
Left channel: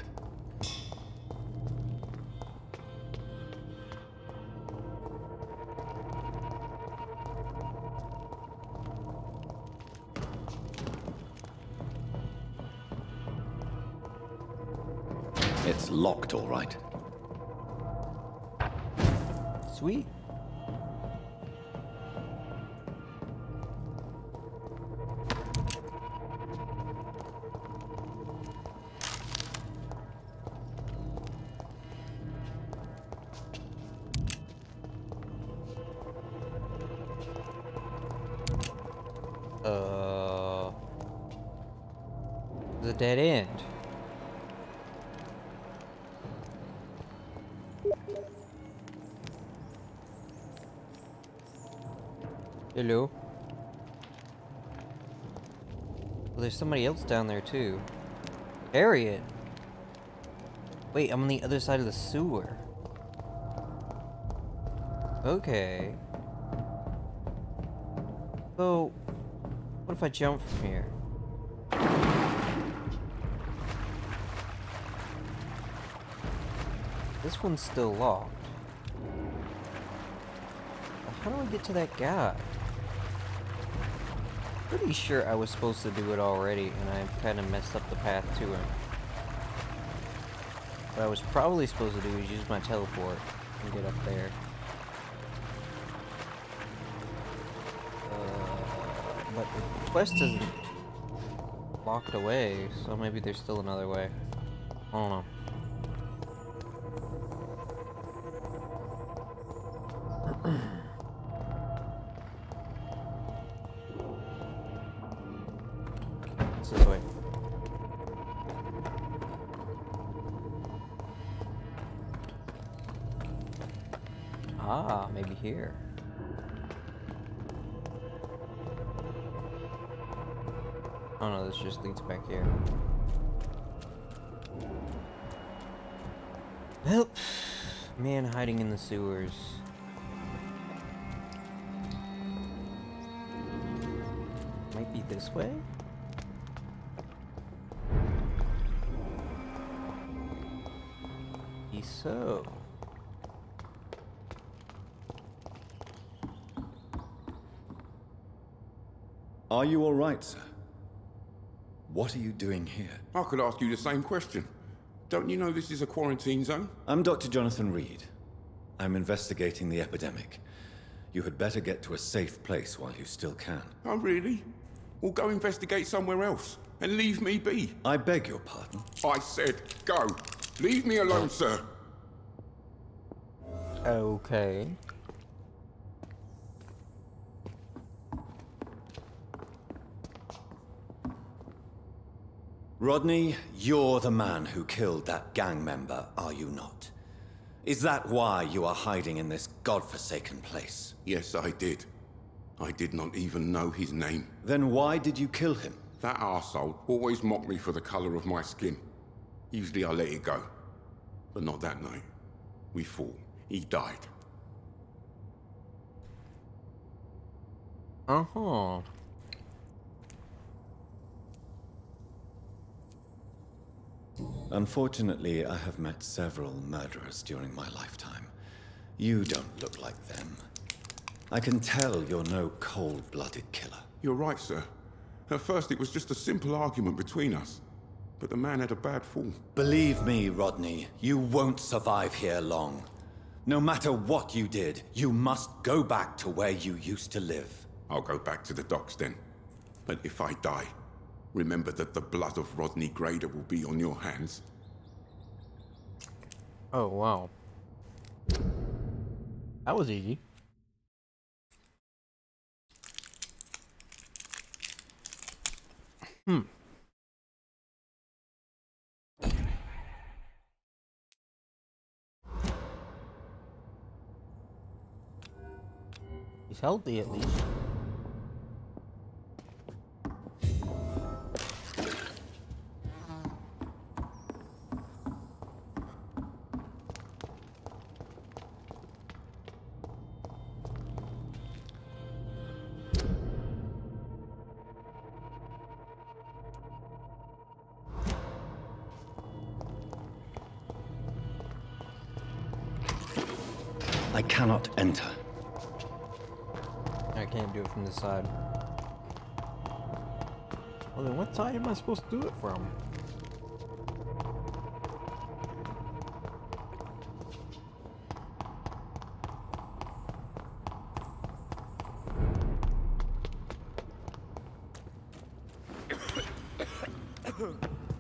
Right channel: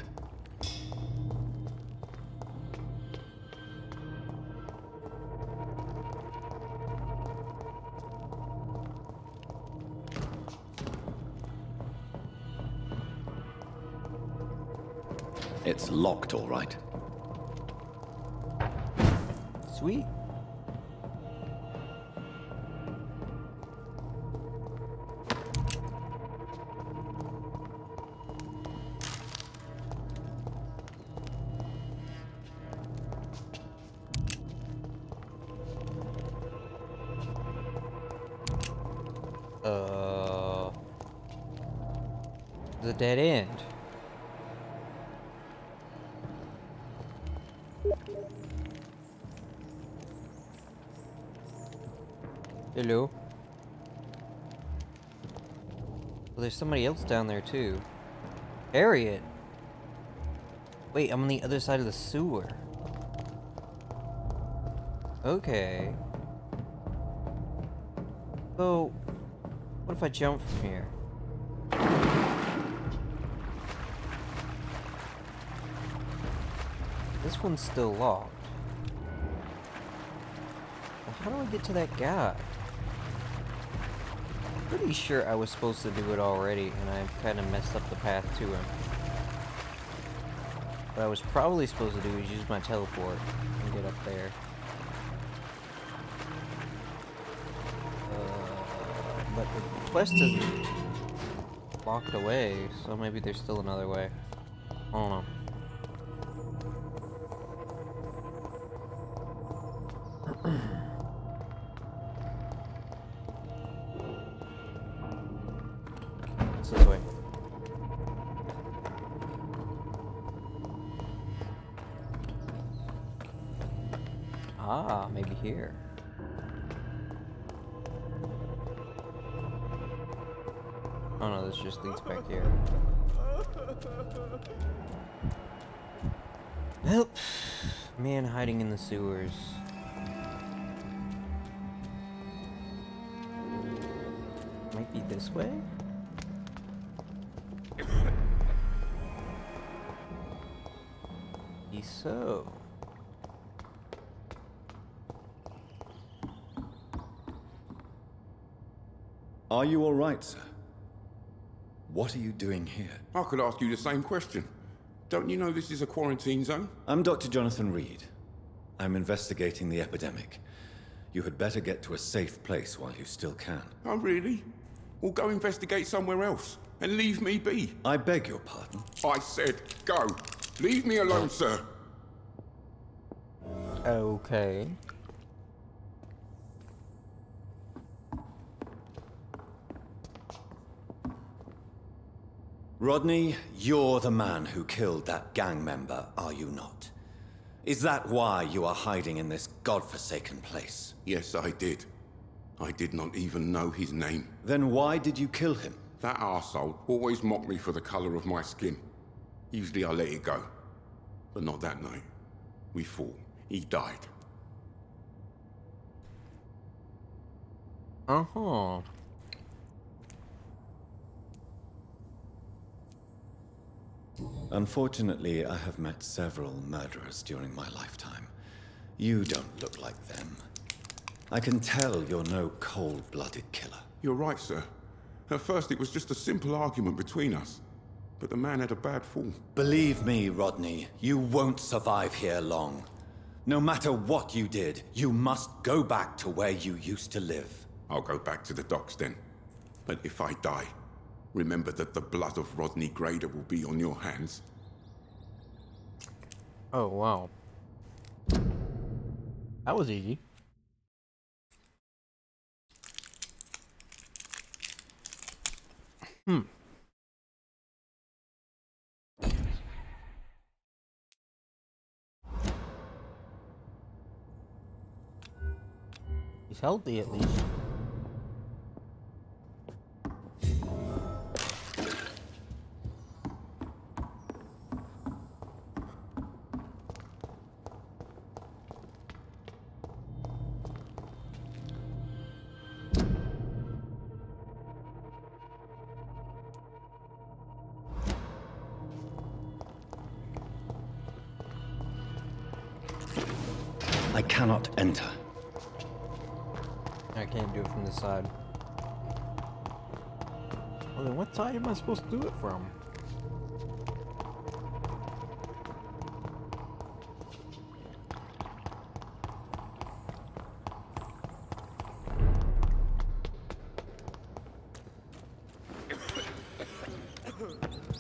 It's locked, all right. Sweet. The dead end. Hello. Well, there's somebody else down there too. Harriet. Wait, I'm on the other side of the sewer. Okay. So, what if I jump from here? This one's still locked. Well, how do I get to that guy? Pretty sure I was supposed to do it already, and I kind of messed up the path to him. What I was probably supposed to do is use my teleport and get up there. But the quest isn't locked away, so maybe there's still another way. I don't know. It's this way. Ah, maybe here. Oh no, this just leads back here. Well, man hiding in the sewers. Might be this way? So. Are you all right, sir? What are you doing here? I could ask you the same question. Don't you know this is a quarantine zone? I'm Dr. Jonathan Reed. I'm investigating the epidemic. You had better get to a safe place while you still can. Oh, really? Well, go investigate somewhere else and leave me be. I beg your pardon? I said go. Leave me alone, sir. Okay. Rodney, you're the man who killed that gang member, are you not? Is that why you are hiding in this godforsaken place? Yes, I did. I did not even know his name. Then why did you kill him? That arsehole always mocked me for the color of my skin. Usually I let it go. But not that night. We fought. He died. Uh-huh. Unfortunately, I have met several murderers during my lifetime. You don't look like them. I can tell you're no cold-blooded killer. You're right, sir. At first it was just a simple argument between us. But the man had a bad fall. Believe me, Rodney, you won't survive here long. No matter what you did, you must go back to where you used to live. I'll go back to the docks then. But if I die, remember that the blood of Rodney Grader will be on your hands. Oh, wow. That was easy. He's healthy at least. I cannot enter. I can't do it from this side. Well, then what side am I supposed to do it from?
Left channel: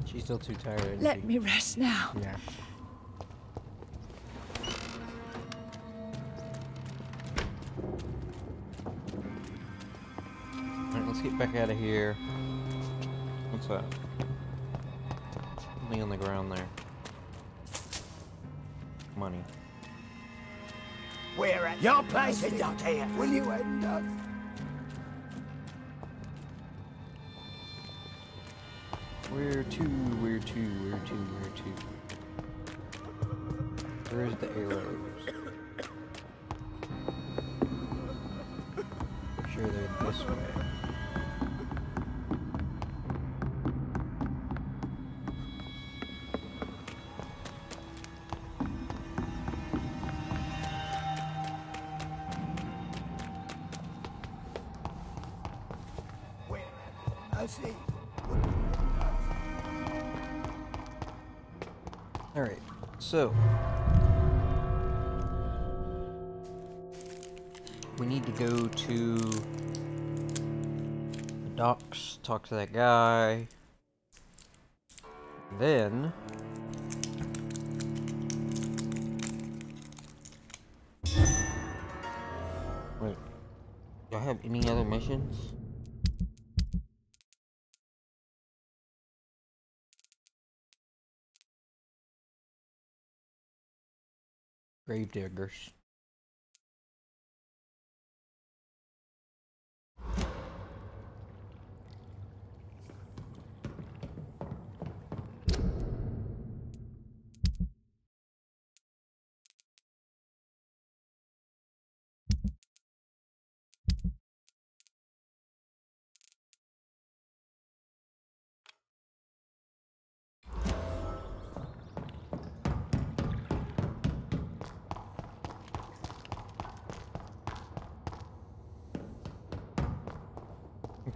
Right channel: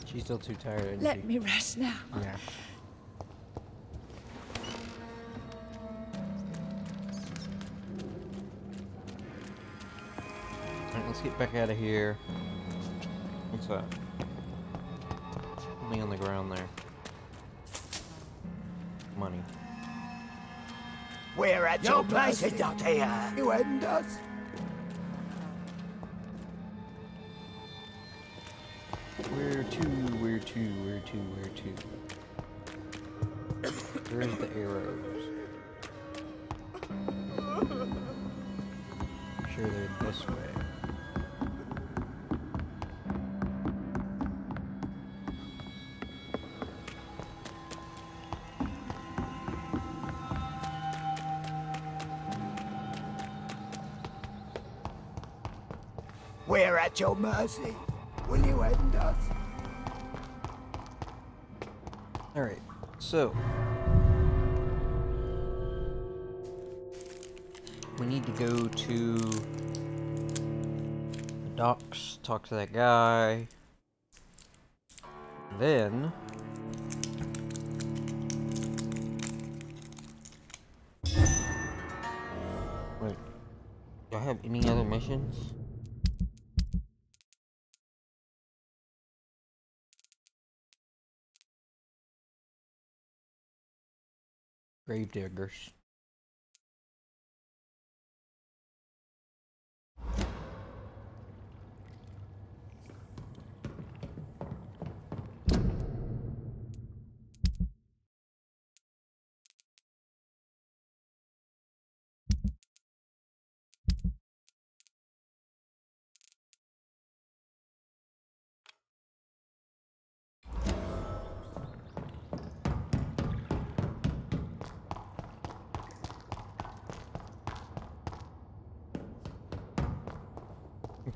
She's still too tired, isn't Let she? me rest now. Yeah. Alright, let's get back out of here. What's that? Something on the ground there. Money. We're at your place is not here. Will you end us? Where to? Where to? Where to? Where to? Where's the arrows? I'm sure they're this way. We're at your mercy. Will you end us? Alright, so we need to go to the docks, talk to that guy. Then wait, do I have any other missions? Gravediggers.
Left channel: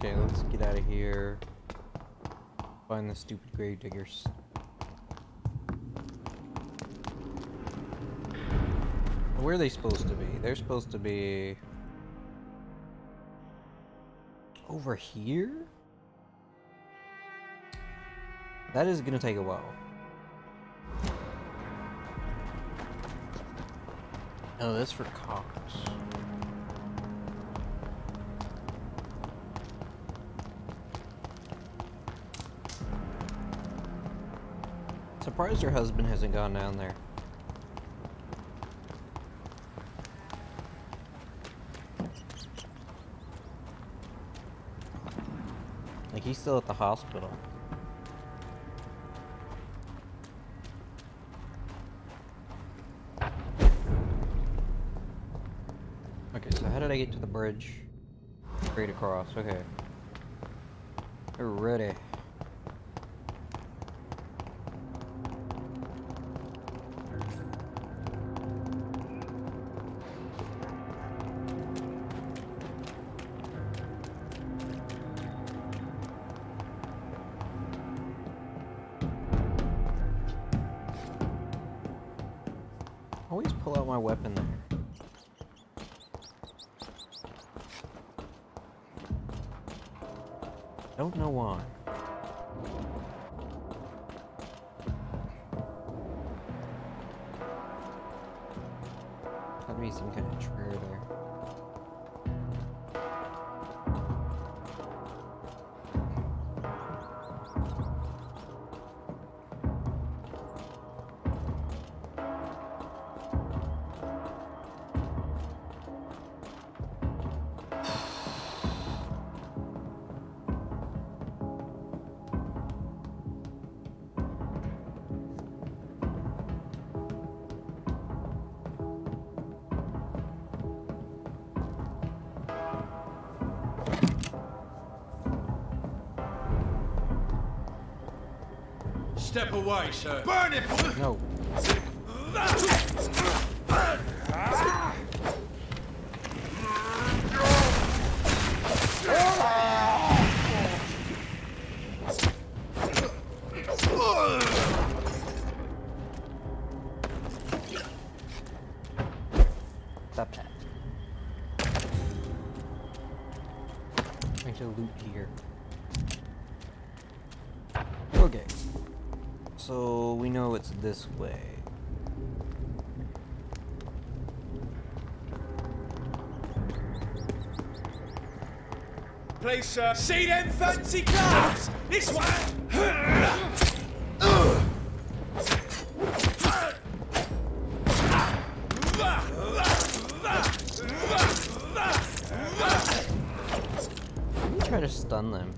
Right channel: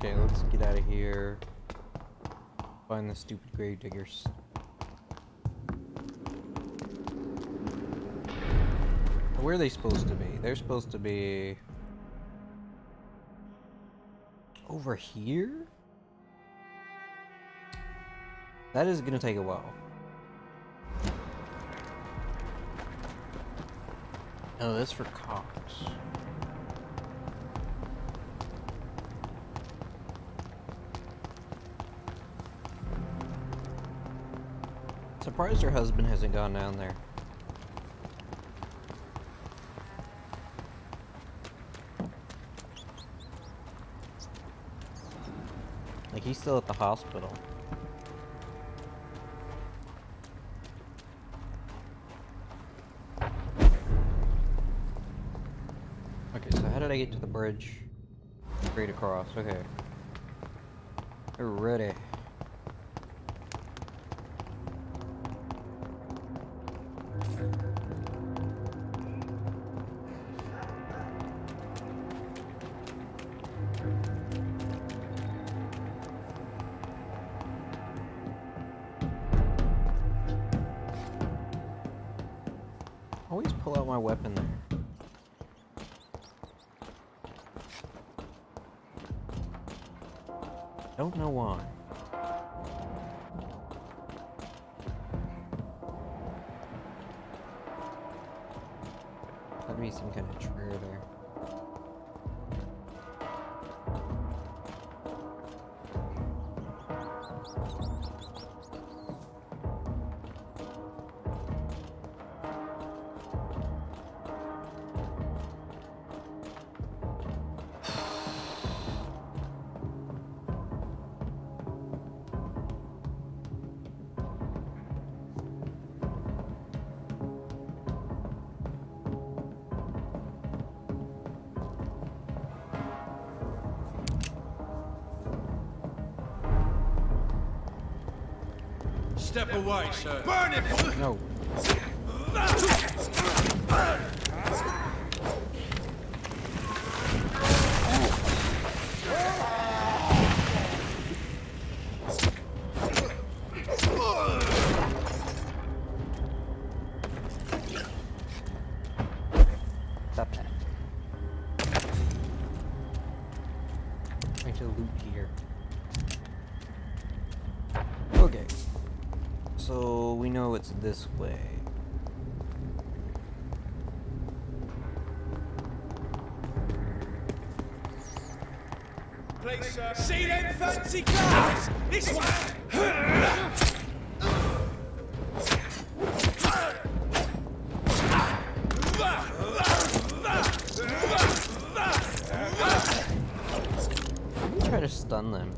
Okay, let's get out of here. Find the stupid gravediggers. Where are they supposed to be? They're supposed to be over here? That is gonna take a while. Oh, that's for Cox. Surprised her husband hasn't gone down there. Like, he's still at the hospital. Okay, so how did I get to the bridge? Straight across, okay. We're ready. Always pull out my weapon there. Don't know why. Gotta be some kind of trigger there. Step away, sir. Burn it! No. Stop that. Trying to loot here. Okay. So we know it's this way. please, sir. See them fancy clothes? This one. Try to stun them.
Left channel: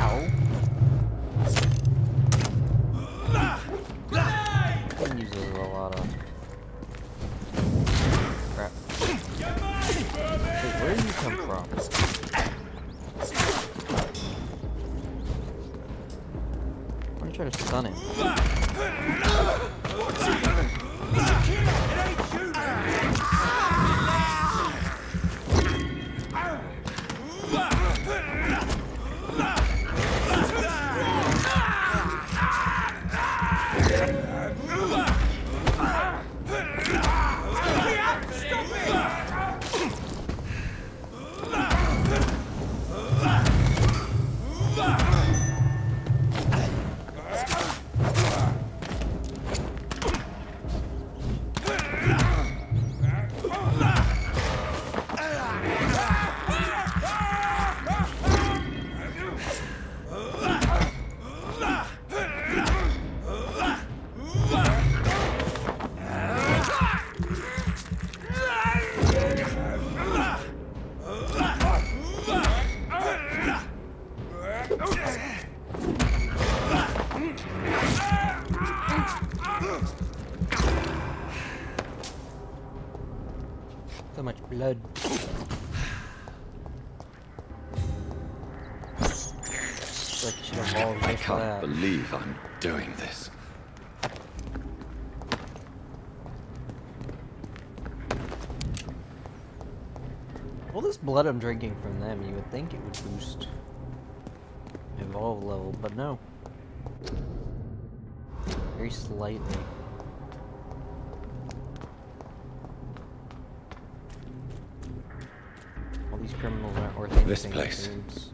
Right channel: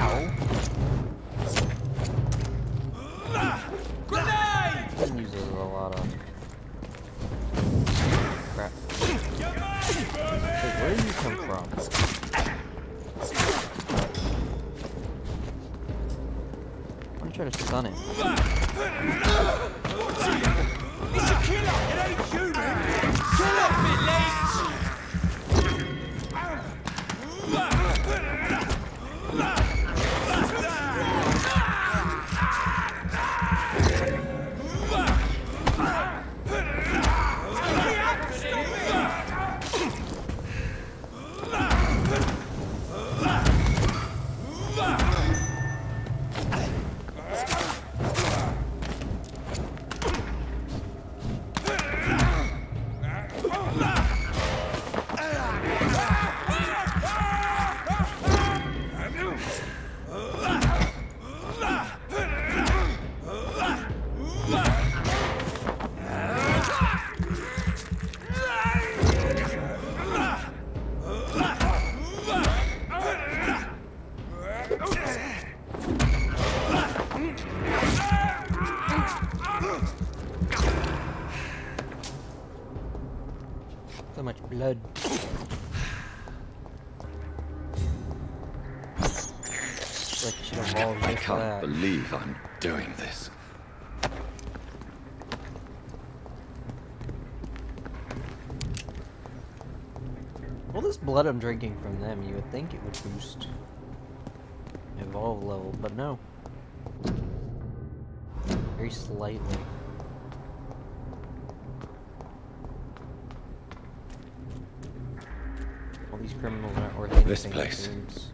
Ow. He uses a lot of crap. Wait, where did you come from? I'm gonna try to stun him. He's a killer. It ain't you, man. Stop it, lads. So much blood. Like you should evolve I just can't that. believe I'm doing this. All this blood I'm drinking from them, you would think it would boost evolve level, but no. Very slightly. All these criminals aren't worth anything. This place. It seems.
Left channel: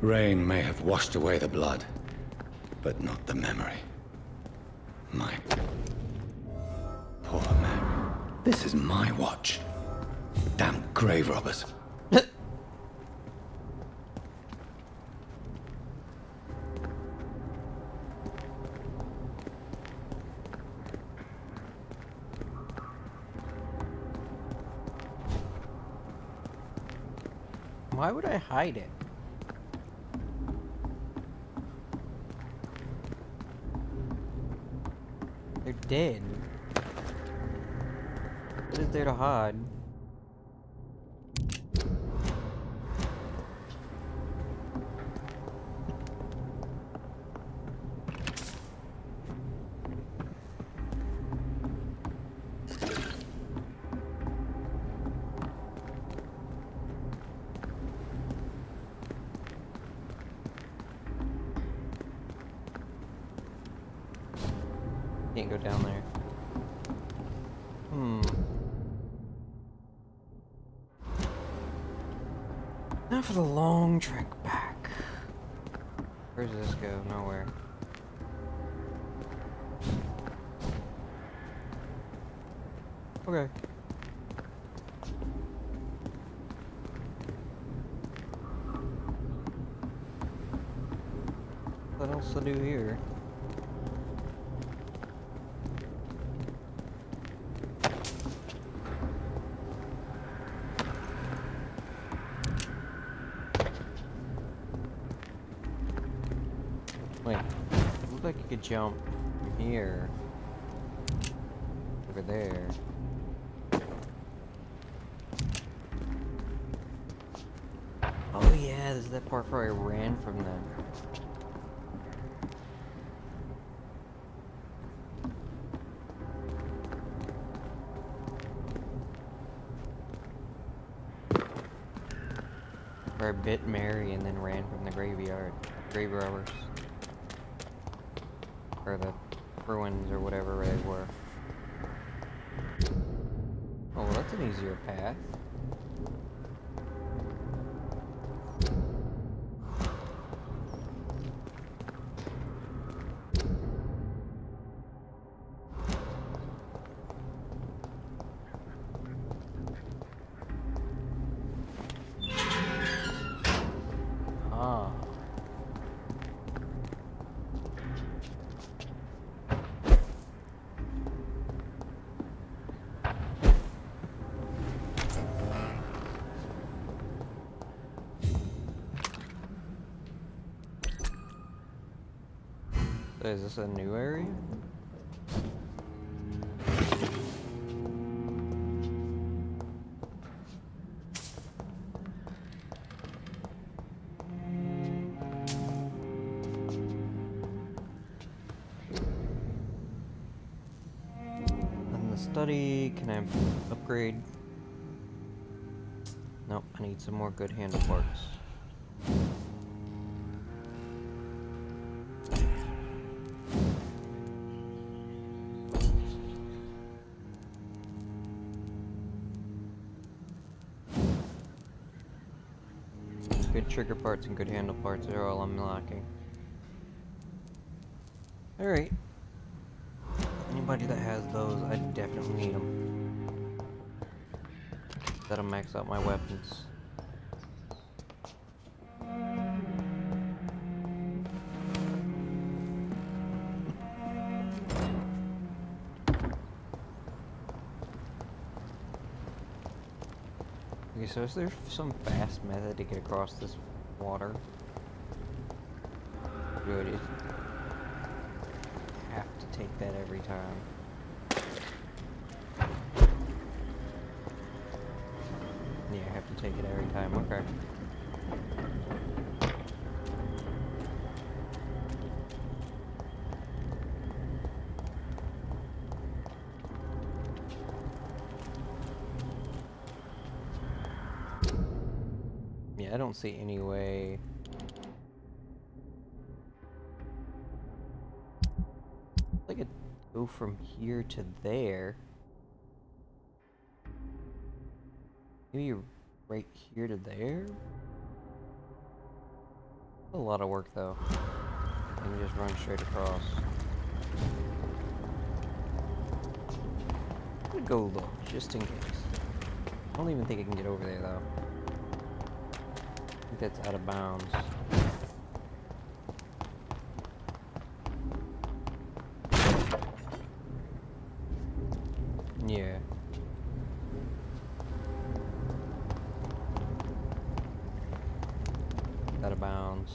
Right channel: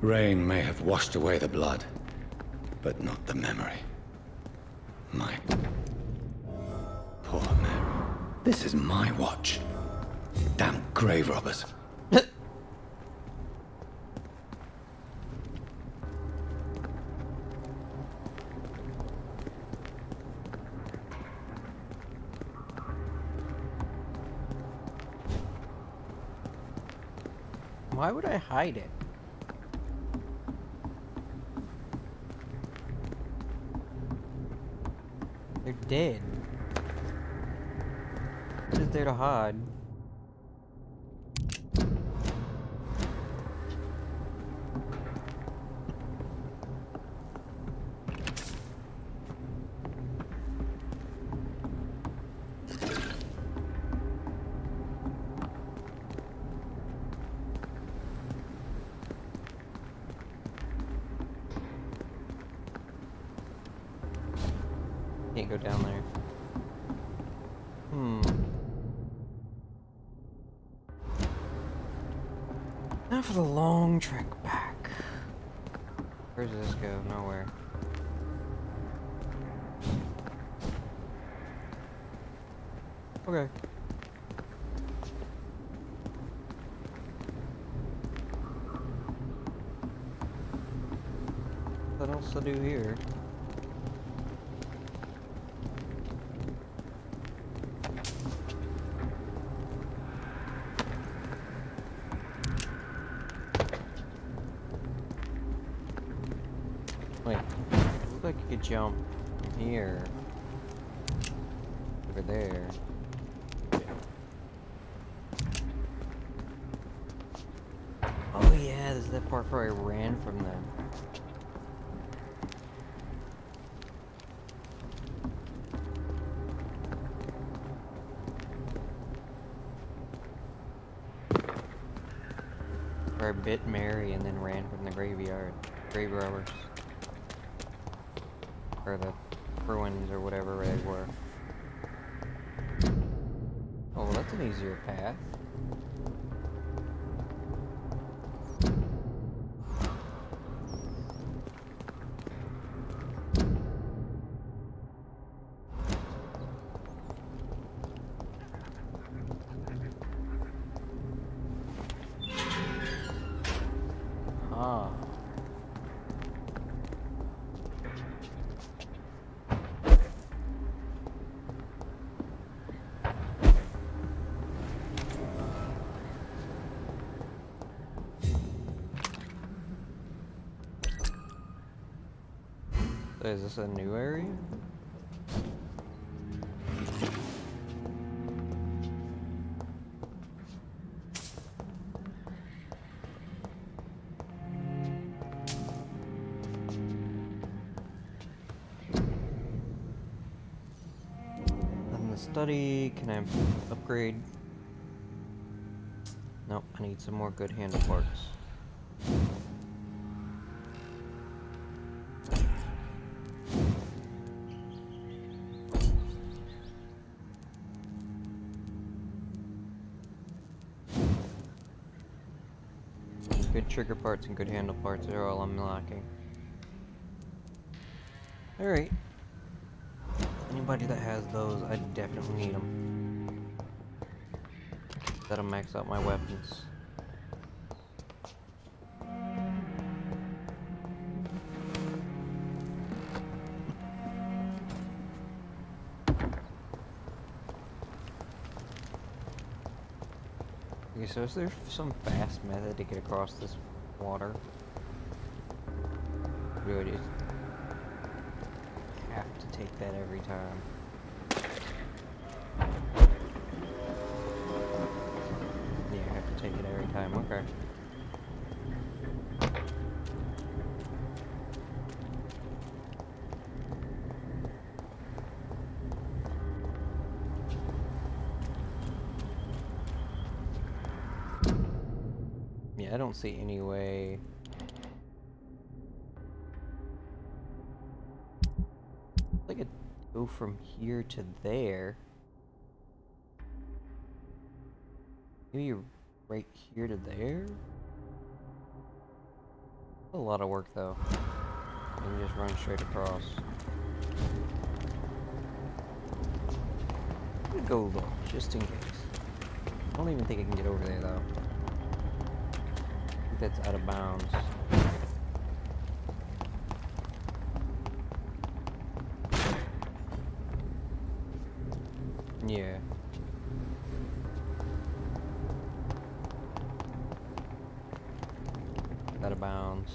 Rain may have washed away the blood, but not the memory. My poor Mary. This is my watch. Damn grave robbers. Why would I hide it? They're dead. What is there to hide? Can't go down there. Now for the long trek back. Where does this go? Nowhere. Okay. What else to do here? Wait, it looked like you could jump from here over there. Oh yeah, this is that part where I ran from them. Where I bit Mary and then ran from the graveyard. Grave robbers. Or the ruins or whatever they were. Oh, well, that's an easier path. Ah. Is this a new area? And the study, can I upgrade? Nope, I need some more good handle parts. Good trigger parts and good handle parts are all I'm lacking. Alright. Anybody that has those, I definitely need them. That'll max out my weapons. Okay, so is there some fast method to get across this water? Good, it have to take that every time. Yeah, I have to take it every time, okay. I don't see any way. I could go from here to there. Maybe right here to there? A lot of work though. I can just run straight across. I'm gonna go look, just in case. I don't even think I can get over there though. I think that's out of bounds. Yeah. Out of bounds.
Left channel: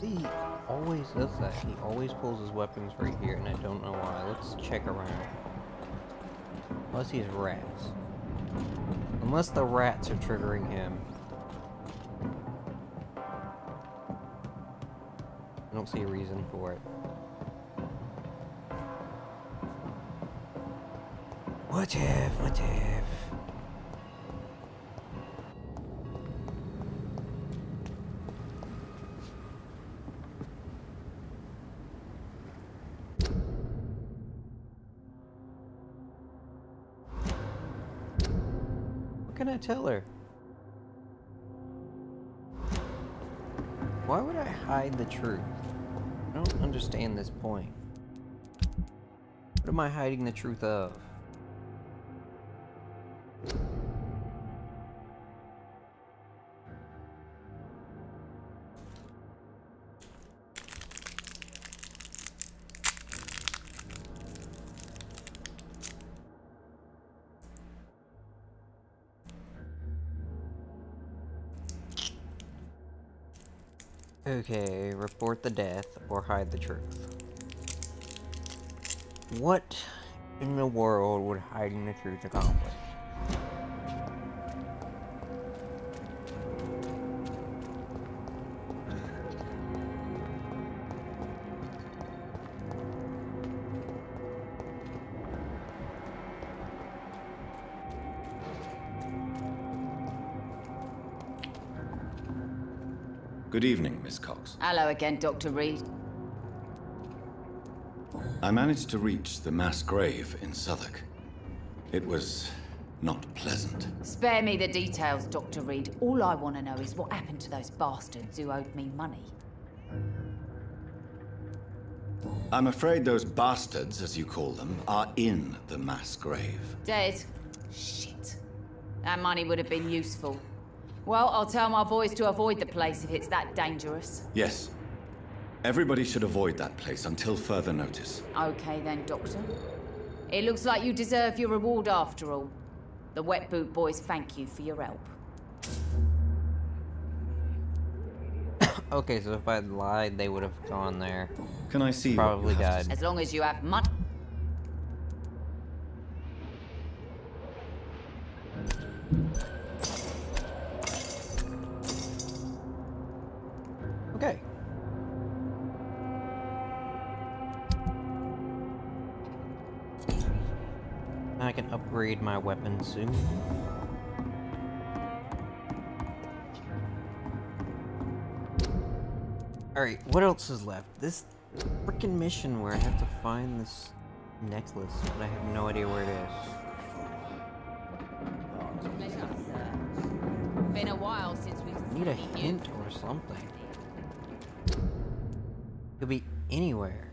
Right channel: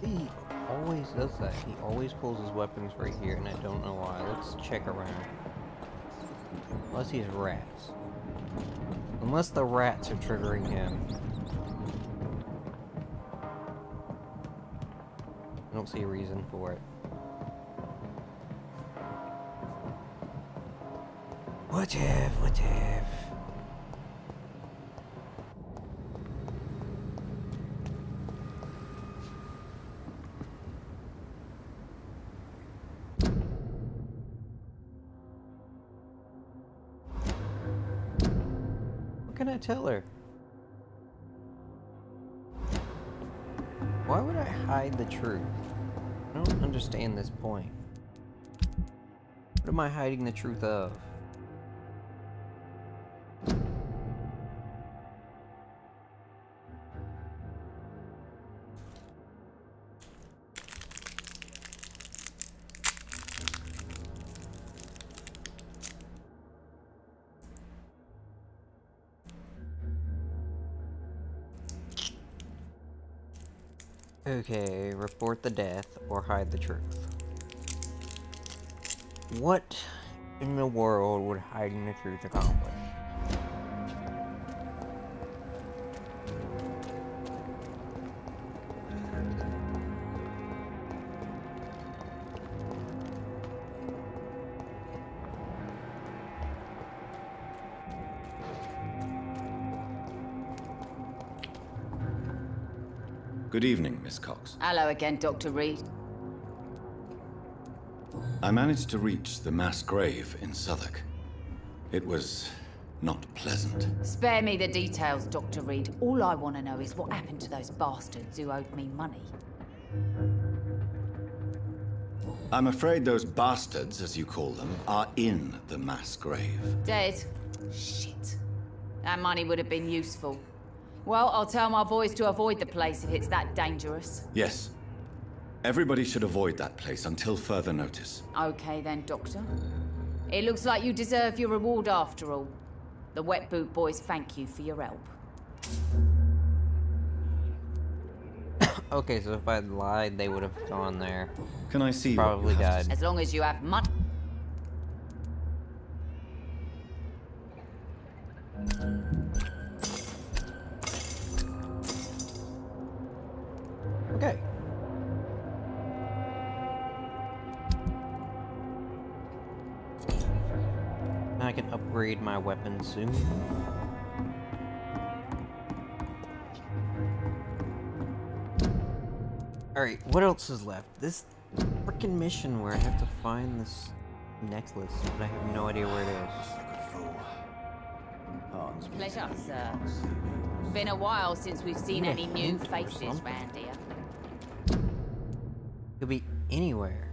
He always does that. He always pulls his weapons right here, and I don't know why. Let's check around. Unless he's rats. Unless the rats are triggering him. I don't see a reason for it. What if? What can I tell her? Why would I hide the truth? I don't understand this point. What am I hiding the truth of? Okay, report the death or hide the truth. What in the world would hiding the truth accomplish? Good evening, Miss Cox. Hello again, Dr. Reed. I managed to reach the mass grave in Southwark. It was not pleasant. Spare me the details, Dr. Reed. All I want to know is what happened to those bastards who owed me money. I'm afraid those bastards, as you call them, are in the mass grave. Dead? Shit. That money would have been useful. Well, I'll tell my boys to avoid the place if it's that dangerous. Yes. Everybody should avoid that place until further notice. Okay then, Doctor. It looks like you deserve your reward after all. The Wet Boot boys thank you for your help. Okay, so if I'd lied, they would have gone there. Can I see Probably died. As long as you have money. Okay. I can upgrade my weapon soon. Alright, what else is left? This freaking mission where I have to find this necklace, but I have no idea where it is. Pleasure, sir. Been a while since we've seen any new faces round here. Could be anywhere.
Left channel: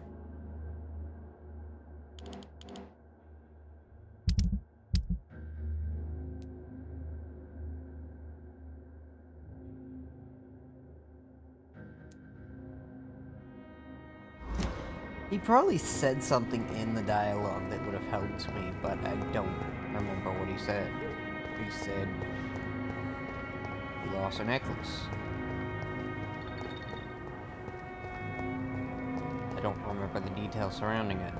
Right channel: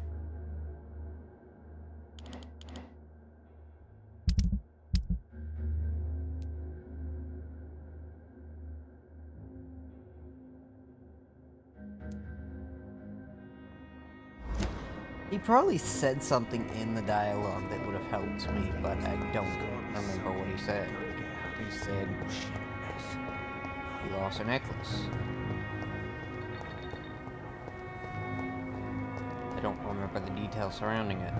He probably said something in the dialogue that would have helped me, but I don't remember what he said. He said he lost a necklace. I don't remember the details surrounding it,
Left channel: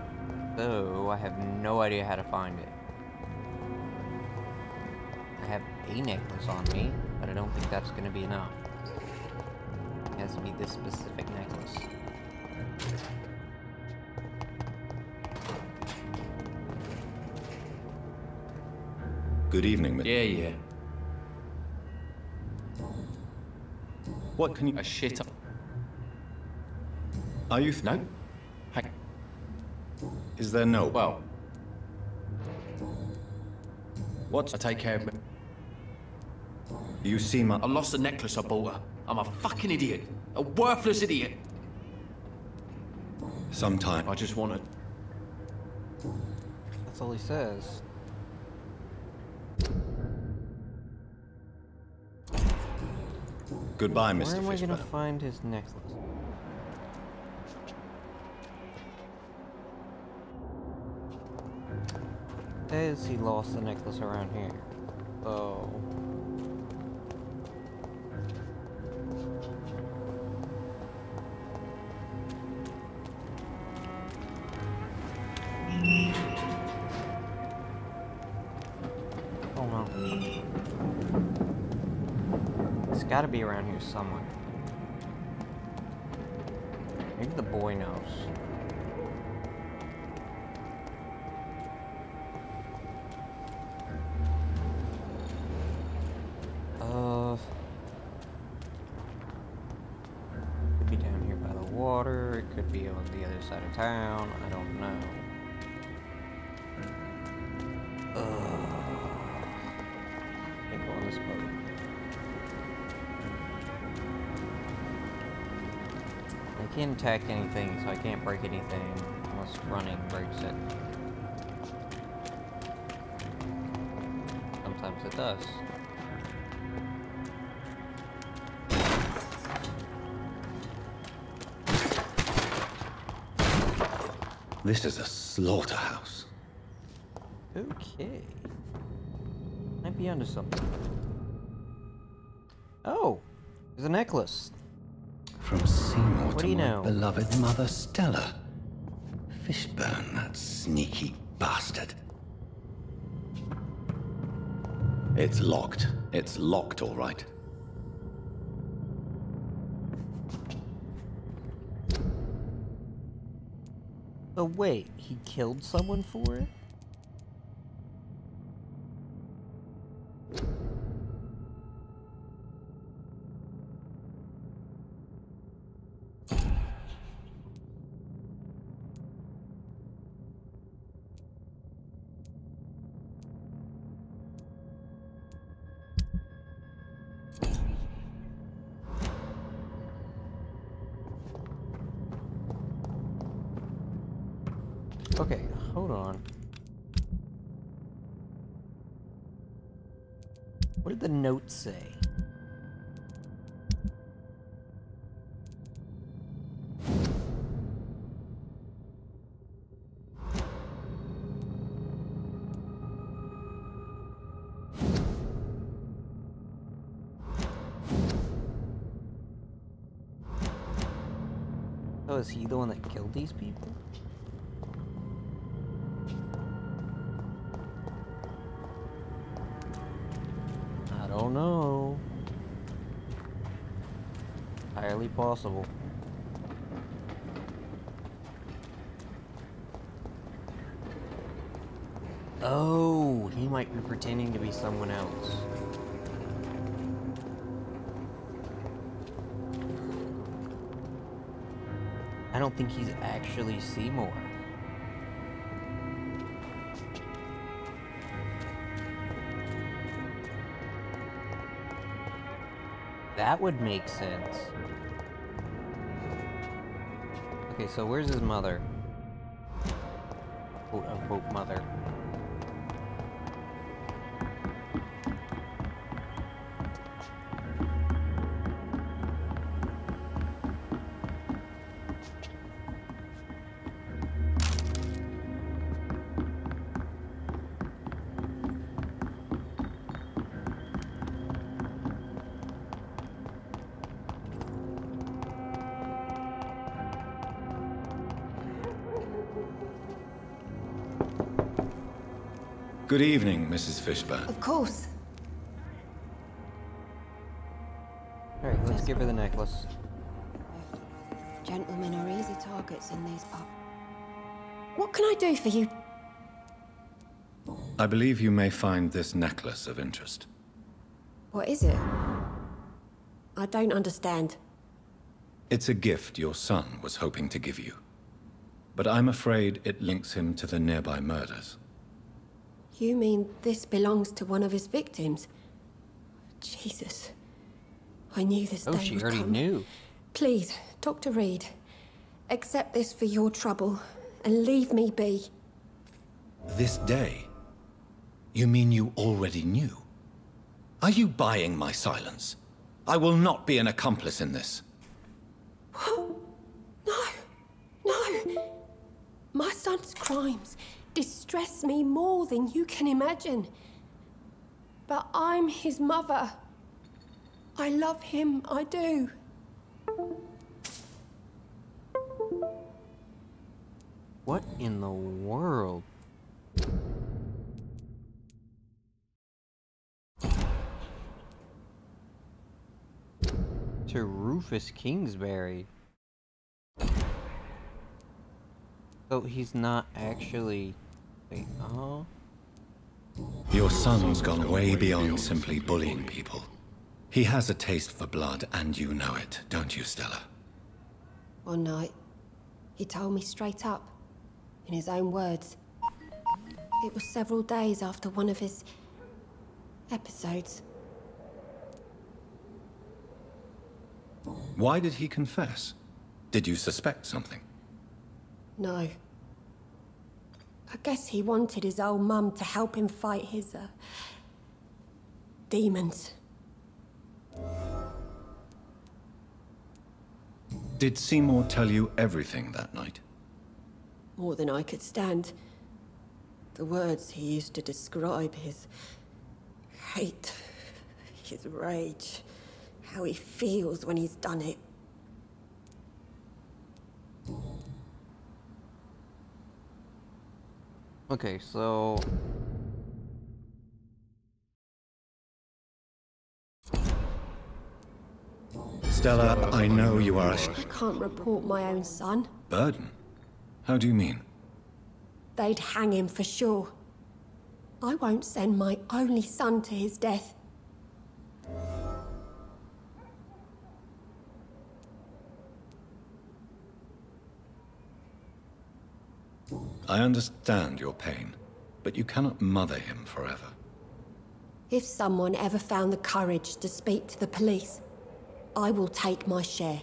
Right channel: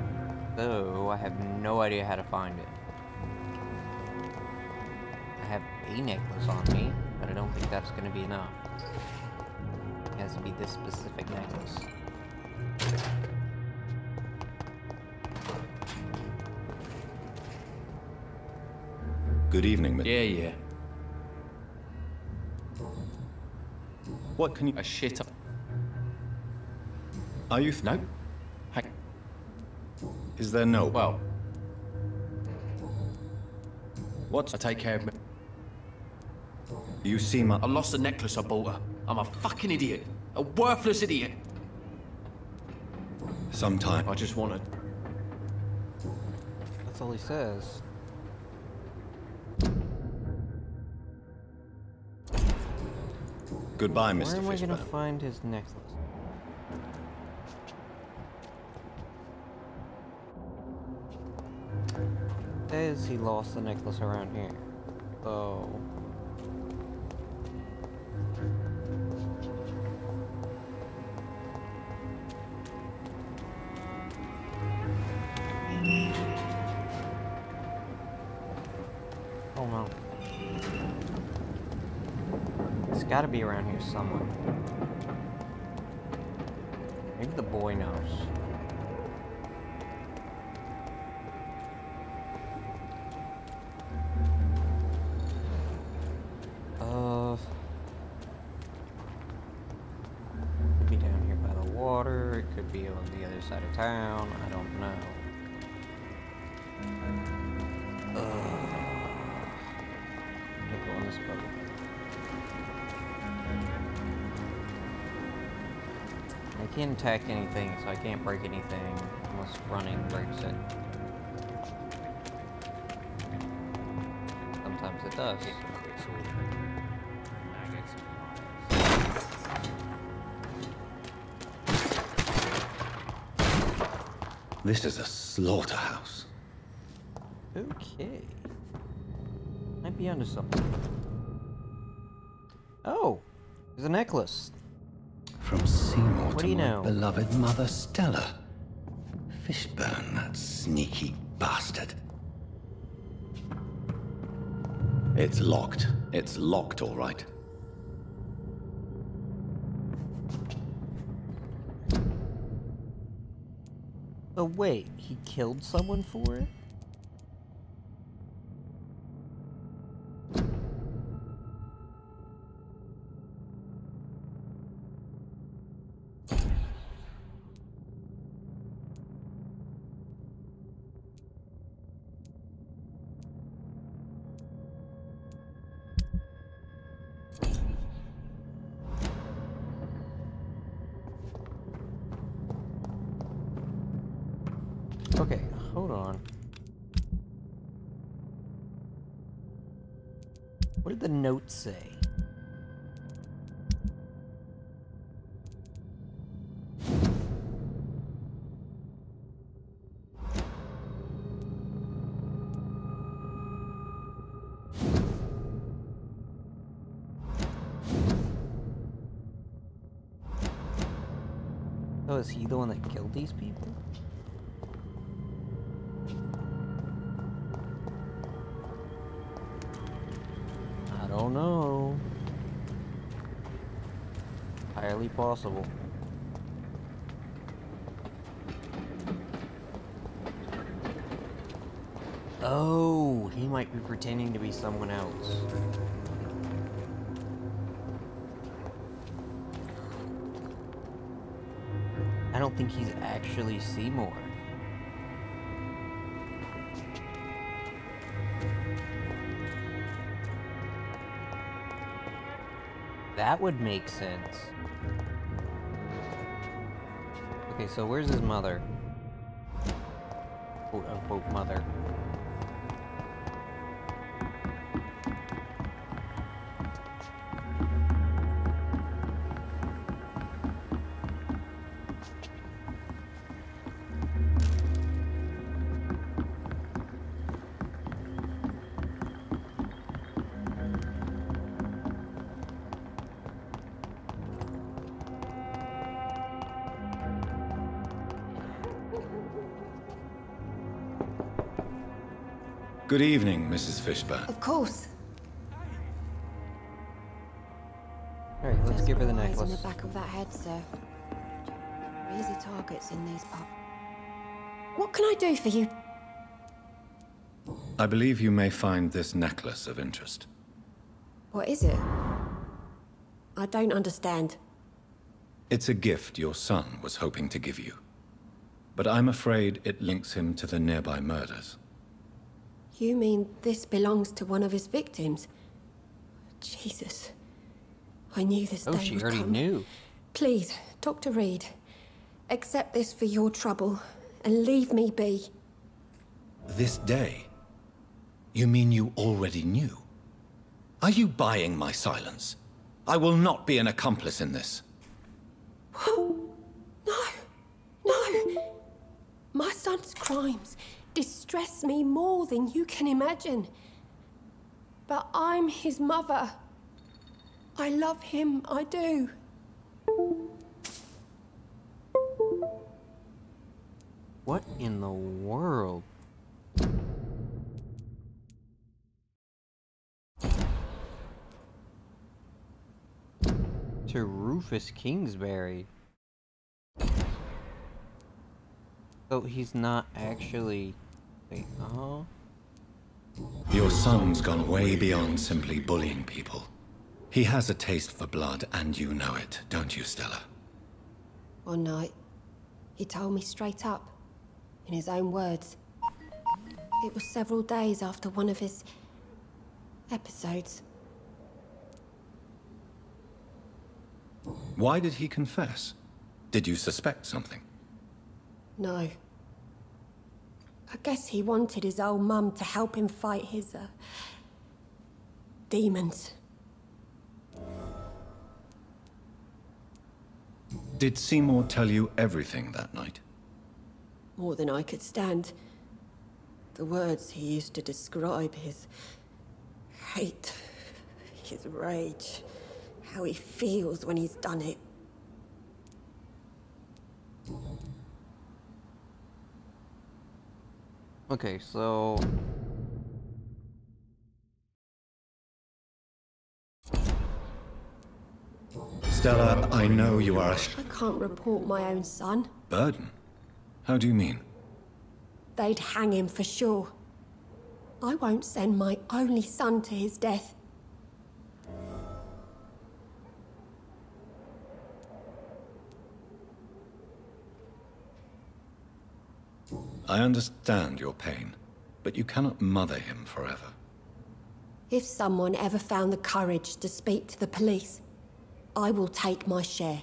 so I have no idea how to find it. I have a necklace on me, but I don't think that's going to be enough. It has to be this specific necklace. Good evening, Yeah. What can you... A shit up. Are you... No? Hey. Is there no... Well. What? I take care of me. You seem... I lost the necklace I bought her. I'm a fucking idiot. A worthless idiot. Sometime. I just wanted... That's all he says. Goodbye, Mr. Where am I Fishburne. gonna find his necklace? Says he lost the necklace around here. So oh no. It's gotta be around here somewhere. Maybe the boy knows. Could be down here by the water, it could be on the other side of town, I don't know. Can't go on this boat. I can't attack anything, so I can't break anything unless running breaks it. Sometimes it does. This is a slaughterhouse. Okay. Might be onto something. Oh! There's a necklace. From Seymour What to do you my know? beloved mother Stella. Fishburne, that sneaky bastard. It's locked. It's locked, all right. Oh wait, he killed someone for it? Okay, hold on. What did the note say? Oh, is he the one that killed these people? I don't know. Highly possible. Oh, he might be pretending to be someone else. I don't think he's actually Seymour. That would make sense. Okay, so where's his mother? Quote unquote mother. Good evening, Mrs. Fishburne. Of course. Alright, let's give her the On necklace. the back of that head, sir. Gentlemen are easy targets in these pubs. What can I do for you? I believe you may find this necklace of interest. What is it? I don't understand. It's a gift your son was hoping to give you. But I'm afraid it links him to the nearby murders. You mean this belongs to one of his victims? Jesus. I knew this day Oh, she would already come. knew. Please, Dr. Reed, accept this for your trouble and leave me be. This day? You mean you already knew? Are you buying my silence? I will not be an accomplice in this. No. My son's crimes distress me more than you can imagine. But I'm his mother. I love him, I do. What in the world? To Rufus Kingsbury. So he's not actually... Wait, oh? Your son's gone way beyond simply bullying people. He has a taste for blood, and you know it, don't you, Stella? One night, he told me straight up, in his own words. It was several days after one of his episodes. Why did he confess? Did you suspect something? No. I guess he wanted his old mum to help him fight his, demons. Did Seymour tell you everything that night? More than I could stand. The words he used to describe his hate, his rage, how he feels when he's done it. Okay, so... Stella, I know you are a I can't report my own son. burden. How do you mean? They'd hang him for sure. I won't send my only son to his death. I understand your pain, but you cannot mother him forever. If someone ever found the courage to speak to the police, I will take my share.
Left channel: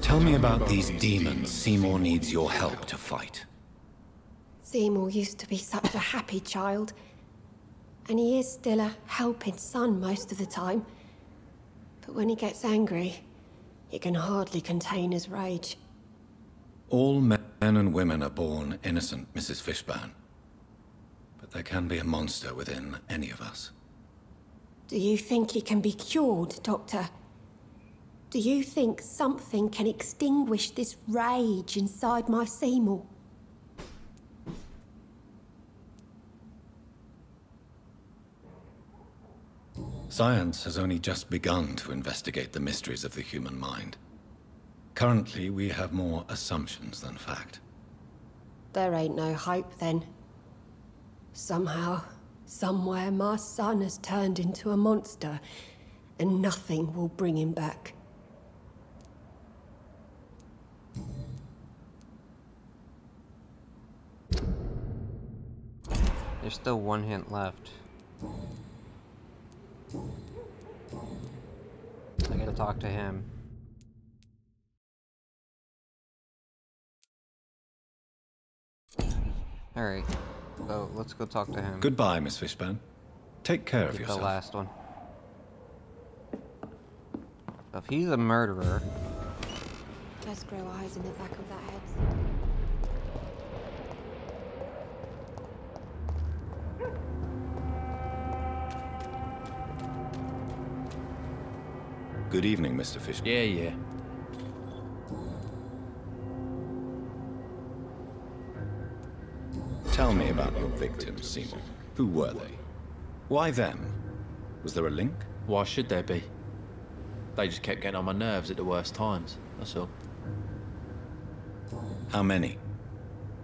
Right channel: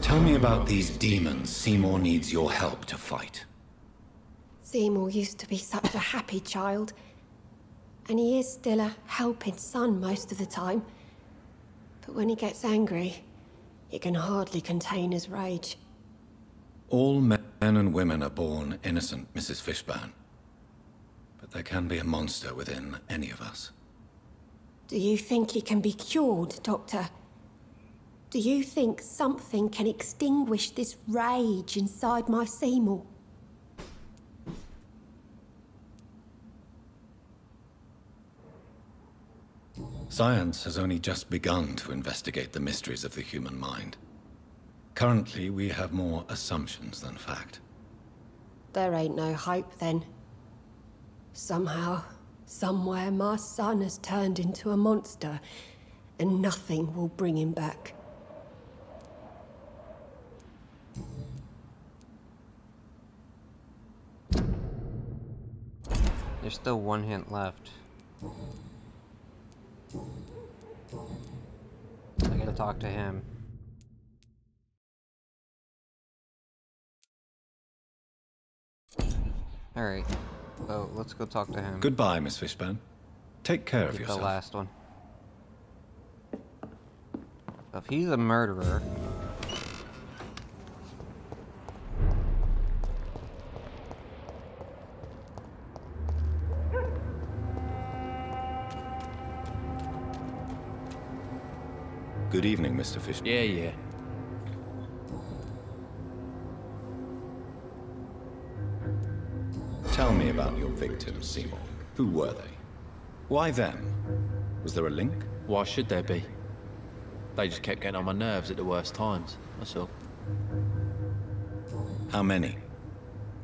Tell me about these demons Seymour needs your help to fight. Seymour used to be such a happy child, and he is still a helping son most of the time. But when he gets angry, he can hardly contain his rage. All men and women are born innocent, Mrs. Fishburne. But there can be a monster within any of us. Do you think he can be cured, Doctor? Do you think something can extinguish this rage inside my Seymour? Science has only just begun to investigate the mysteries of the human mind. Currently, we have more assumptions than fact. There ain't no hope then. Somehow, somewhere, my son has turned into a monster, and nothing will bring him back. There's still one hint left. I gotta talk to him. Alright. So, let's go talk to him. Goodbye, Miss Fishburne. Take care of yourself. The last one. So if he's a murderer... Let's grow eyes in the back of that head. Good evening, Mr. Fishburne. Yeah. Tell me about your victims, Seymour. Who were they? Why them? Was there a link? Why should there be? They just kept getting on my nerves at the worst times, that's all. How many?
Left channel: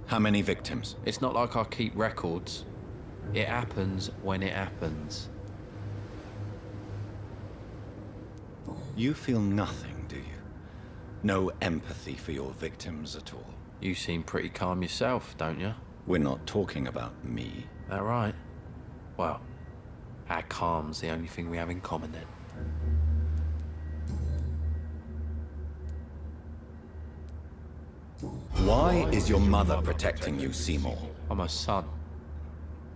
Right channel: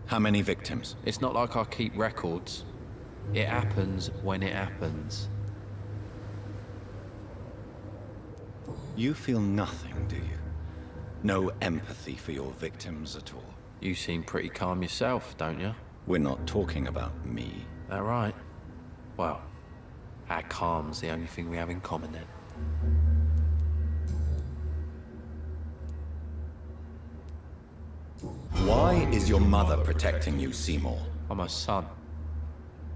How many victims? It's not like I keep records. It happens when it happens. You feel nothing, do you? No empathy for your victims at all? You seem pretty calm yourself, don't you? We're not talking about me. That right? Well, our calm's the only thing we have in common then. Why is your mother protecting you, Seymour? I'm her son.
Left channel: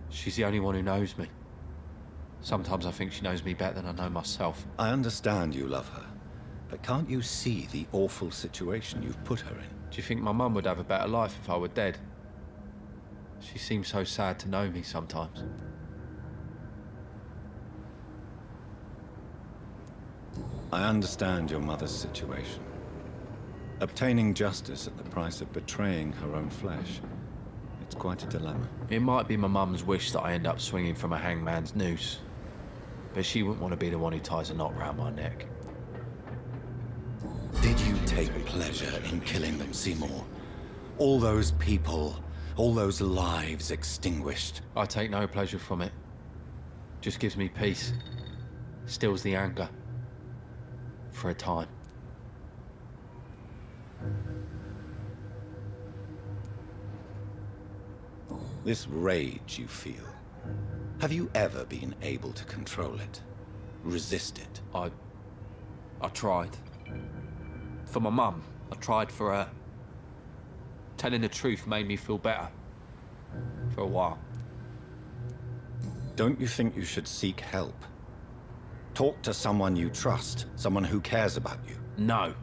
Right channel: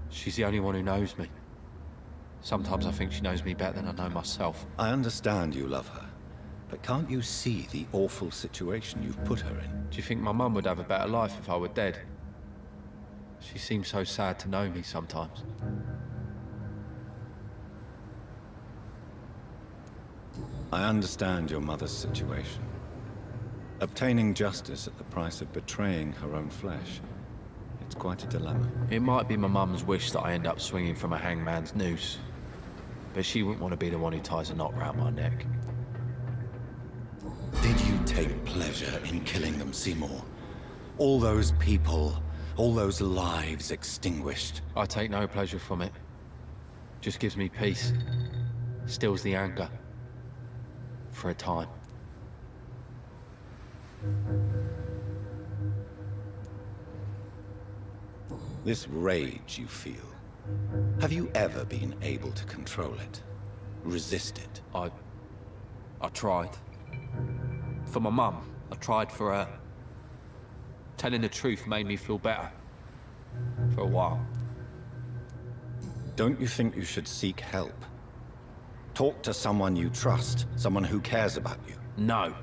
She's the only one who knows me. Sometimes I think she knows me better than I know myself. I understand you love her, but can't you see the awful situation you've put her in? Do you think my mum would have a better life if I were dead? She seems so sad to know me sometimes. I understand your mother's situation. Obtaining justice at the price of betraying her own flesh. It's quite a dilemma. It might be my mum's wish that I end up swinging from a hangman's noose. But she wouldn't want to be the one who ties a knot round my neck. Did you take pleasure in killing them, Seymour? All those people, all those lives extinguished. I take no pleasure from it. Just gives me peace. Stills the anger. For a time. This rage you feel, have you ever been able to control it? Resist it? I tried. For my mum, I tried for her. Telling the truth made me feel better. For a while. Don't you think you should seek help? Talk to someone you trust, someone who cares about you. No.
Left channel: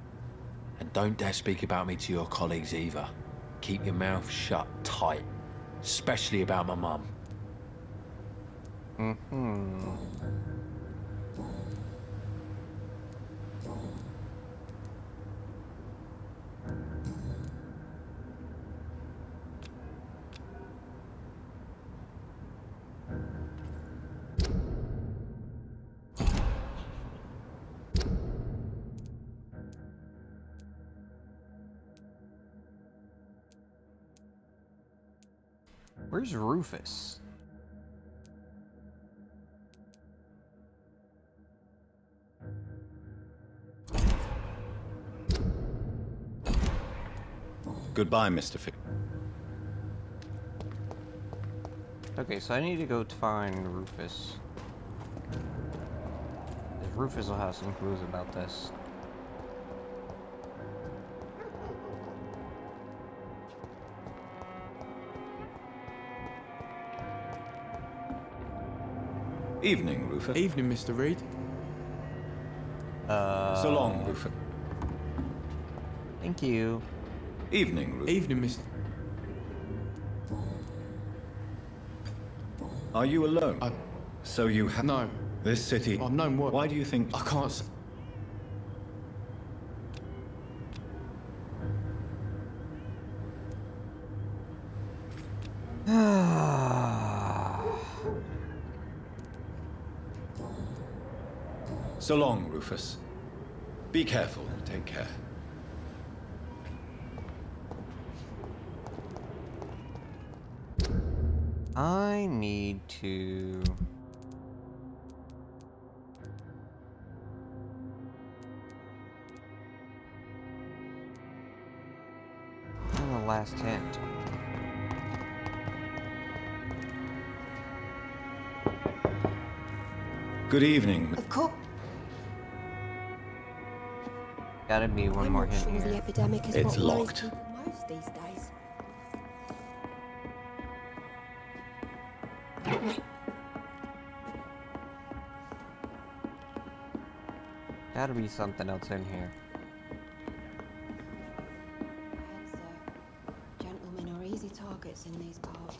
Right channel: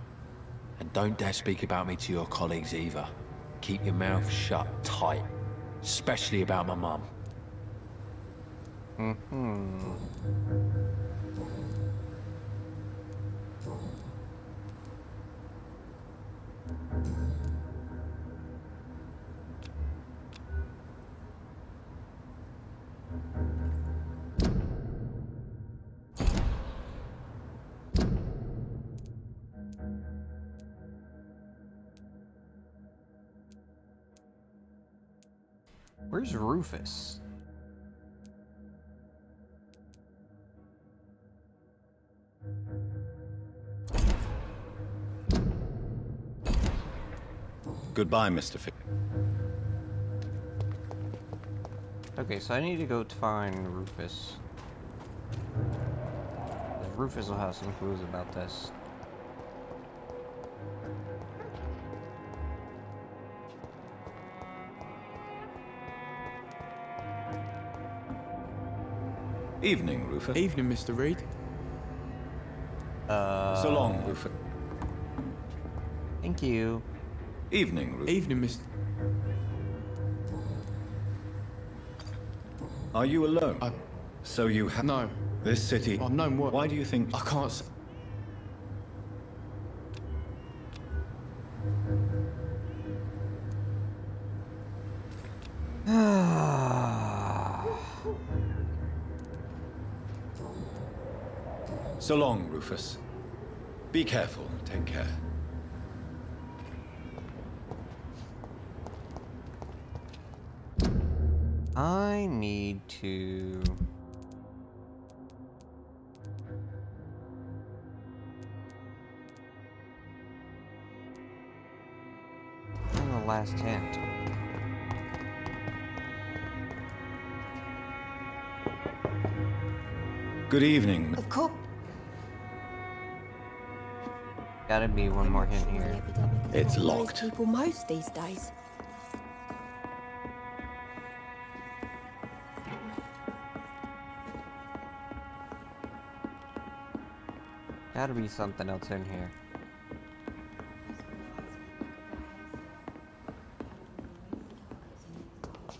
And don't dare speak about me to your colleagues either. Keep your mouth shut tight. Especially about my mum. Where's Rufus? Goodbye, Mr. Fish. Okay, so I need to go to find Rufus. Because Rufus will have some clues about this. Evening, Rufus. Evening, Mr. Reed. So long, Rufus. Thank you. Evening, Rufus. Evening, Mr. Are you alone? So you have... No. This city... I've known what... Why do you think... I can't say... So long, Rufus. Be careful. Take care. I need to... find the last hint. Good evening. Of course. Gotta be one more hint The here. epidemic is It's what worries locked. people most these days. Gotta be something else in here. Gentlemen are easy targets in these parts.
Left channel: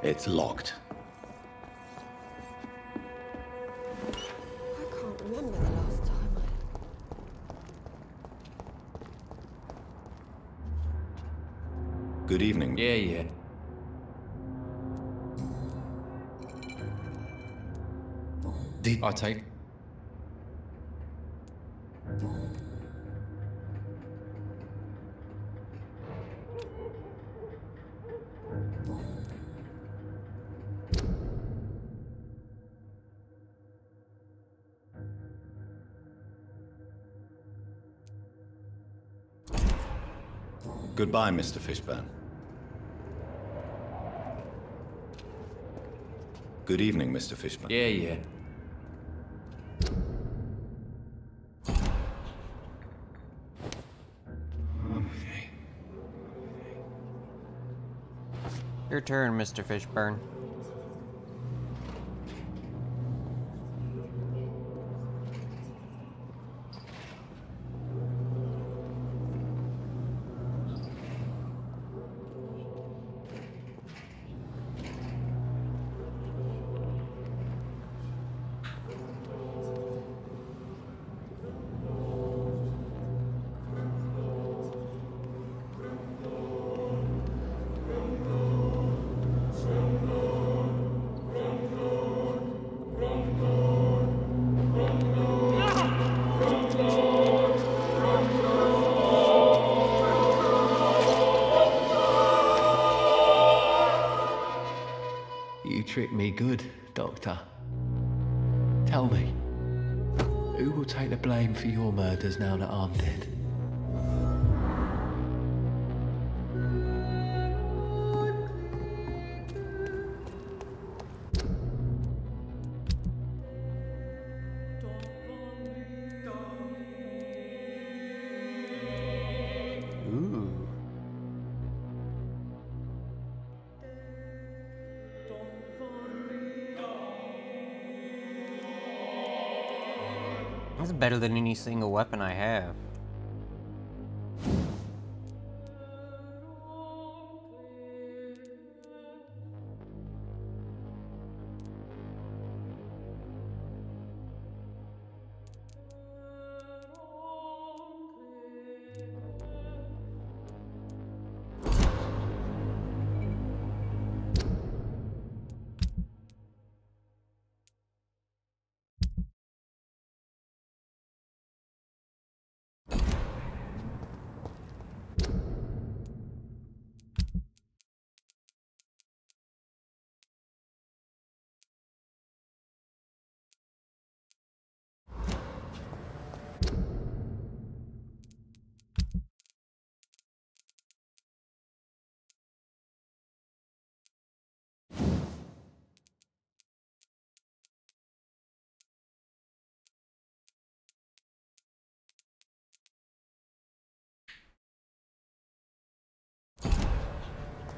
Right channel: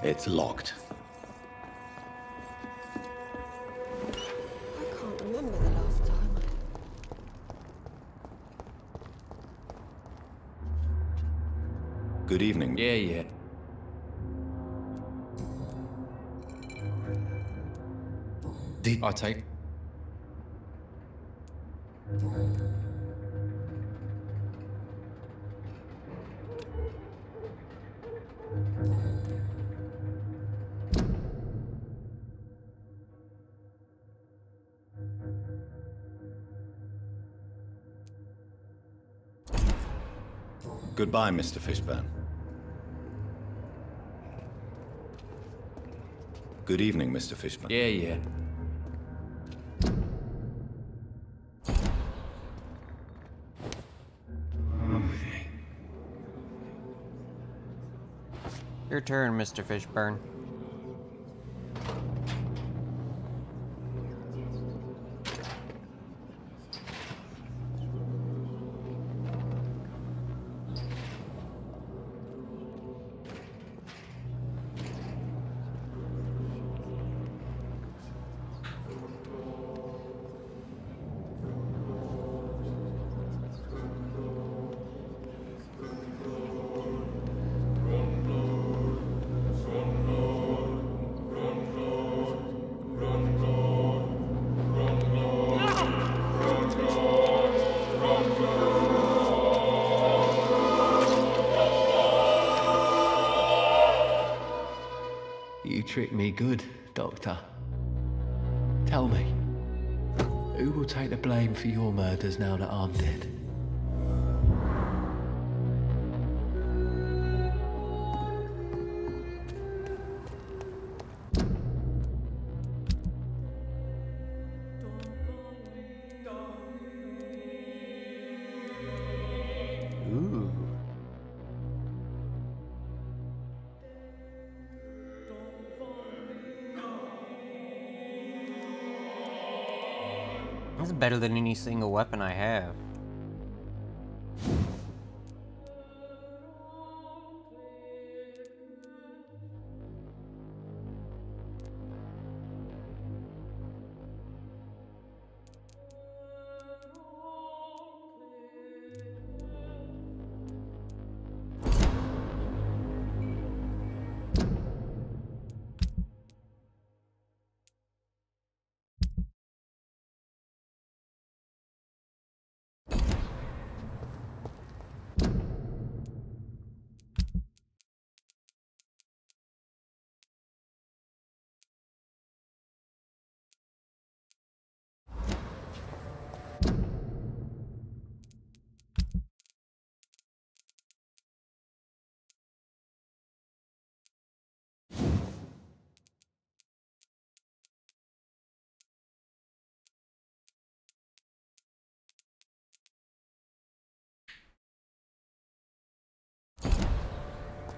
It's locked. I can't remember the last time Good evening. Yeah. I take... Goodbye, Mr. Fishburne. Good evening, Mr. Fishburne. Yeah. Your turn, Mr. Fishburne. You tricked me good, Doctor. Tell me, who will take the blame for your murders now that I'm dead? Ooh. That's better than any single weapon I have.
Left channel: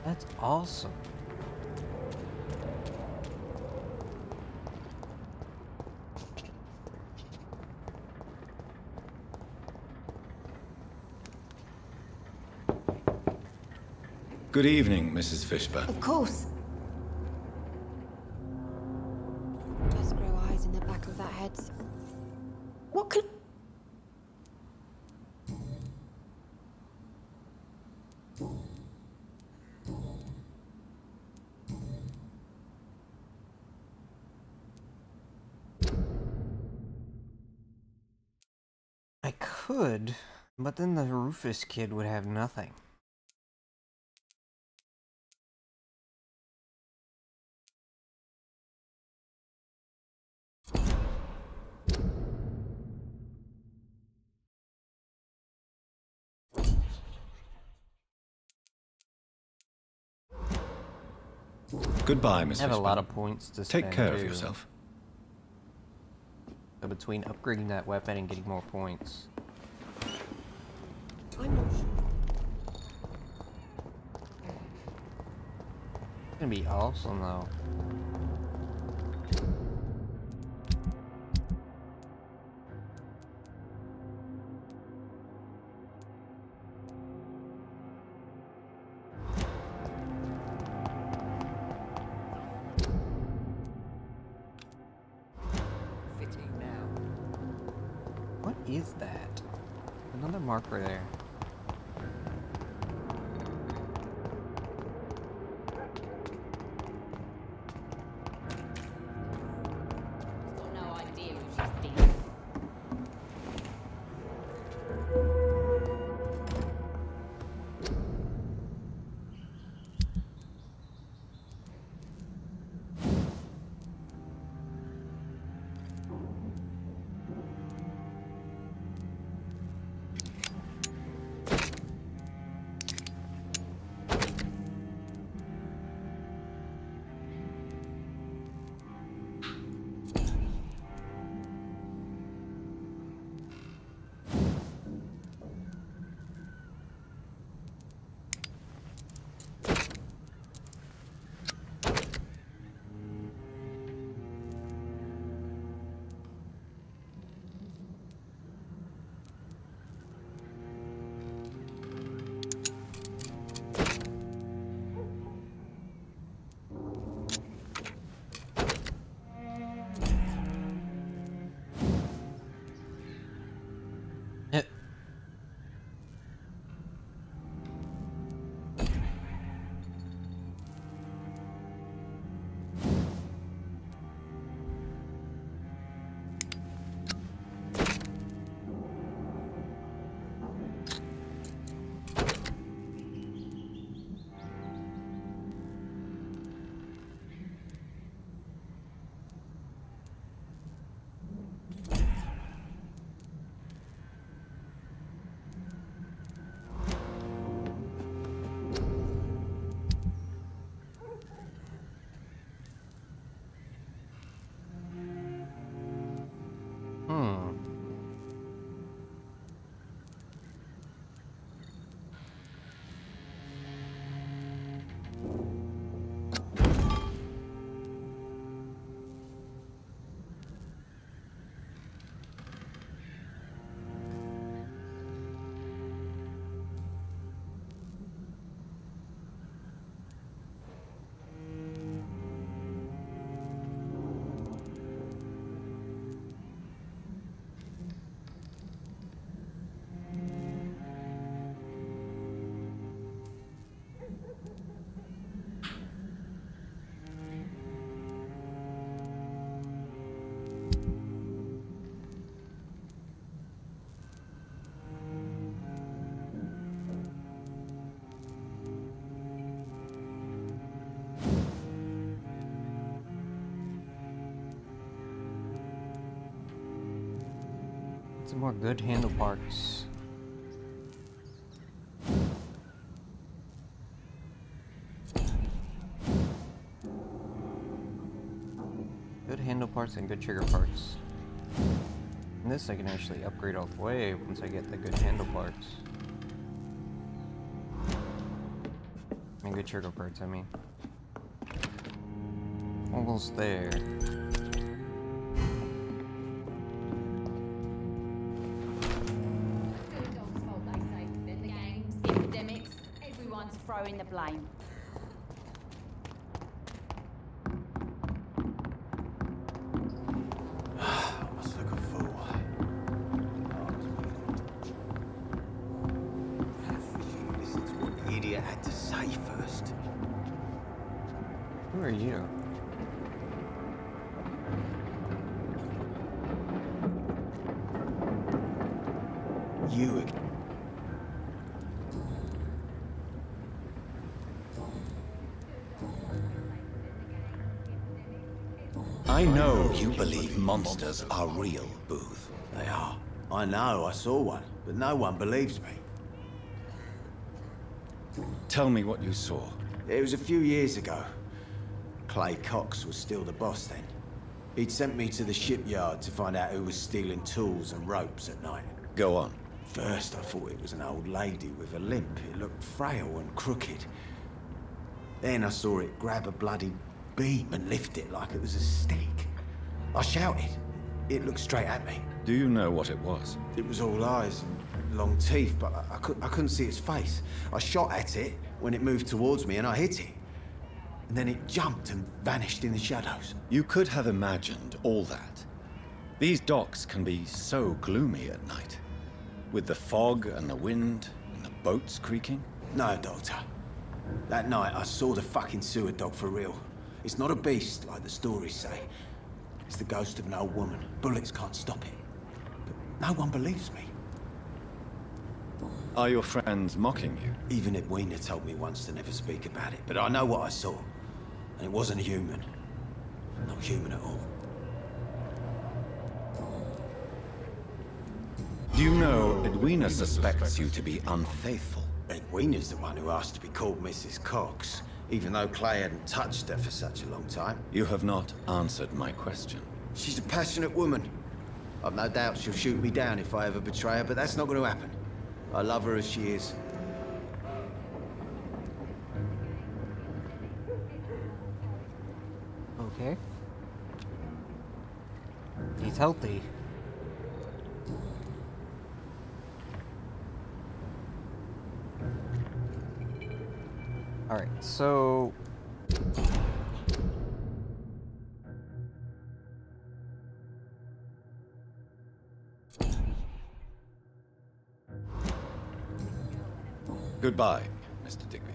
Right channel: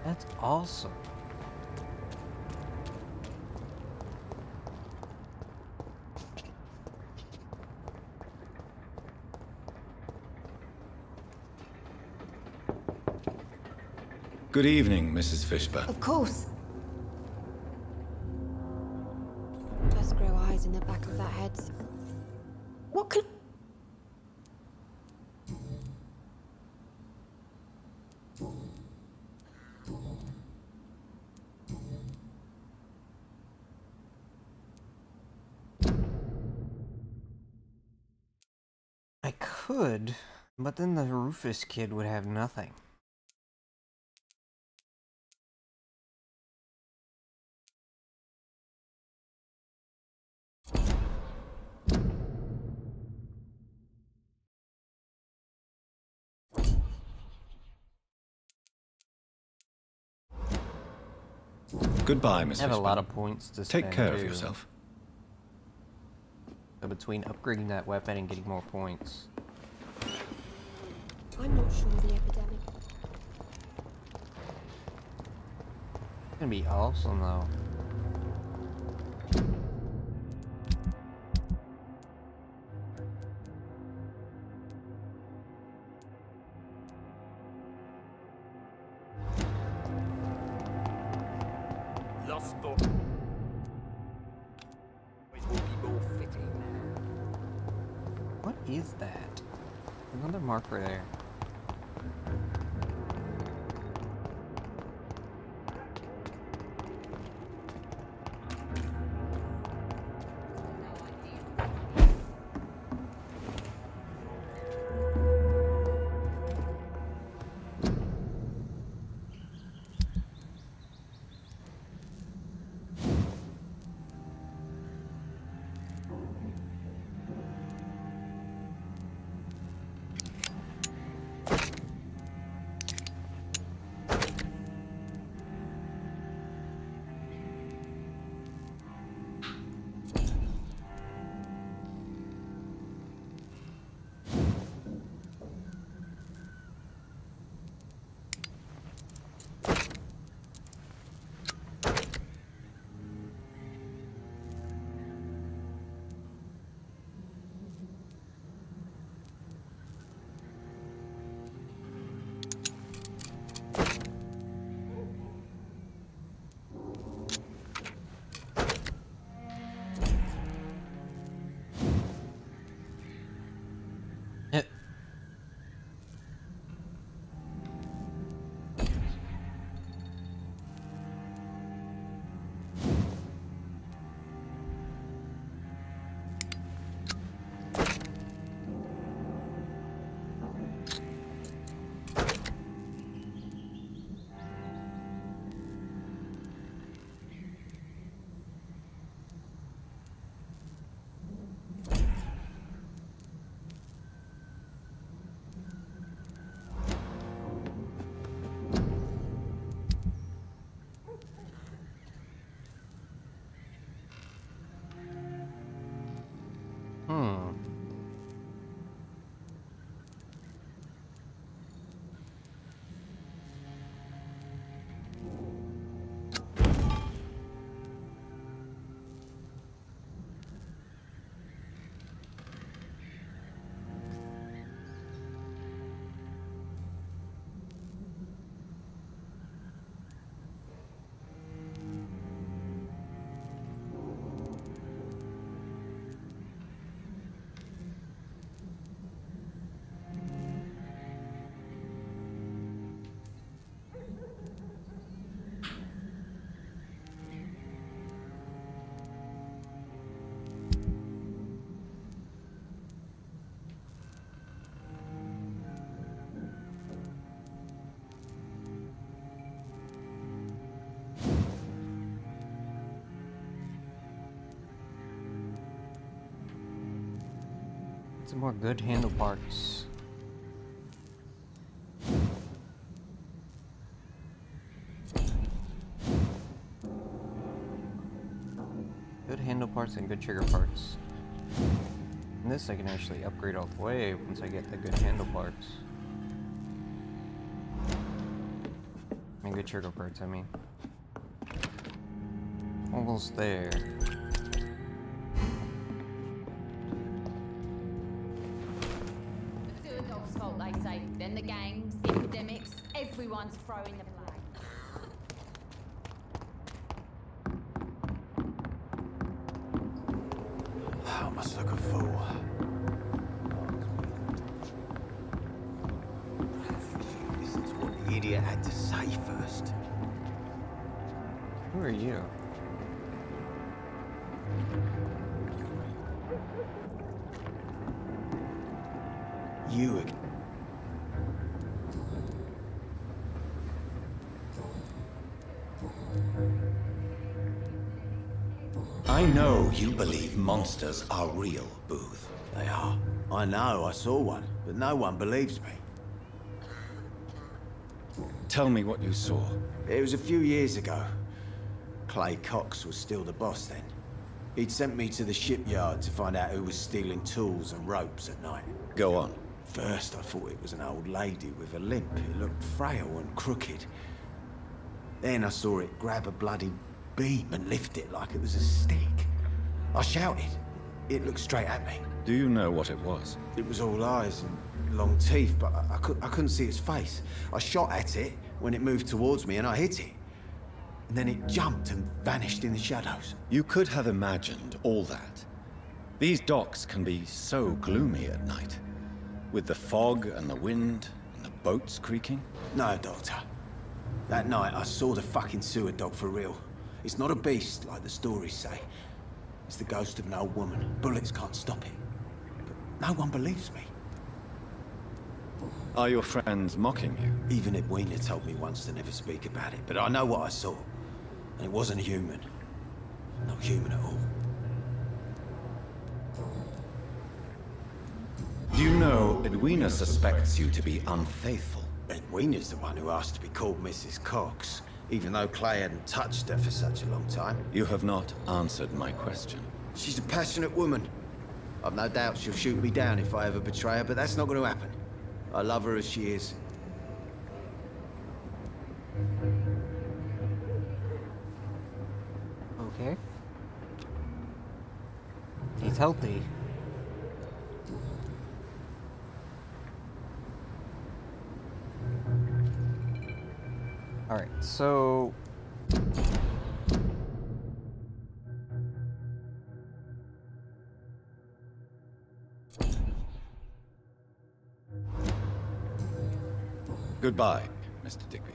That's awesome. Good evening, Mrs. Fishburne. Of course. Just grow eyes in the back of that head. What could... I could, but then the Rufus kid would have nothing. Goodbye, Miss I have a Fishburne. lot of points to spend. Take care of too. yourself. So between upgrading that weapon and getting more points. I'm not sure. It's gonna be awesome though. What is that? Another marker there. Some more good handle parts. Good handle parts and good trigger parts. And this I can actually upgrade all the way once I get the good handle parts. Good trigger parts, I mean. Almost there. Then the gangs, the epidemics, everyone's throwing the blame. I must look a fool. Listen to what the idiot had to say first. Who are you? You again. I know you believe monsters are real, Booth. They are. I know, I saw one, but no one believes me. Tell me what you saw. It was a few years ago. Clay Cox was still the boss then. He'd sent me to the shipyard to find out who was stealing tools and ropes at night. Go on. First, I thought it was an old lady with a limp. It looked frail and crooked. Then I saw it grab a bloody beam and lift it like it was a stick. I shouted. It looked straight at me. Do you know what it was? It was all eyes and long teeth, but I couldn't see its face. I shot at it when it moved towards me and I hit it. And then it jumped and vanished in the shadows. You could have imagined all that. These docks can be so gloomy at night. With the fog and the wind and the boats creaking. No, Doctor. That night I saw the fucking sewer dog for real. It's not a beast like the stories say. It's the ghost of an old woman. Bullets can't stop it. But no one believes me. Are your friends mocking you? Even Edwina told me once to never speak about it, but I know what I saw. And it wasn't human. Not human at all. Do you know Edwina suspects you to be unfaithful? Edwina's the one who asked to be called Mrs. Cox, even though Clay hadn't touched her for such a long time. You have not answered my question. She's a passionate woman. I've no doubt she'll shoot me down if I ever betray her, but that's not going to happen. I love her as she is. Okay. He's healthy. Alright, so... Goodbye, Mr. Digby.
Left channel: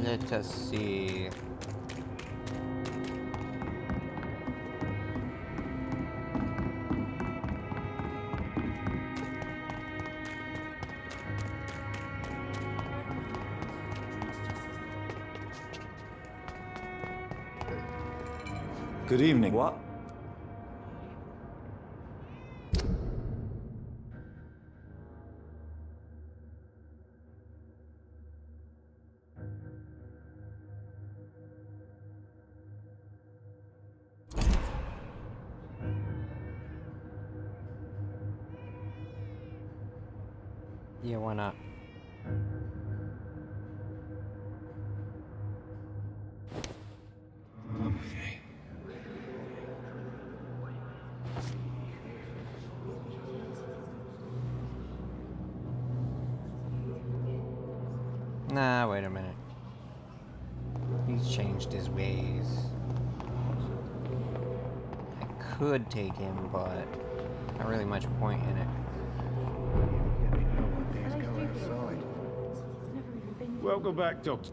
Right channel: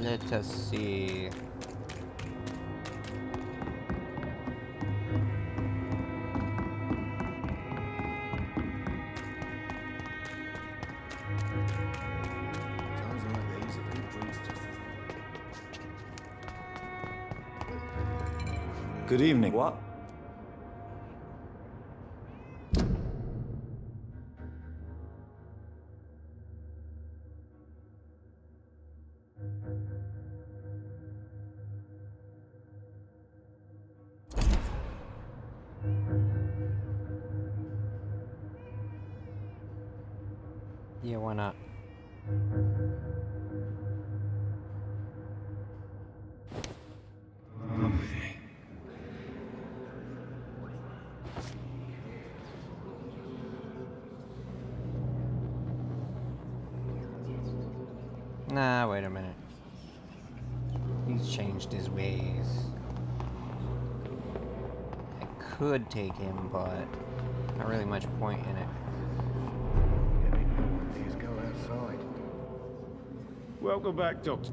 Let us see... Good evening. What? Yeah, why not? Nah, wait a minute. He's changed his ways. I could take him, but not really much point in it. Welcome back, Doctor.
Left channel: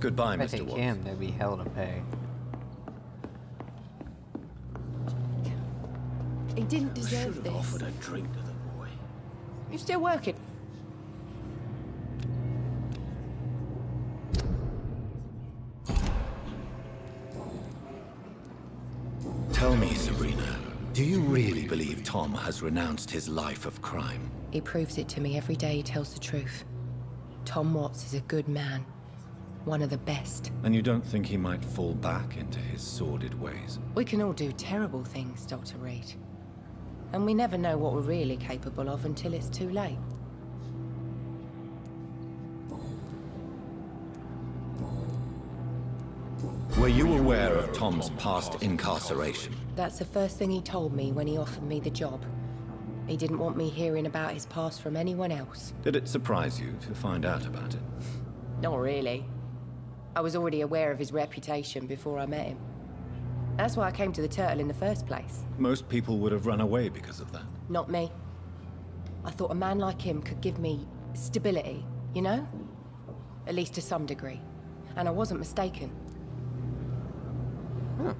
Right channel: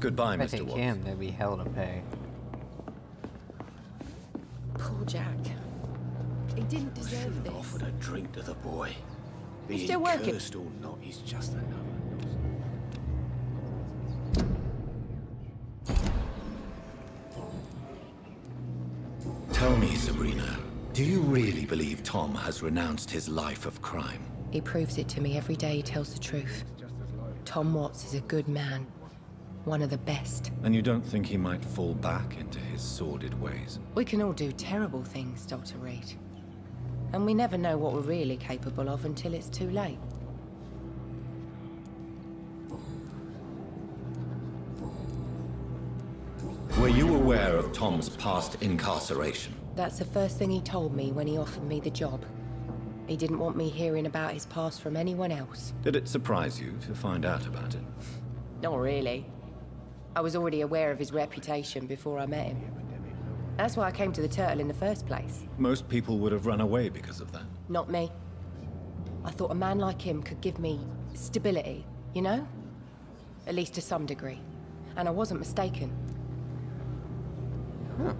Goodbye, If I Mr. take Watts. him, there'd be hell to pay. Poor Jack. He didn't deserve Should this. have offered a drink to the boy. He's Being still working. cursed or not, he's just Tell me, Sabrina, do you really believe Tom has renounced his life of crime? He proves it to me every day he tells the truth. Tom Watts is a good man. One of the best. And you don't think he might fall back into his sordid ways? We can all do terrible things, Dr. Reed. And we never know what we're really capable of until it's too late. Were you aware of Tom's past incarceration? That's the first thing he told me when he offered me the job. He didn't want me hearing about his past from anyone else. Did it surprise you to find out about it? Not really. I was already aware of his reputation before I met him. That's why I came to the Turtle in the first place. Most people would have run away because of that. Not me. I thought a man like him could give me stability, you know? At least to some degree. And I wasn't mistaken. Huh.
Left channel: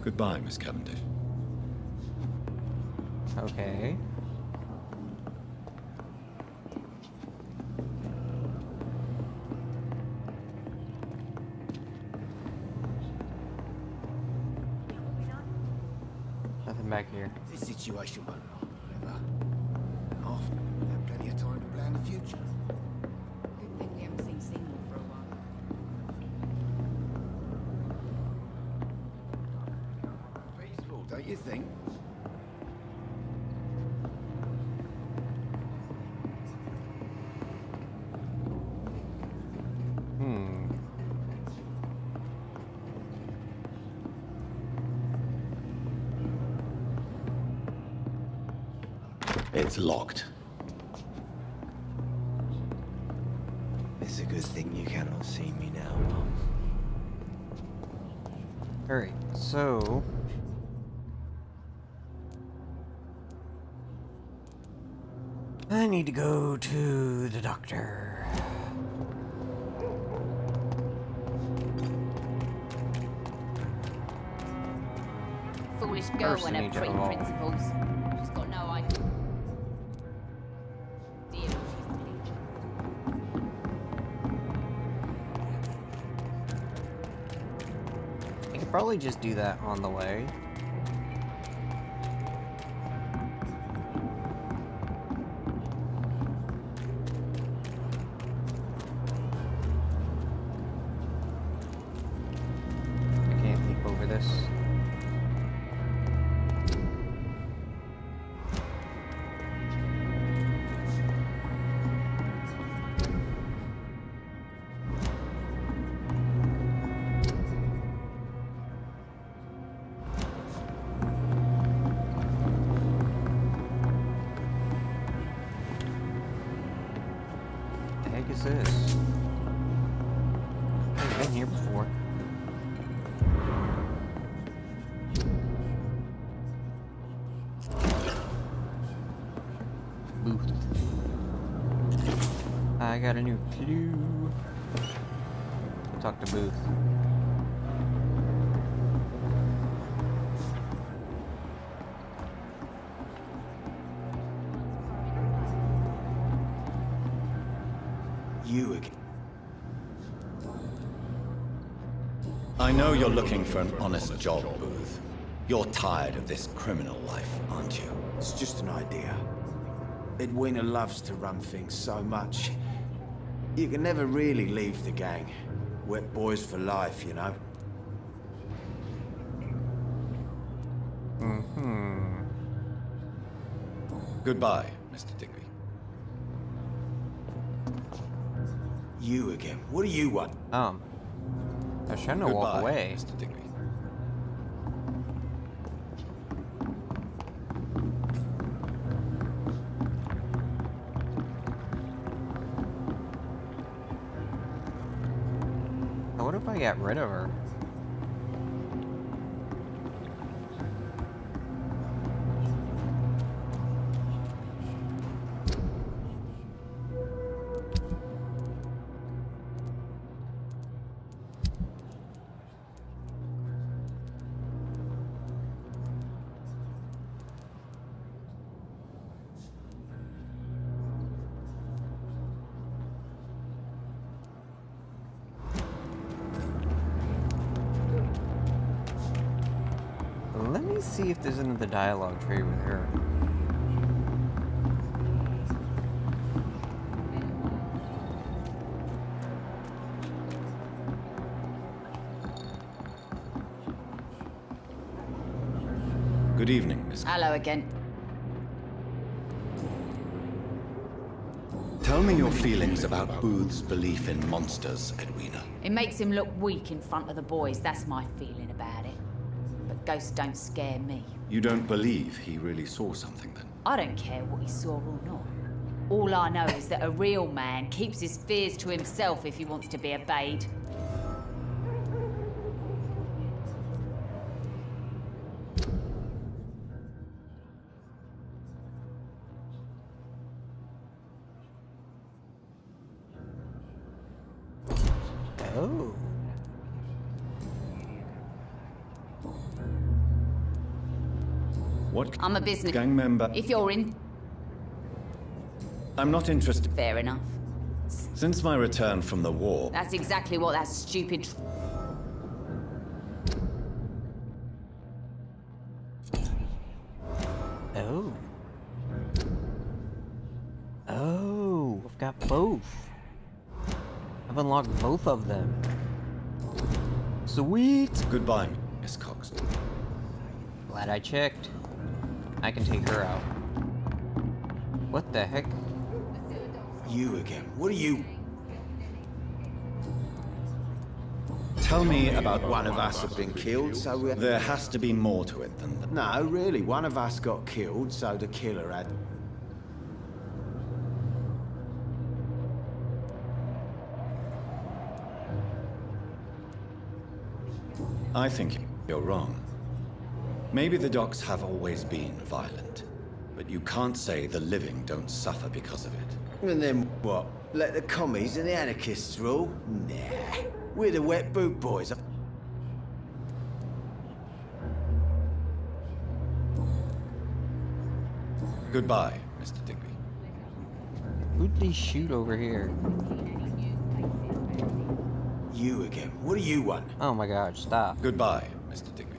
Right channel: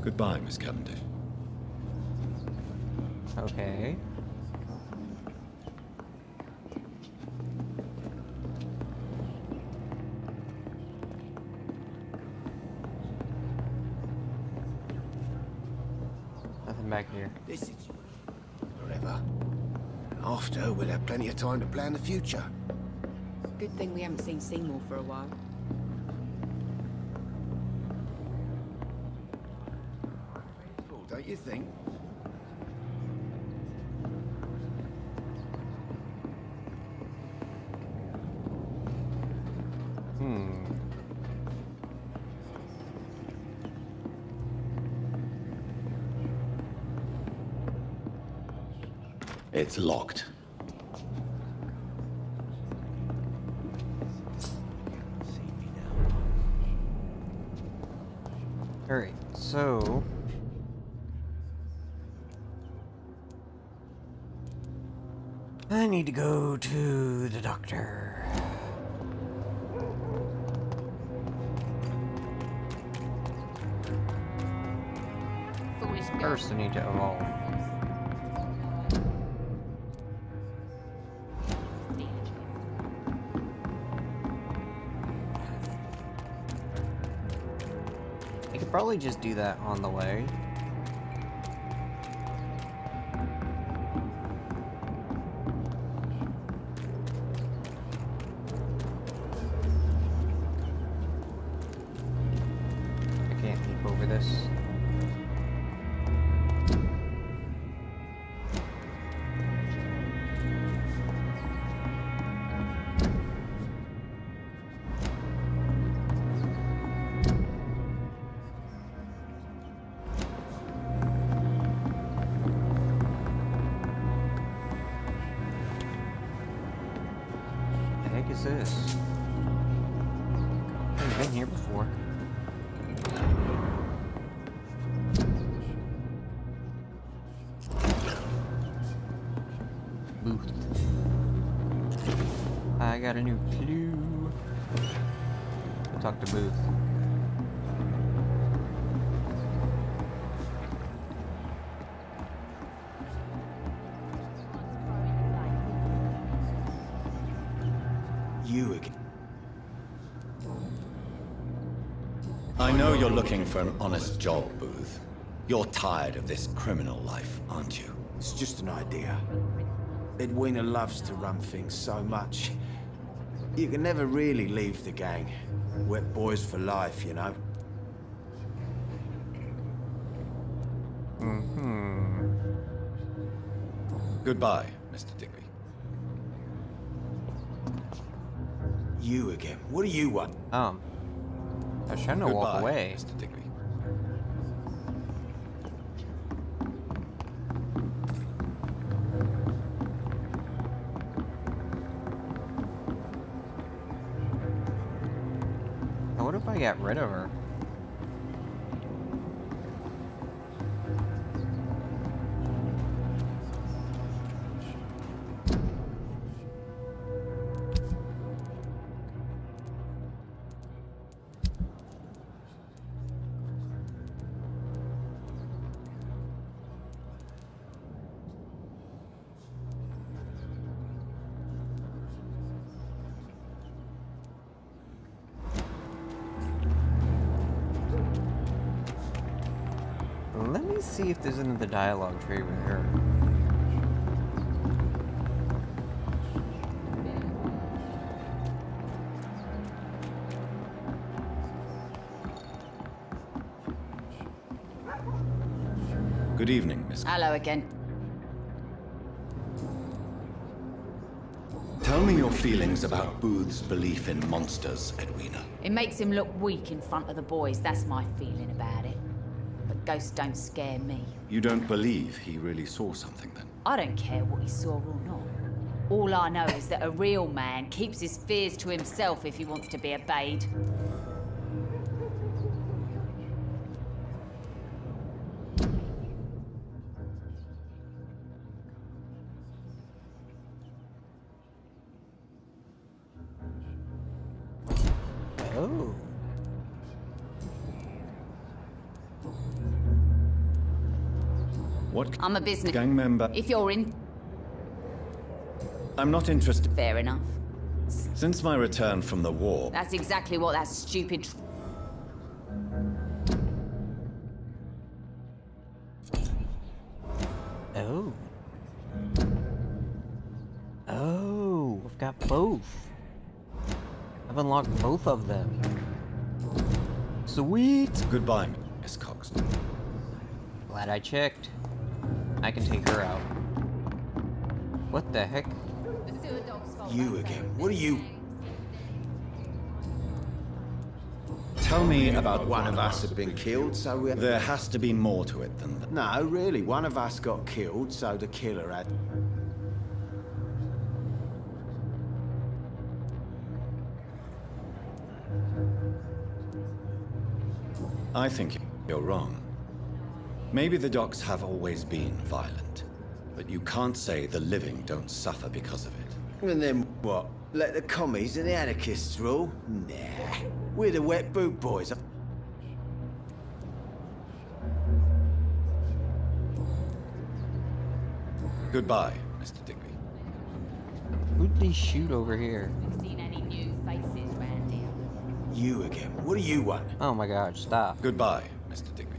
Goodbye, Miss Cavendish. Okay. Nothing back here. This situation won't last forever. After, we'll have plenty of time to plan the future. Good thing we haven't seen Seymour for a while. Peaceful, don't you think? It's locked. It's a good thing you cannot see me now, Mom. Alright, so... I need to go to the doctor. Foolish girl First, I when need to her evolve. principles. She's got no idea. I could probably just do that on the way. I can't leap over this. The heck is this? I've been here before. Booth. I got a new clue. I'll talk to Booth. You again. I know you're looking for an honest job, Booth. You're tired of this criminal life, aren't you? It's just an idea. Edwina loves to run things so much. You can never really leave the gang. Wet boys for life, you know? Mm-hmm. Goodbye, Mr. Digby. You again. What do you want? I was trying to walk Goodbye, away. Mr. Digby. What if I got rid of her? Let me see if there's another dialogue tree with her. Good evening, Miss. Hello again. Tell me your feelings about Booth's belief in monsters, Edwina. It makes him look weak in front of the boys. That's my feeling about it. But ghosts don't scare me. You don't believe he really saw something, then? I don't care what he saw or not. All I know is that a real man keeps his fears to himself if he wants to be obeyed. Oh. What? I'm a business gang member. If you're in... I'm not interested. Fair enough. Since my return from the war... That's exactly what that stupid... Oh. Oh, I've got both. I've unlocked both of them. Sweet! Goodbye, Miss Coxton. Glad I checked. I can take her out. What the heck? You again. What are you... Tell me about... One of us had been killed, so we... There has to be more to it than that. No, really. One of us got killed, so the killer had... I think you're wrong. Maybe the docks have always been violent, but you can't say the living don't suffer because of it. And then what? Let the commies and the anarchists rule? Nah. We're the wet boot boys. Goodbye, Mr. Digby. Who'd they shoot over here? You again. What do you want? Oh my god, stop. Goodbye, Mr. Digby.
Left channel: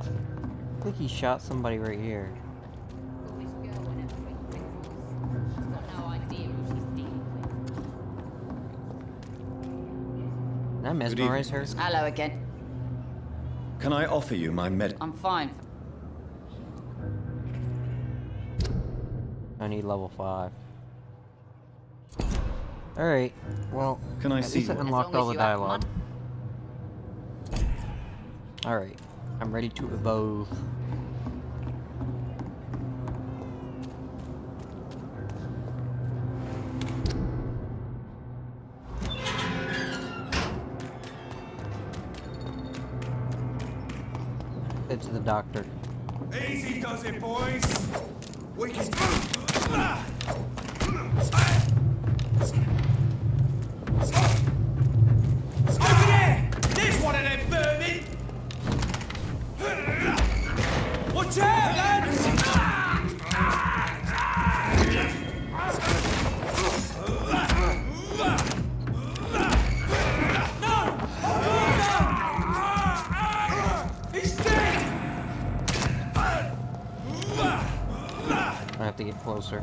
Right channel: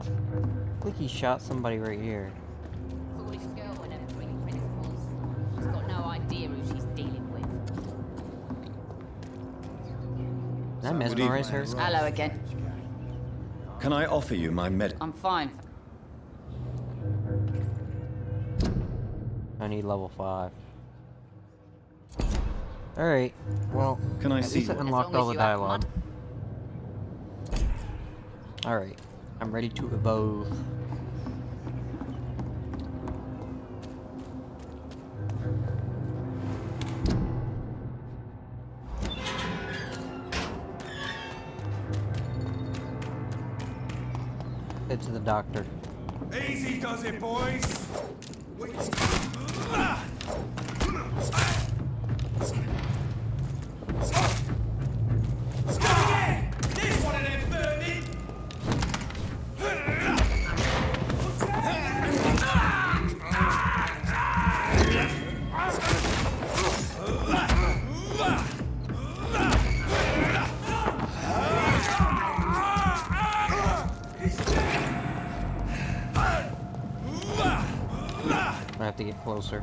I think he shot somebody right here. She's got no idea who she's dealing with. Did I mesmerize her? Hello again. Can I offer you my I'm fine. I need level 5. Alright, well, Can I at see least I you? unlocked As long all as the you have dialogue. Alright, I'm ready to evolve. Head to the doctor. Easy does it, boys. We can... Look there! There's one of them vermin! Watch out! I have to get closer.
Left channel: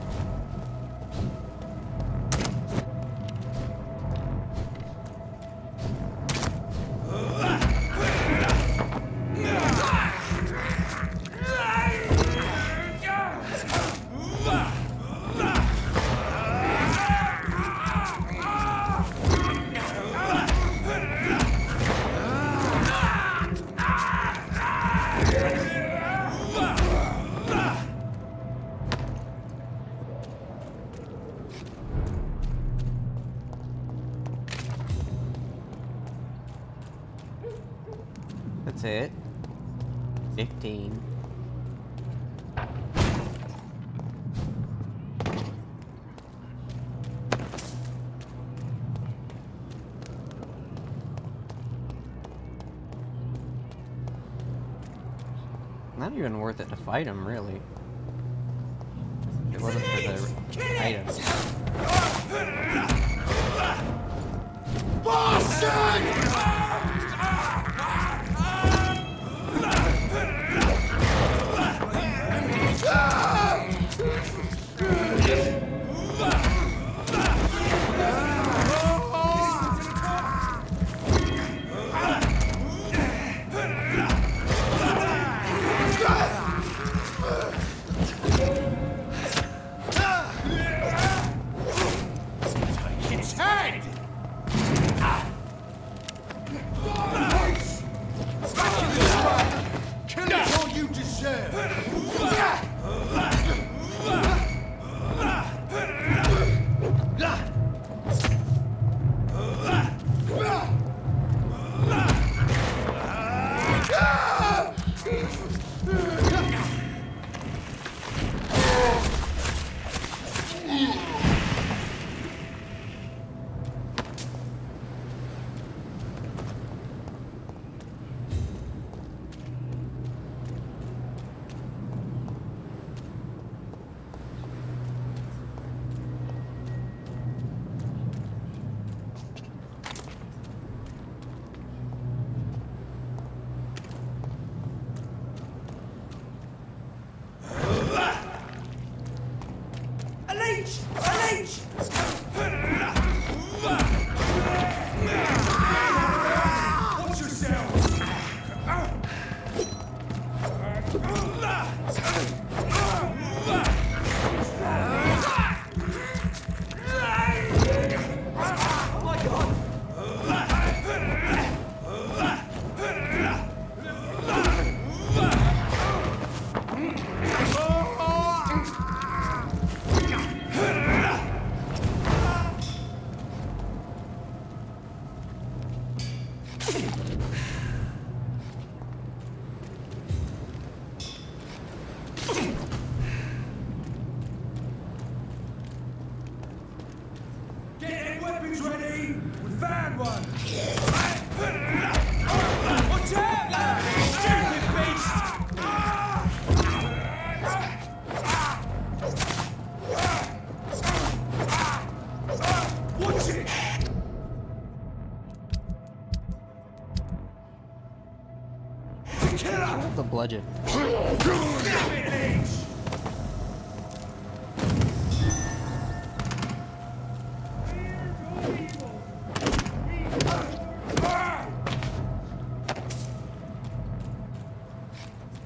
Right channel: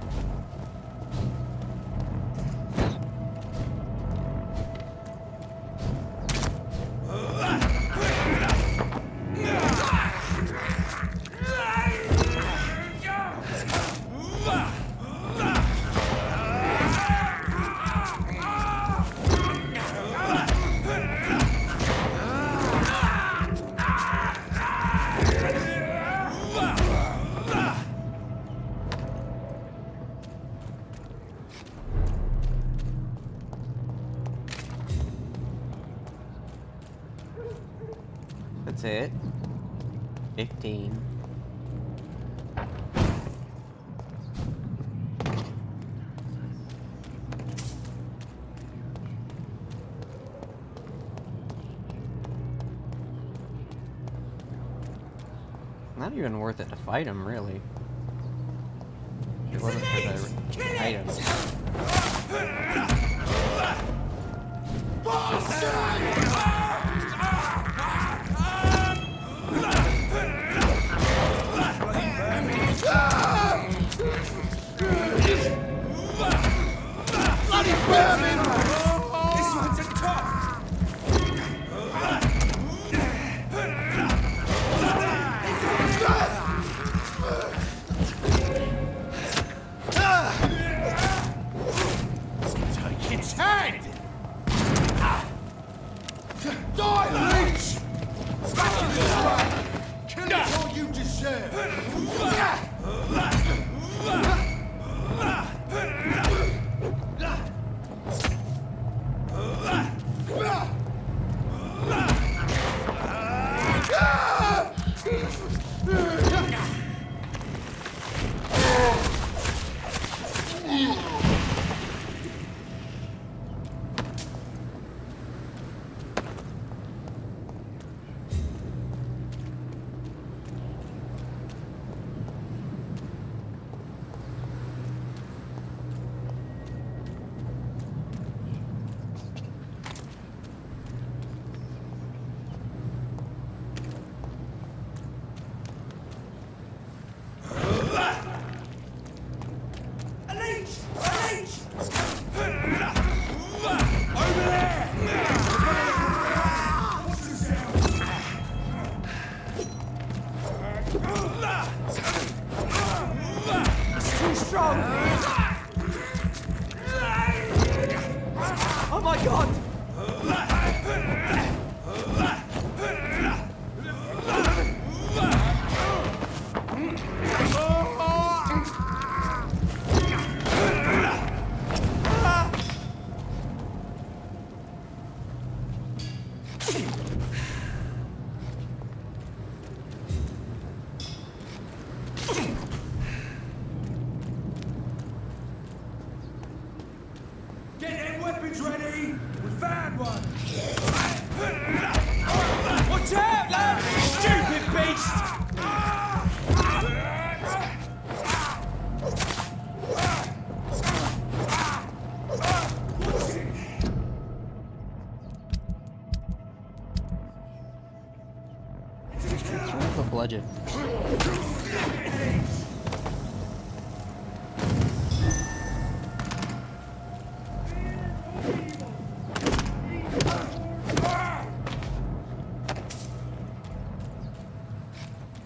That's it. 15. Not even worth it to fight him, really. If it wasn't for the items. share. Oh my god! Get them weapons ready! We found one! Watch out, lad! Stupid beast! Watch it! The bludgeon.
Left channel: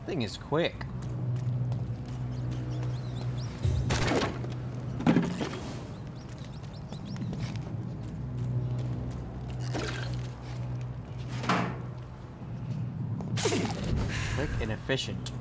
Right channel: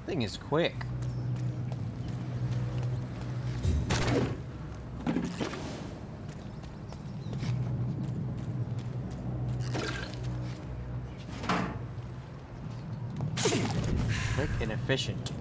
Thing is quick. Quick and efficient.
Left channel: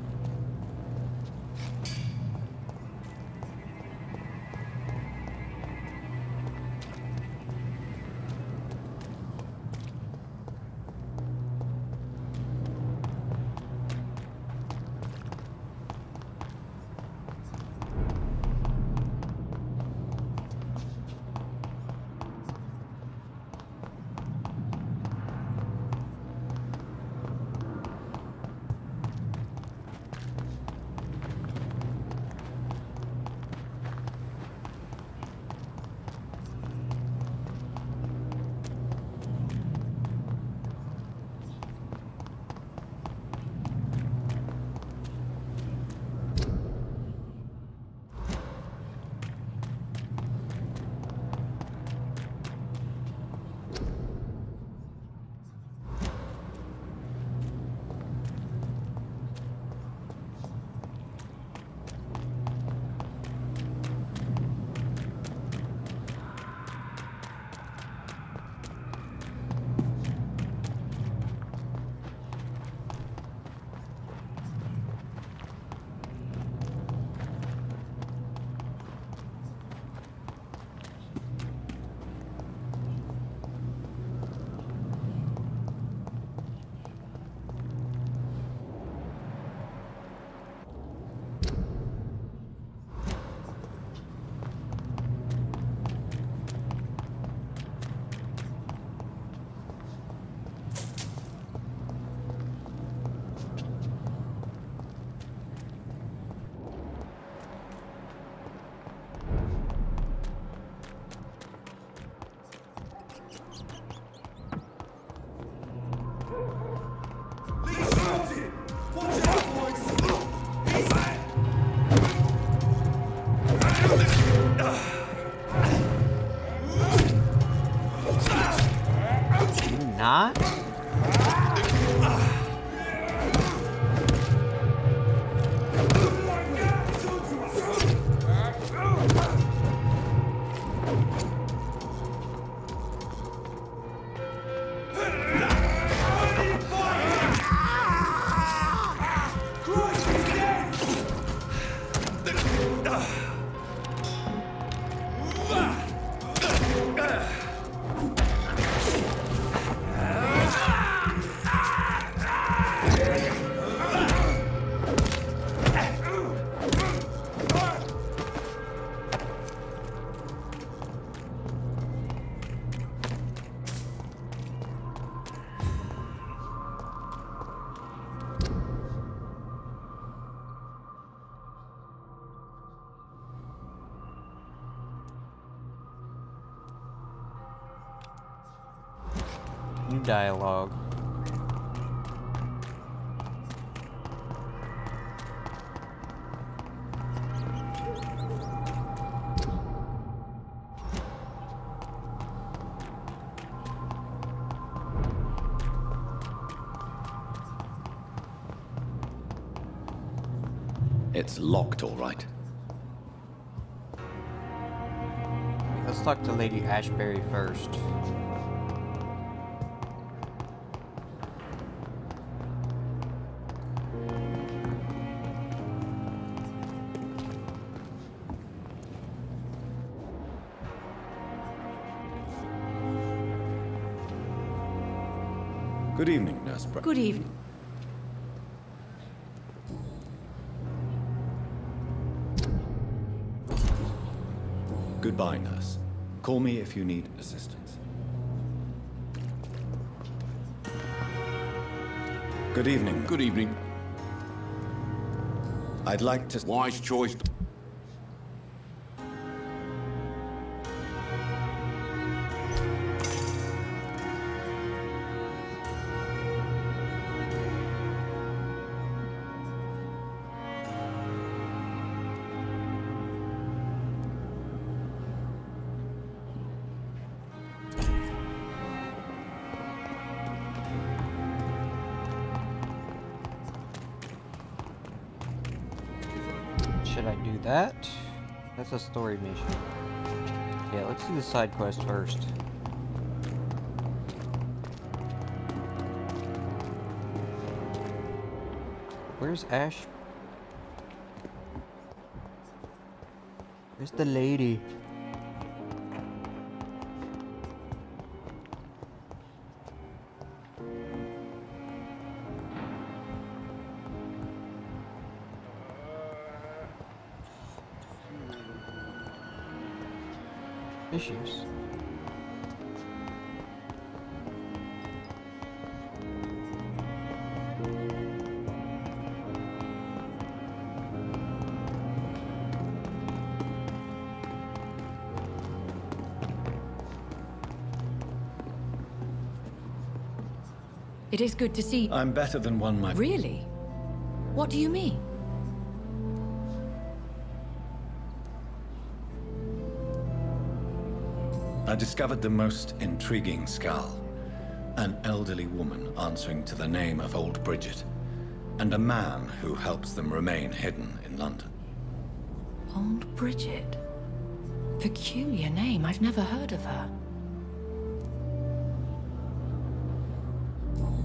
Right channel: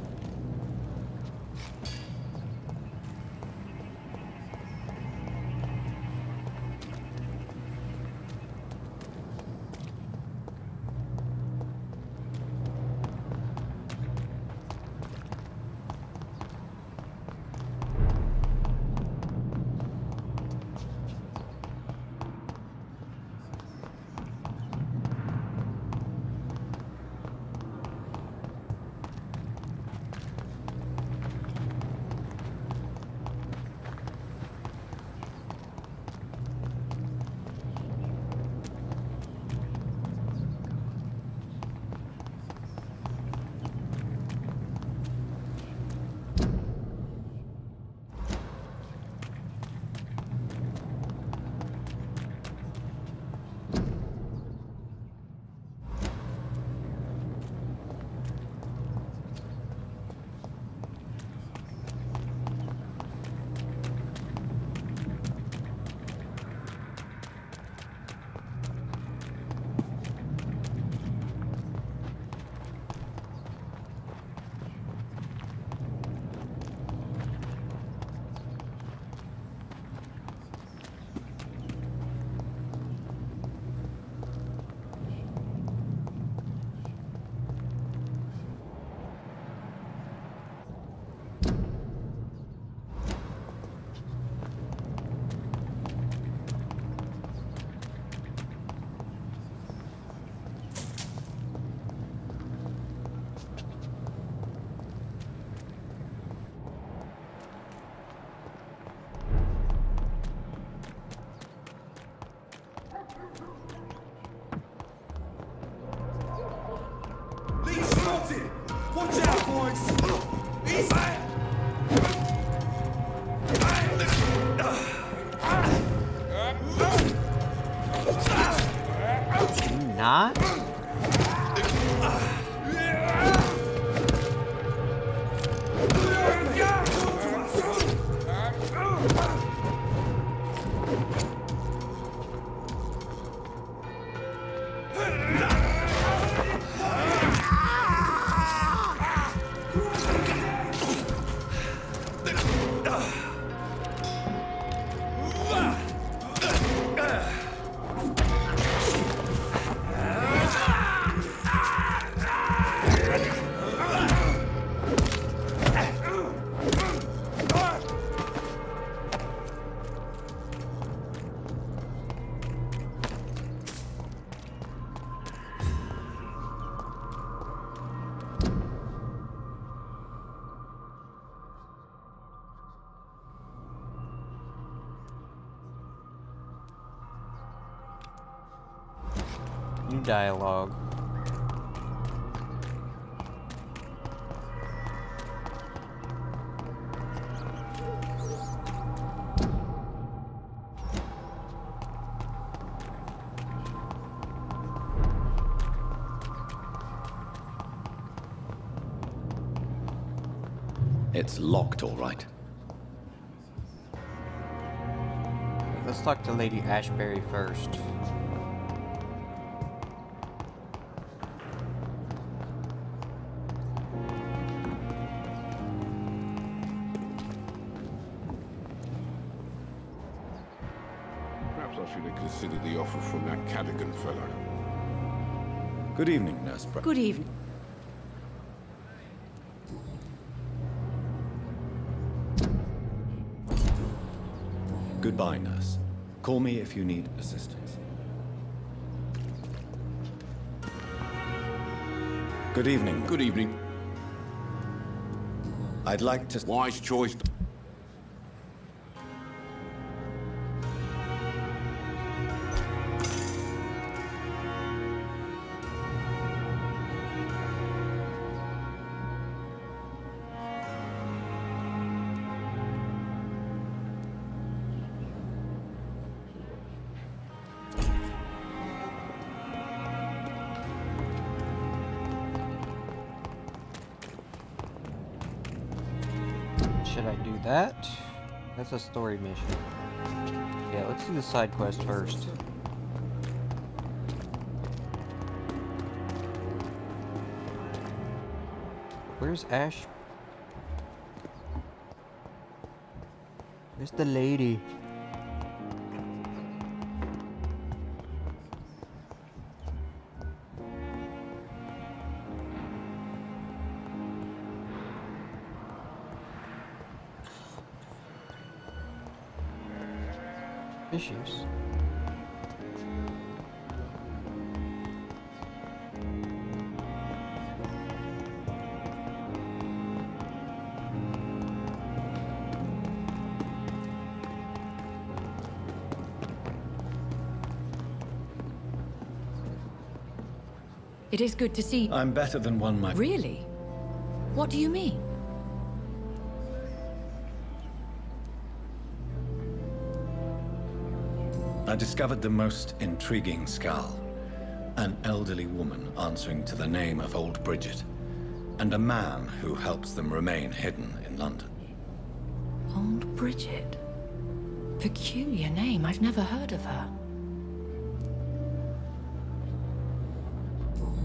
Watch out, boys! Easy! Not? dialogue. It's locked, all right. Let's talk to Lady Ashbury first. Perhaps I should have considered the offer from that Cadigan fellow. Good evening, Nurse Brown. Good evening. Goodbye, Nurse. Call me if you need assistance. Good evening. Good evening. I'd like to... Wise choice. Should I do that? That's a story mission. Yeah, let's do the side quest first. Where's Ash? Where's the lady? Issues. It is good to see. I'm better than one might... Really? What do you mean? I discovered the most intriguing skull. An elderly woman answering to the name of Old Bridget, and a man who helps them remain hidden in London. Old Bridget? Peculiar name. I've never heard of her.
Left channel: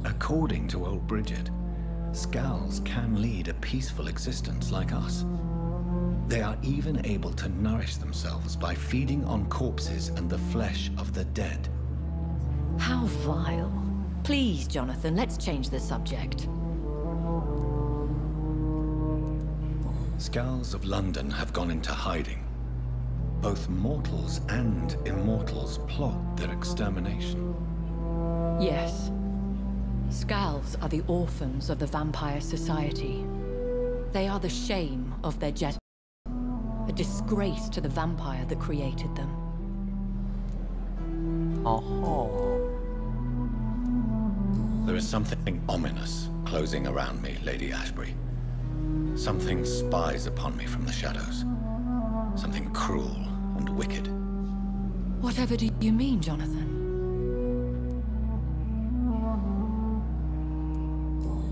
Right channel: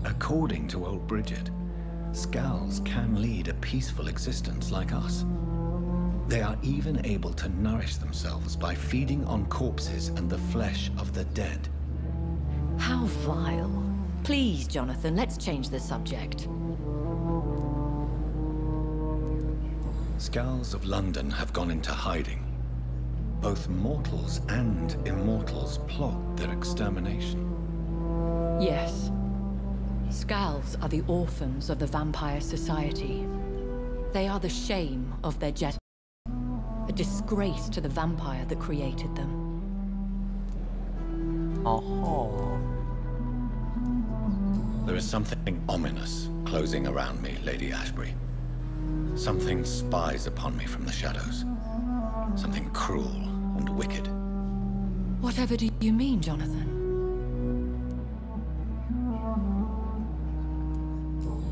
According to Old Bridget, skulls can lead a peaceful existence like us. They are even able to nourish themselves by feeding on corpses and the flesh of the dead. How vile. Please, Jonathan, let's change the subject. Skulls of London have gone into hiding. Both mortals and immortals plot their extermination. Yes. Skulls are the orphans of the Vampire Society. They are the shame of their jet. A disgrace to the vampire that created them. There is something ominous closing around me, Lady Ashbury. Something spies upon me from the shadows. Something cruel and wicked. Whatever do you mean, Jonathan?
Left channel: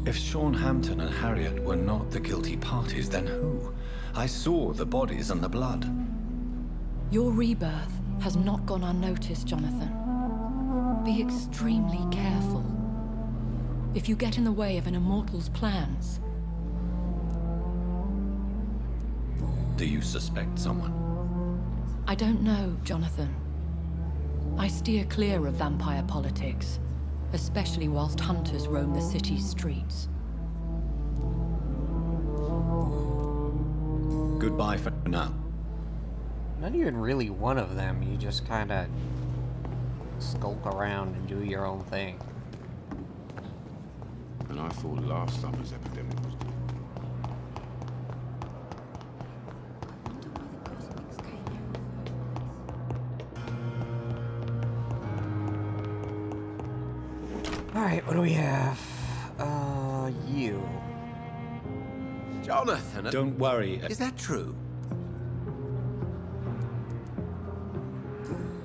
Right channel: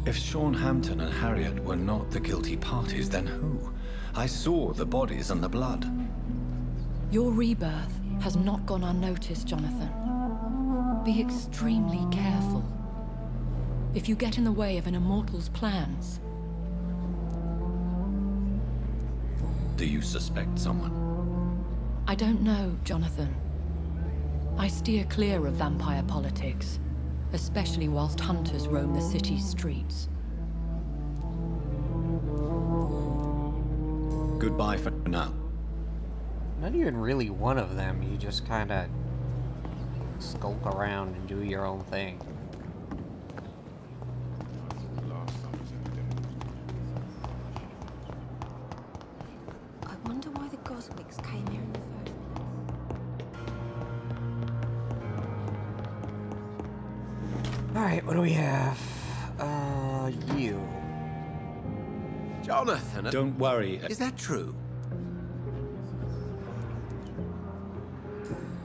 If Sean Hampton and Harriet were not the guilty parties, then who? I saw the bodies and the blood. Your rebirth has not gone unnoticed, Jonathan. Be extremely careful. If you get in the way of an immortal's plans... Do you suspect someone? I don't know, Jonathan. I steer clear of vampire politics, especially whilst hunters roam the city's streets. Goodbye for now. Not even really one of them, you just kinda skulk around and do your own thing. And I thought last summer's epidemic was good. I wonder why the Cosmics came here in the first place. Alright, what do we have? You. Jonathan. Don't worry. Is that true?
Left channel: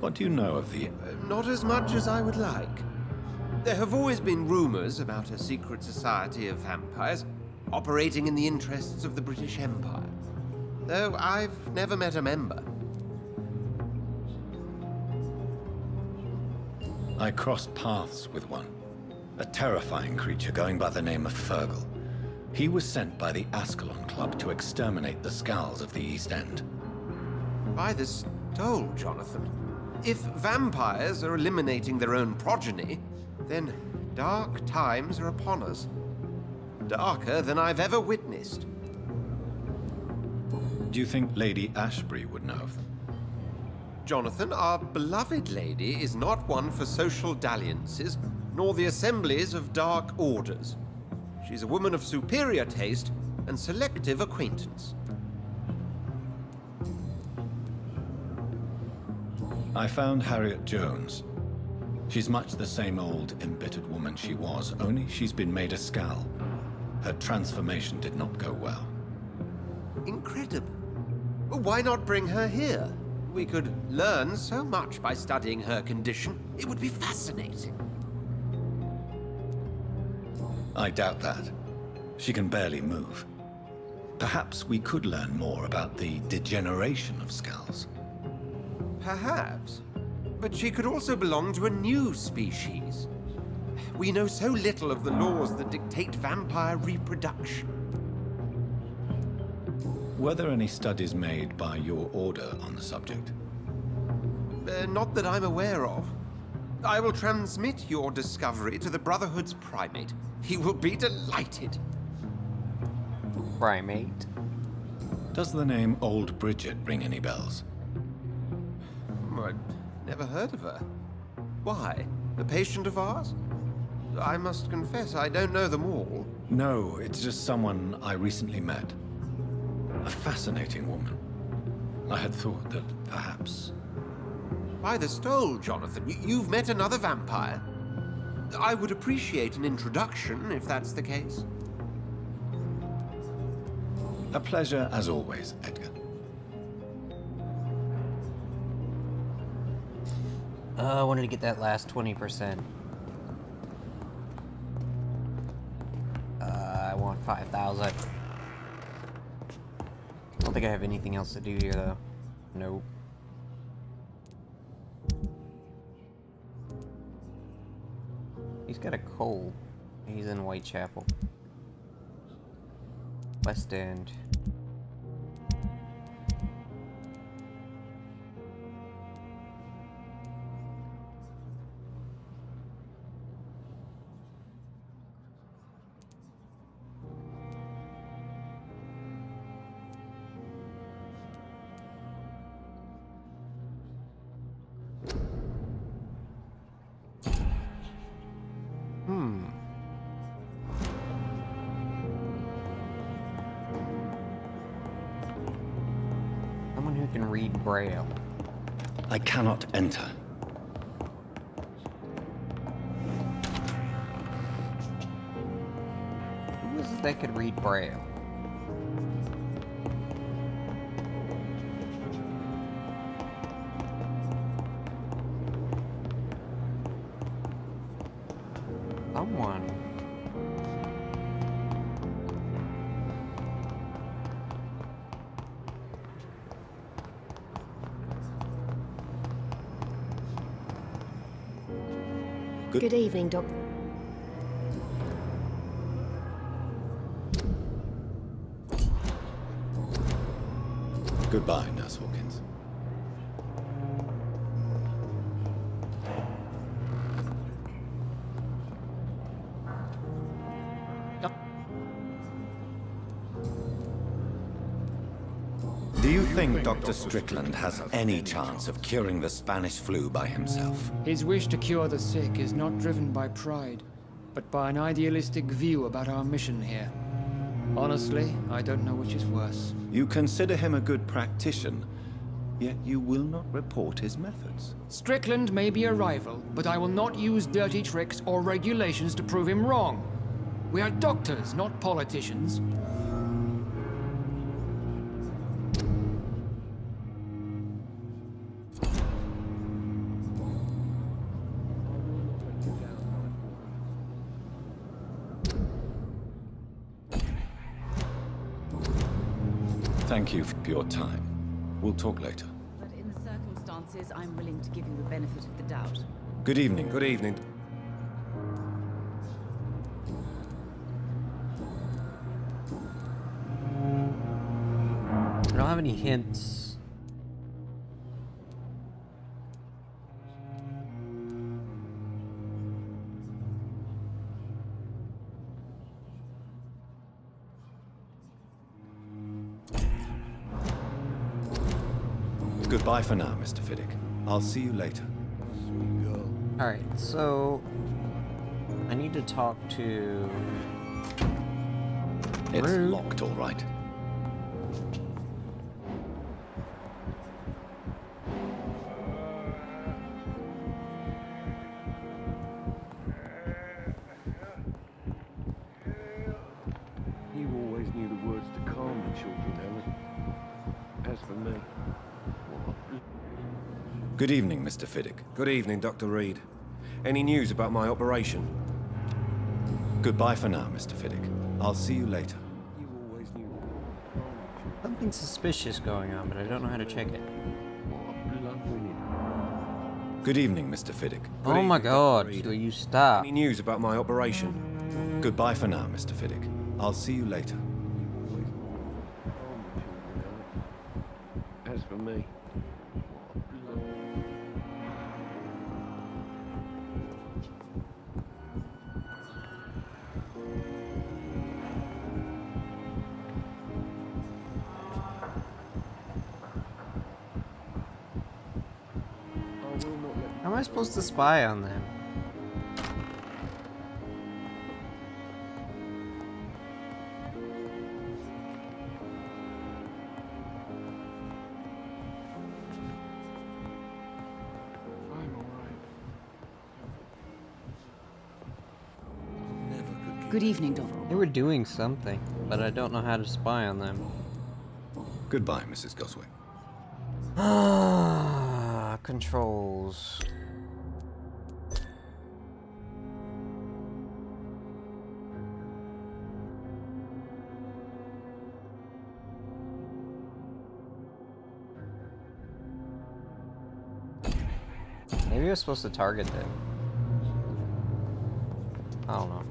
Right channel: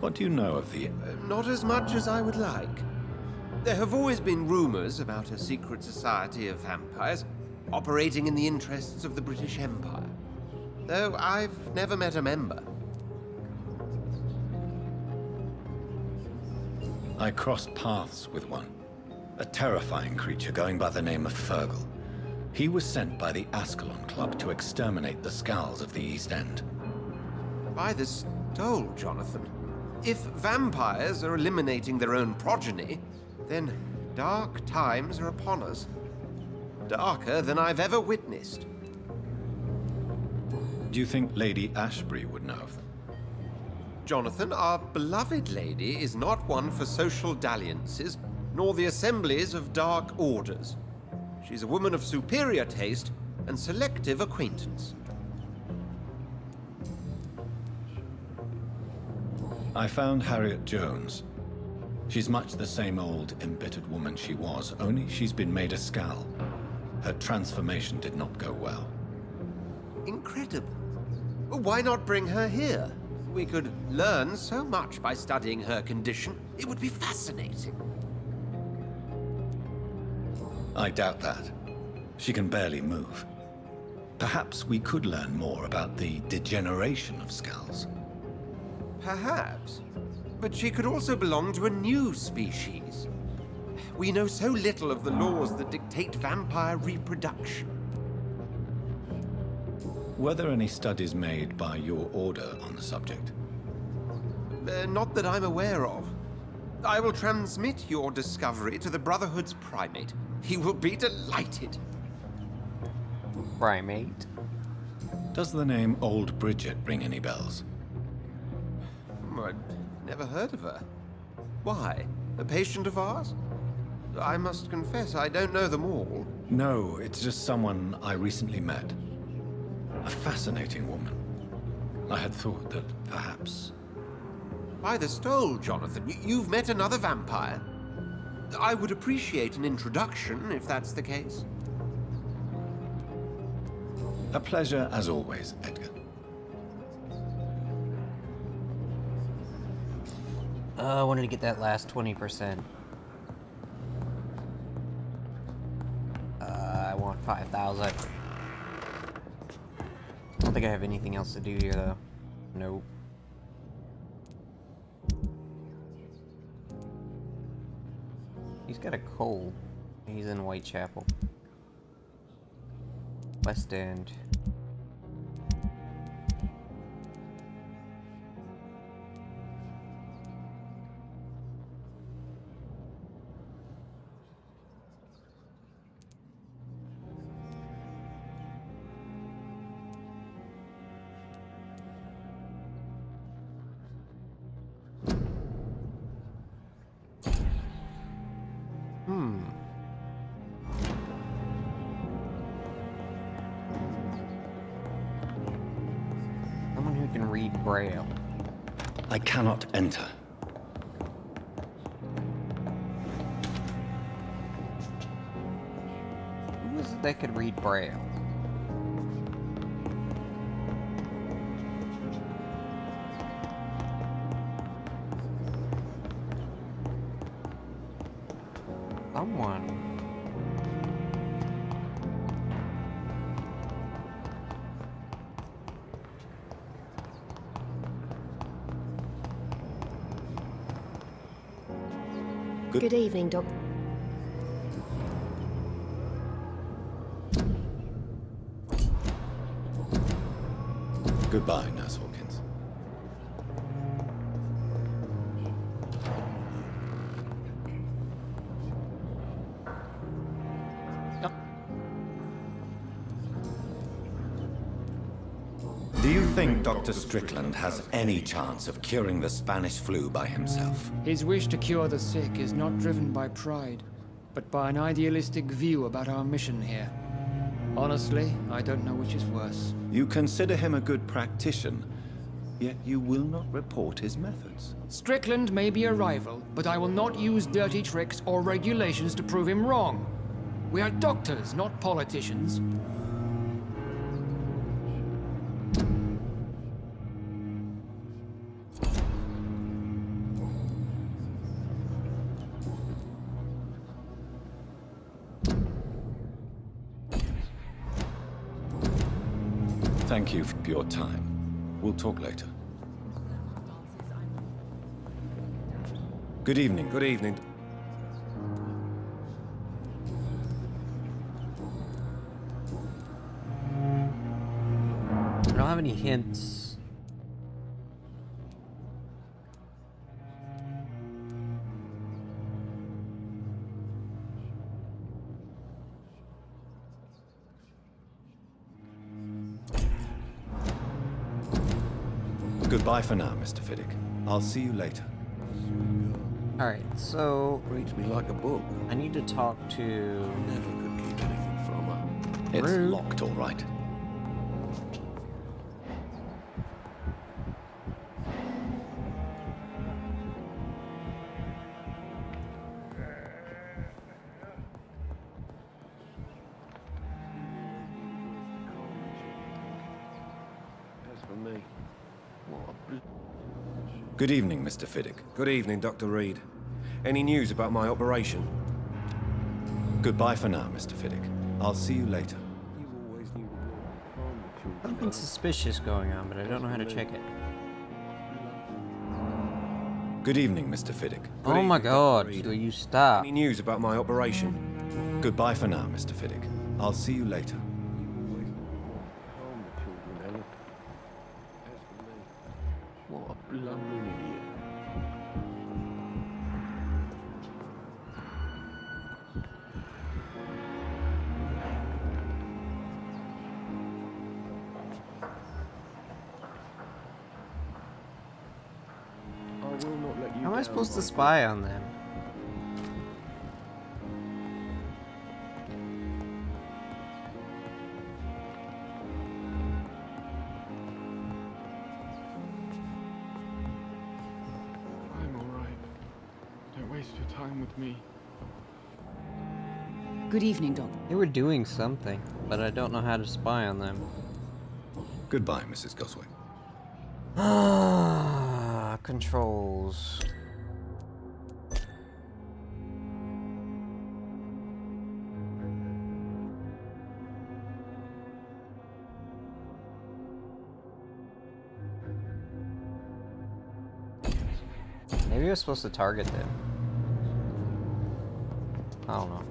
What do you know of the... Not as much as I would like. There have always been rumors about a secret society of vampires operating in the interests of the British Empire, though I've never met a member. I crossed paths with one. A terrifying creature going by the name of Fergal. He was sent by the Ascalon Club to exterminate the Skulls of the East End. By the stole, Jonathan. If vampires are eliminating their own progeny, then dark times are upon us. Darker than I've ever witnessed. Do you think Lady Ashbury would know of them? Jonathan, our beloved lady is not one for social dalliances, nor the assemblies of dark orders. She's a woman of superior taste and selective acquaintance. I found Harriet Jones. She's much the same old, embittered woman she was, only she's been made a Skull. Her transformation did not go well. Incredible. Why not bring her here? We could learn so much by studying her condition. It would be fascinating. I doubt that. She can barely move. Perhaps we could learn more about the degeneration of Skulls. Perhaps. But she could also belong to a new species. We know so little of the laws that dictate vampire reproduction. Were there any studies made by your order on the subject? Not that I'm aware of. I will transmit your discovery to the Brotherhood's primate. He will be delighted. Primate? Does the name Old Bridget ring any bells? I've never heard of her. Why? A patient of ours? I must confess, I don't know them all. No, it's just someone I recently met. A fascinating woman. I had thought that perhaps... By the stole, Jonathan, you've met another vampire. I would appreciate an introduction, if that's the case. A pleasure as always, Edgar. I wanted to get that last 20%. I want 5,000. I don't think I have anything else to do here, though. Nope. He's got a cold. He's in Whitechapel. West End. Someone who can read Braille. I cannot enter. Who is it that could read Braille? Someone. Good evening, Doc. Goodbye, Nurse Hawkins. Do you think Dr. Strickland has any chance of curing the Spanish flu by himself? His wish to cure the sick is not driven by pride, but by an idealistic view about our mission here. Honestly, I don't know which is worse. You consider him a good practitioner, Yet you will not report his methods. Strickland may be a rival, but I will not use dirty tricks or regulations to prove him wrong. We are doctors, not politicians. Thank you for your time. We'll talk later. In the circumstances, I'm willing to give you the benefit of the doubt. Good evening. Good evening. I don't have any hints. Goodbye for now, Mr. Fiddick. I'll see you later. Alright, so Reads me like a book. I need to talk to... It's Rude. locked, all right. You always knew the words to calm the children, Helen. As for me, what a Good evening, Mr. Fiddick. Good evening, Dr. Reed. Any news about my operation? Goodbye for now, Mr. Fiddick. I'll see you later. You always knew the words to calm the children. Something suspicious going on, but I don't know how to check it. Good evening, Mr. Fiddick. Oh my god, will you stop? Any news about my operation? Goodbye for now, Mr. Fiddick. I'll see you later. You always knew the words to calm the children, Helen. As for me, what a bloody How am I supposed to spy on them? I'm alright. Don't waste your time with me. Good evening, Doctor. They were doing something, but I don't know how to spy on them. Goodbye, Mrs. Goswick. Ah, controls. Maybe I was supposed to target them. I don't know.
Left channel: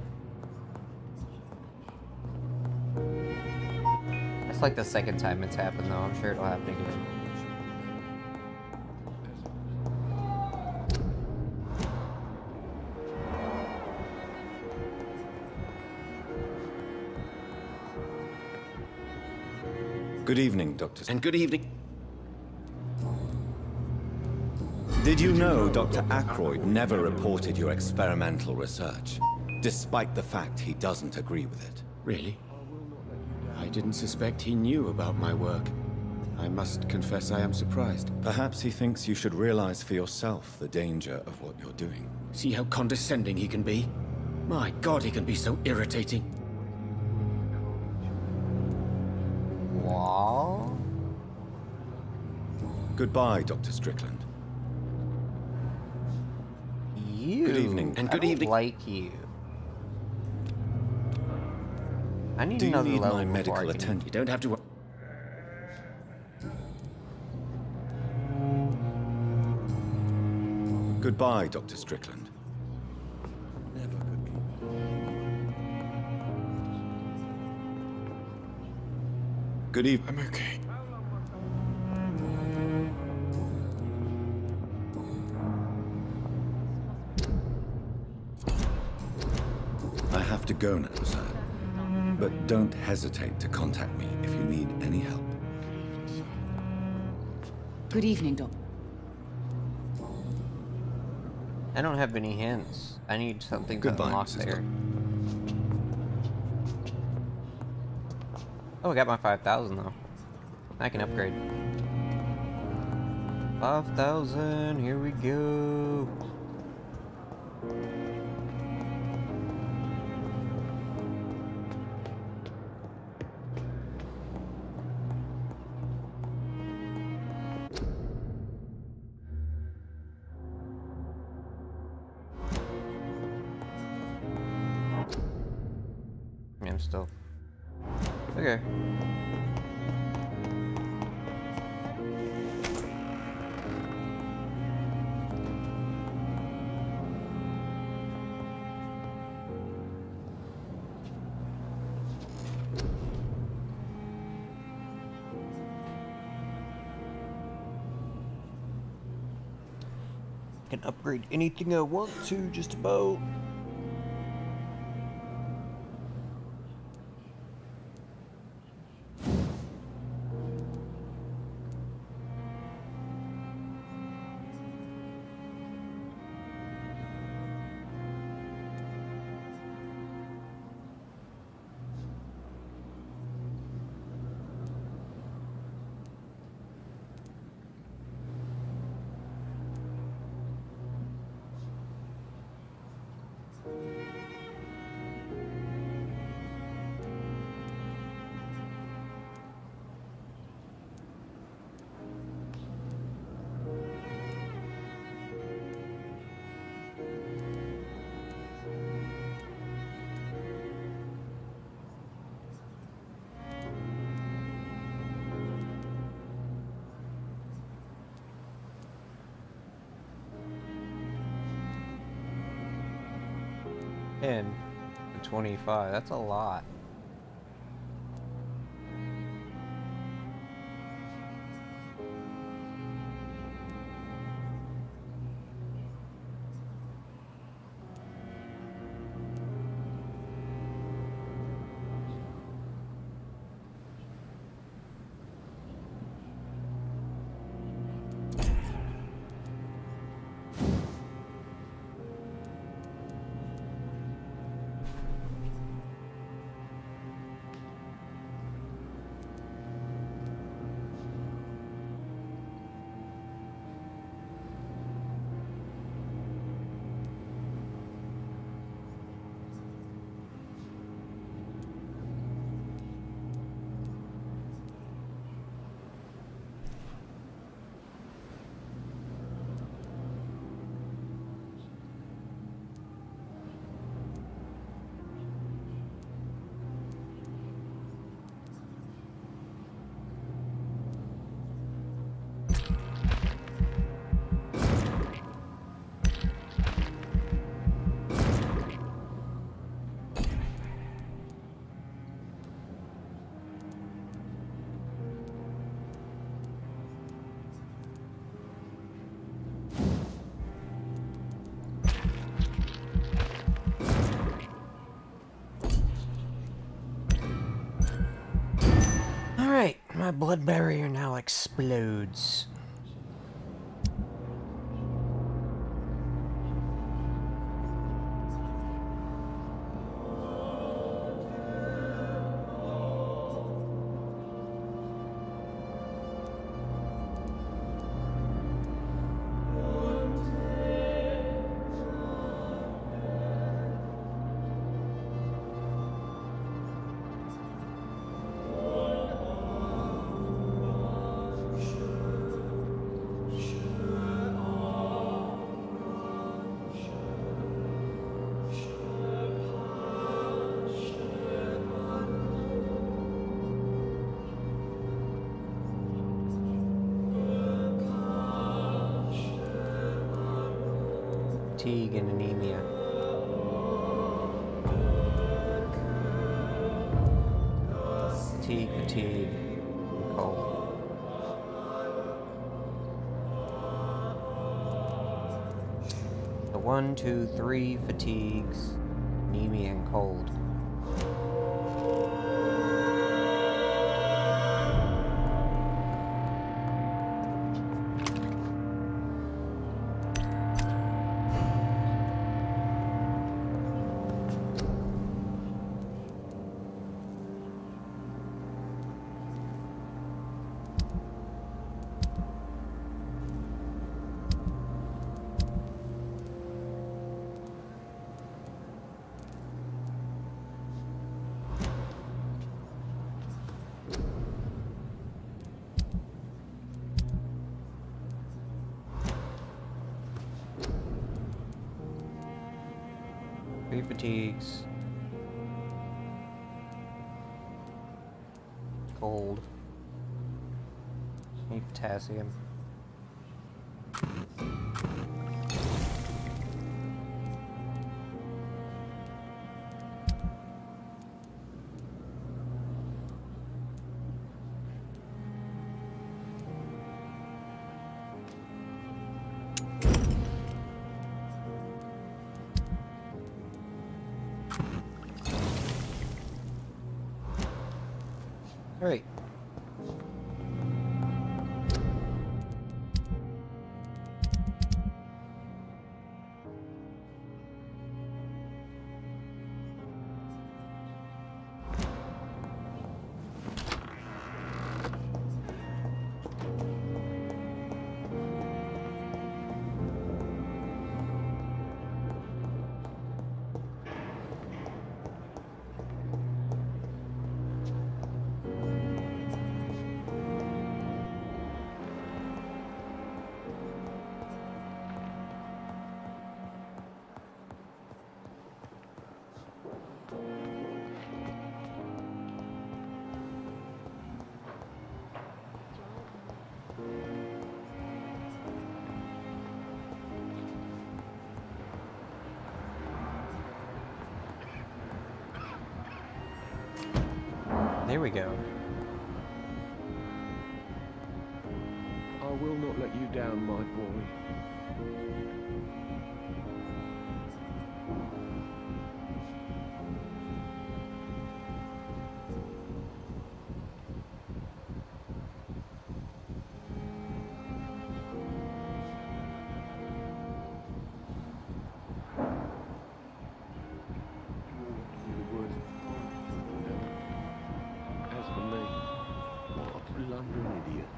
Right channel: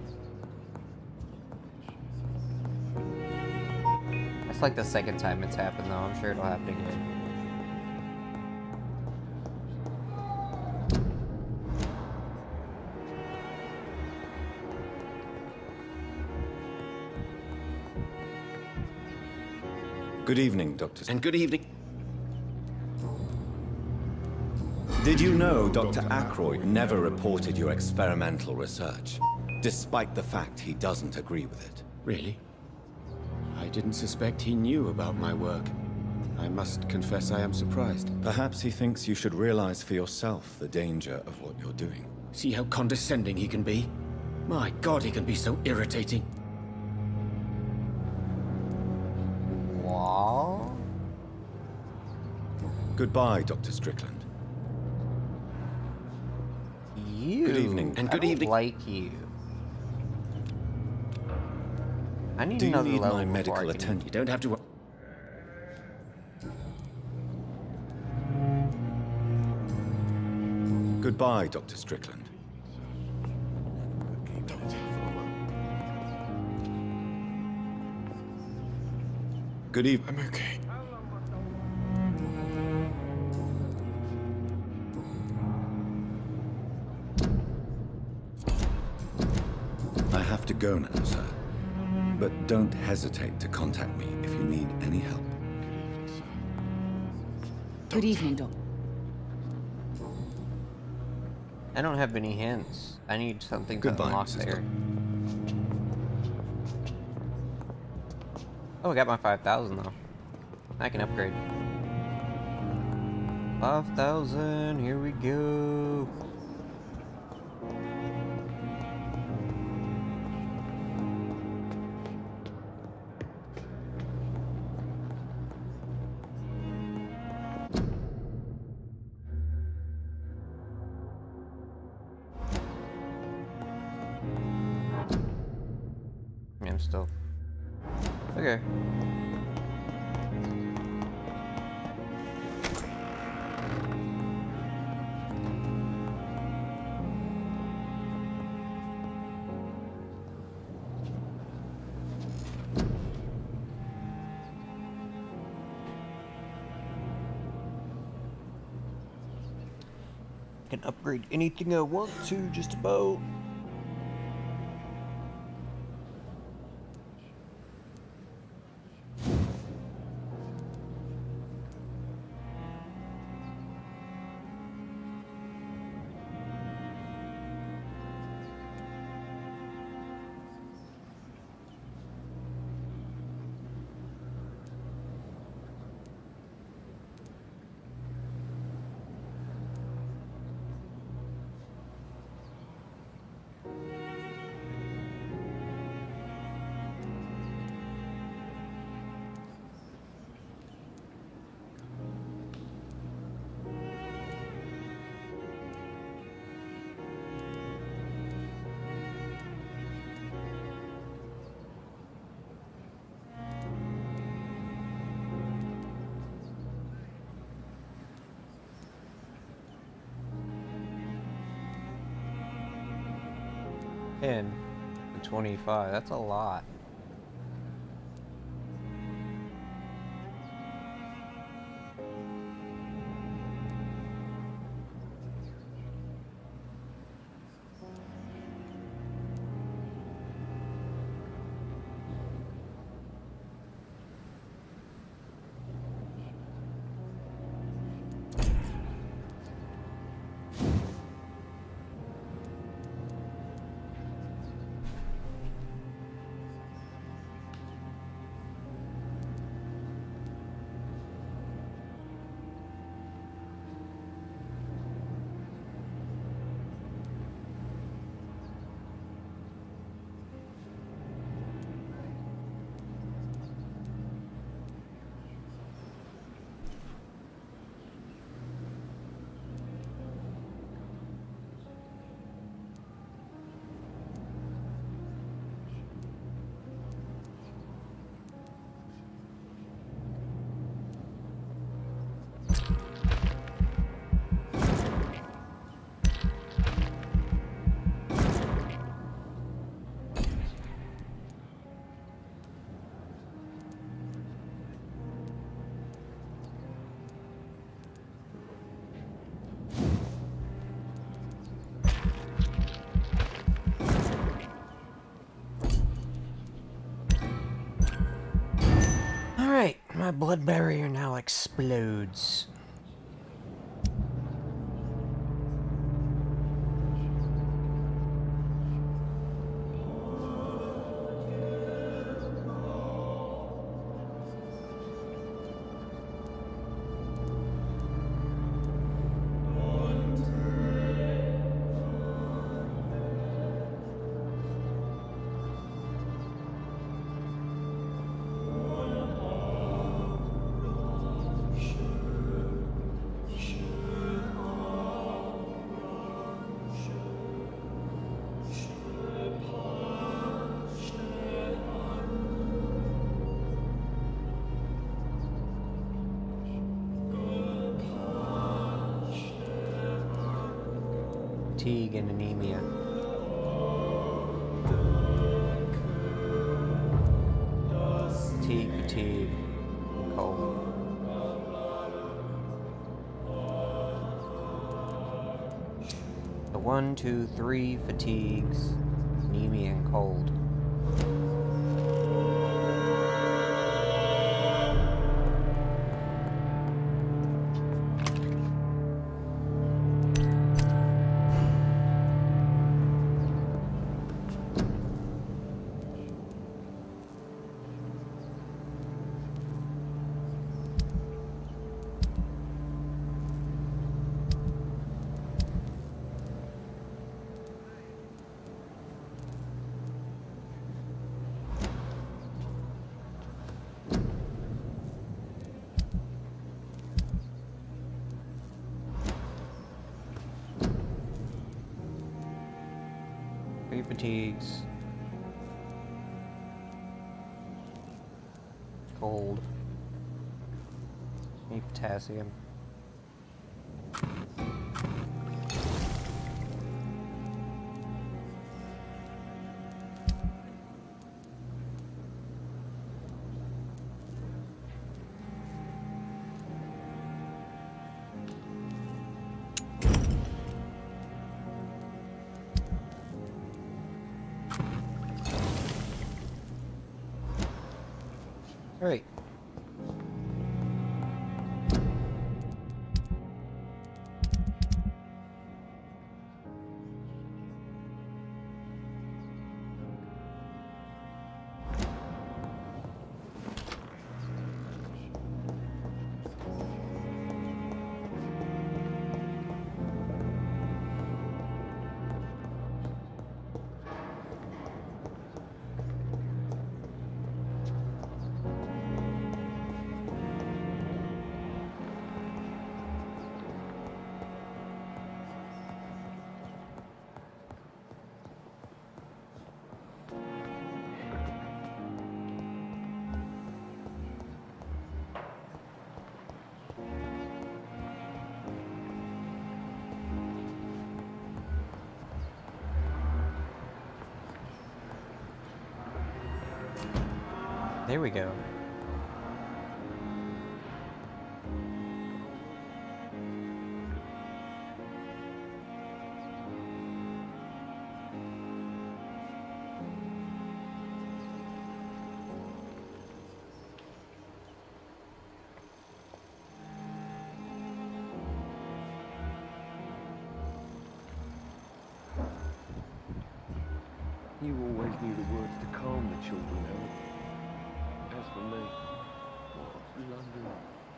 It's like the second time it's happened though. I'm sure it'll happen again. Good evening, Dr. And good evening. Did you know Dr. Ackroyd never reported your experimental research, despite the fact he doesn't agree with it? Really? I didn't suspect he knew about my work. I must confess I am surprised. Perhaps he thinks you should realize for yourself the danger of what you're doing. See how condescending he can be? My God, he can be so irritating. Wow. Goodbye, Dr. Strickland. You. Good evening. And good evening. Like you. I need Do you another need level my before medical I can- attention? You don't have to... Goodbye, Dr. Strickland. Good evening. I'm okay. I have to go now, sir. But don't hesitate to contact me if you need any help. Good evening, Doctor. I don't have any hints. I need something to Goodbye, unlock Mrs. there. Oh, I got my 5,000 though. I can upgrade. 5,000, here we go. Yeah, I'm still okay. Can upgrade anything I want to, just about. And 25, that's a lot. Alright, my blood barrier now explodes. Fatigue and anemia. Fatigue, and cold. The 1, 2, 3 fatigues, anemia and cold. fatigues. Cold. Need potassium. All right. There we go. I will not let you down, my boy. You always knew the words to calm the children, Ellen. As for me, what a blundering idiot.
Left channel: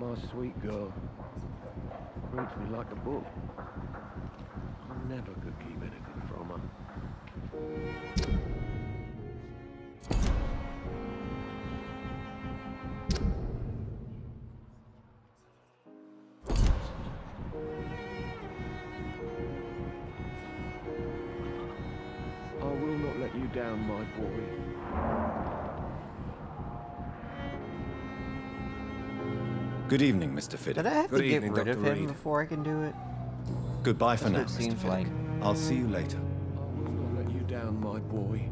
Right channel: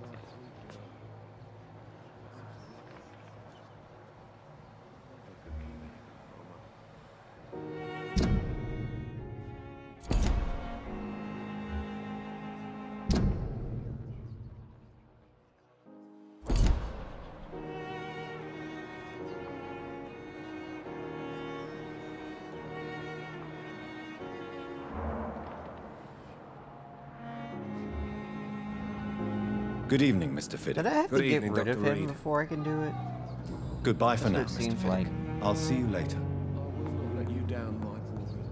My sweet girl reads me like a book. I never could keep anything from her. I will not let you down, my boy. Good evening, Mr. Fiddick. Did I have to get rid of him before I can do it? Goodbye for now, That's what it Mr. seems Fiddick. like. I'll see you later. I will not let you down, my boy.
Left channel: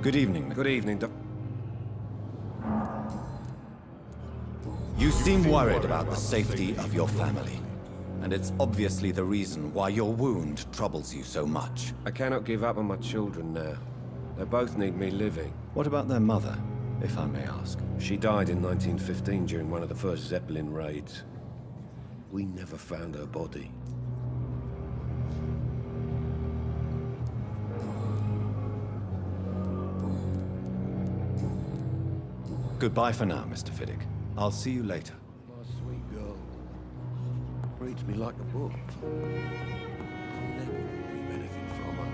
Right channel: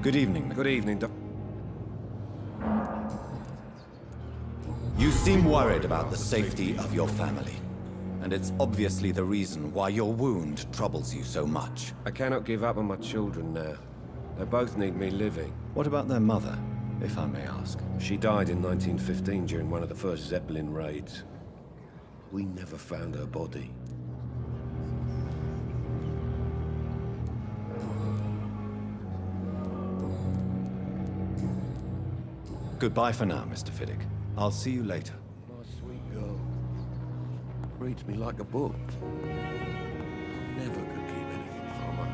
Good evening, Mr. Good evening, Doc. You seem worried about the safety of your family. And it's obviously the reason why your wound troubles you so much. I cannot give up on my children now. They both need me living. What about their mother, if I may ask? She died in 1915 during one of the first Zeppelin raids. We never found her body. Goodbye for now, Mr. Fiddick. I'll see you later. My sweet girl reads me like a book. I never could keep anything from her.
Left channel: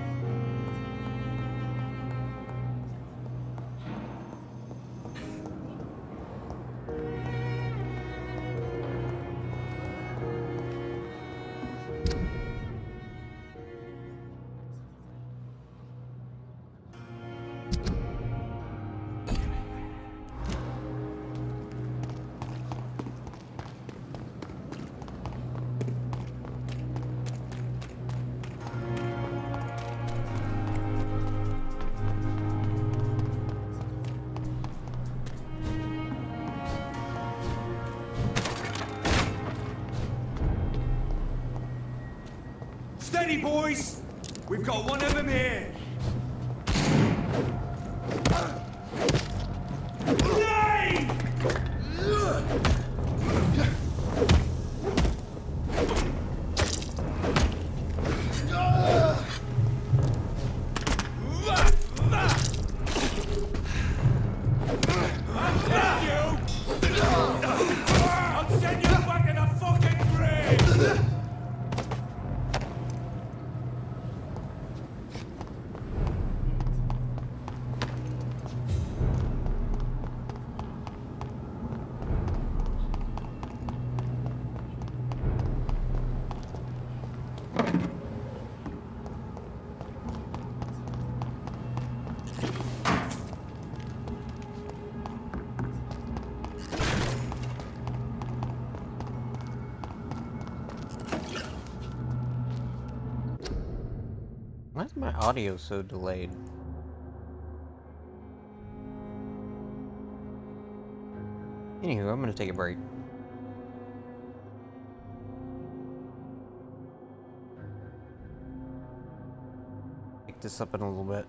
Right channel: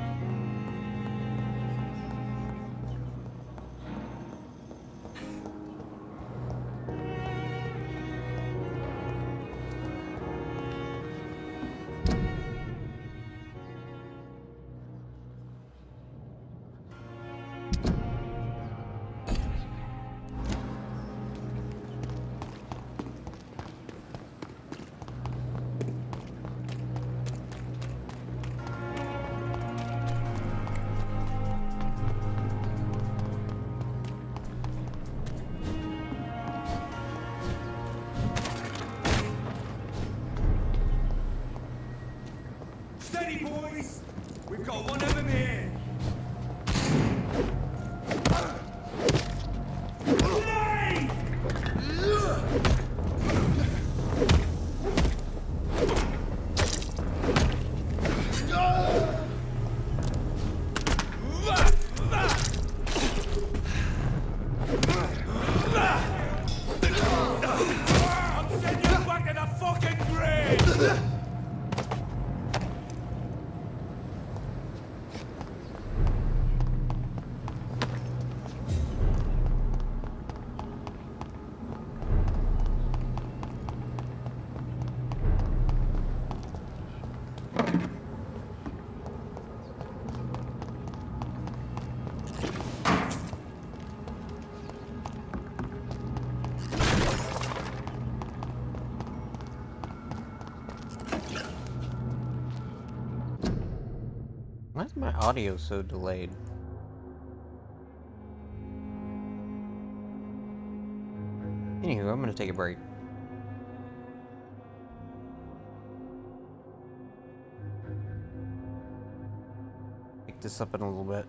Steady, boys! We've got one of them here! Why is my audio so delayed? Anywho, I'm gonna take a break. Pick this up in a little bit.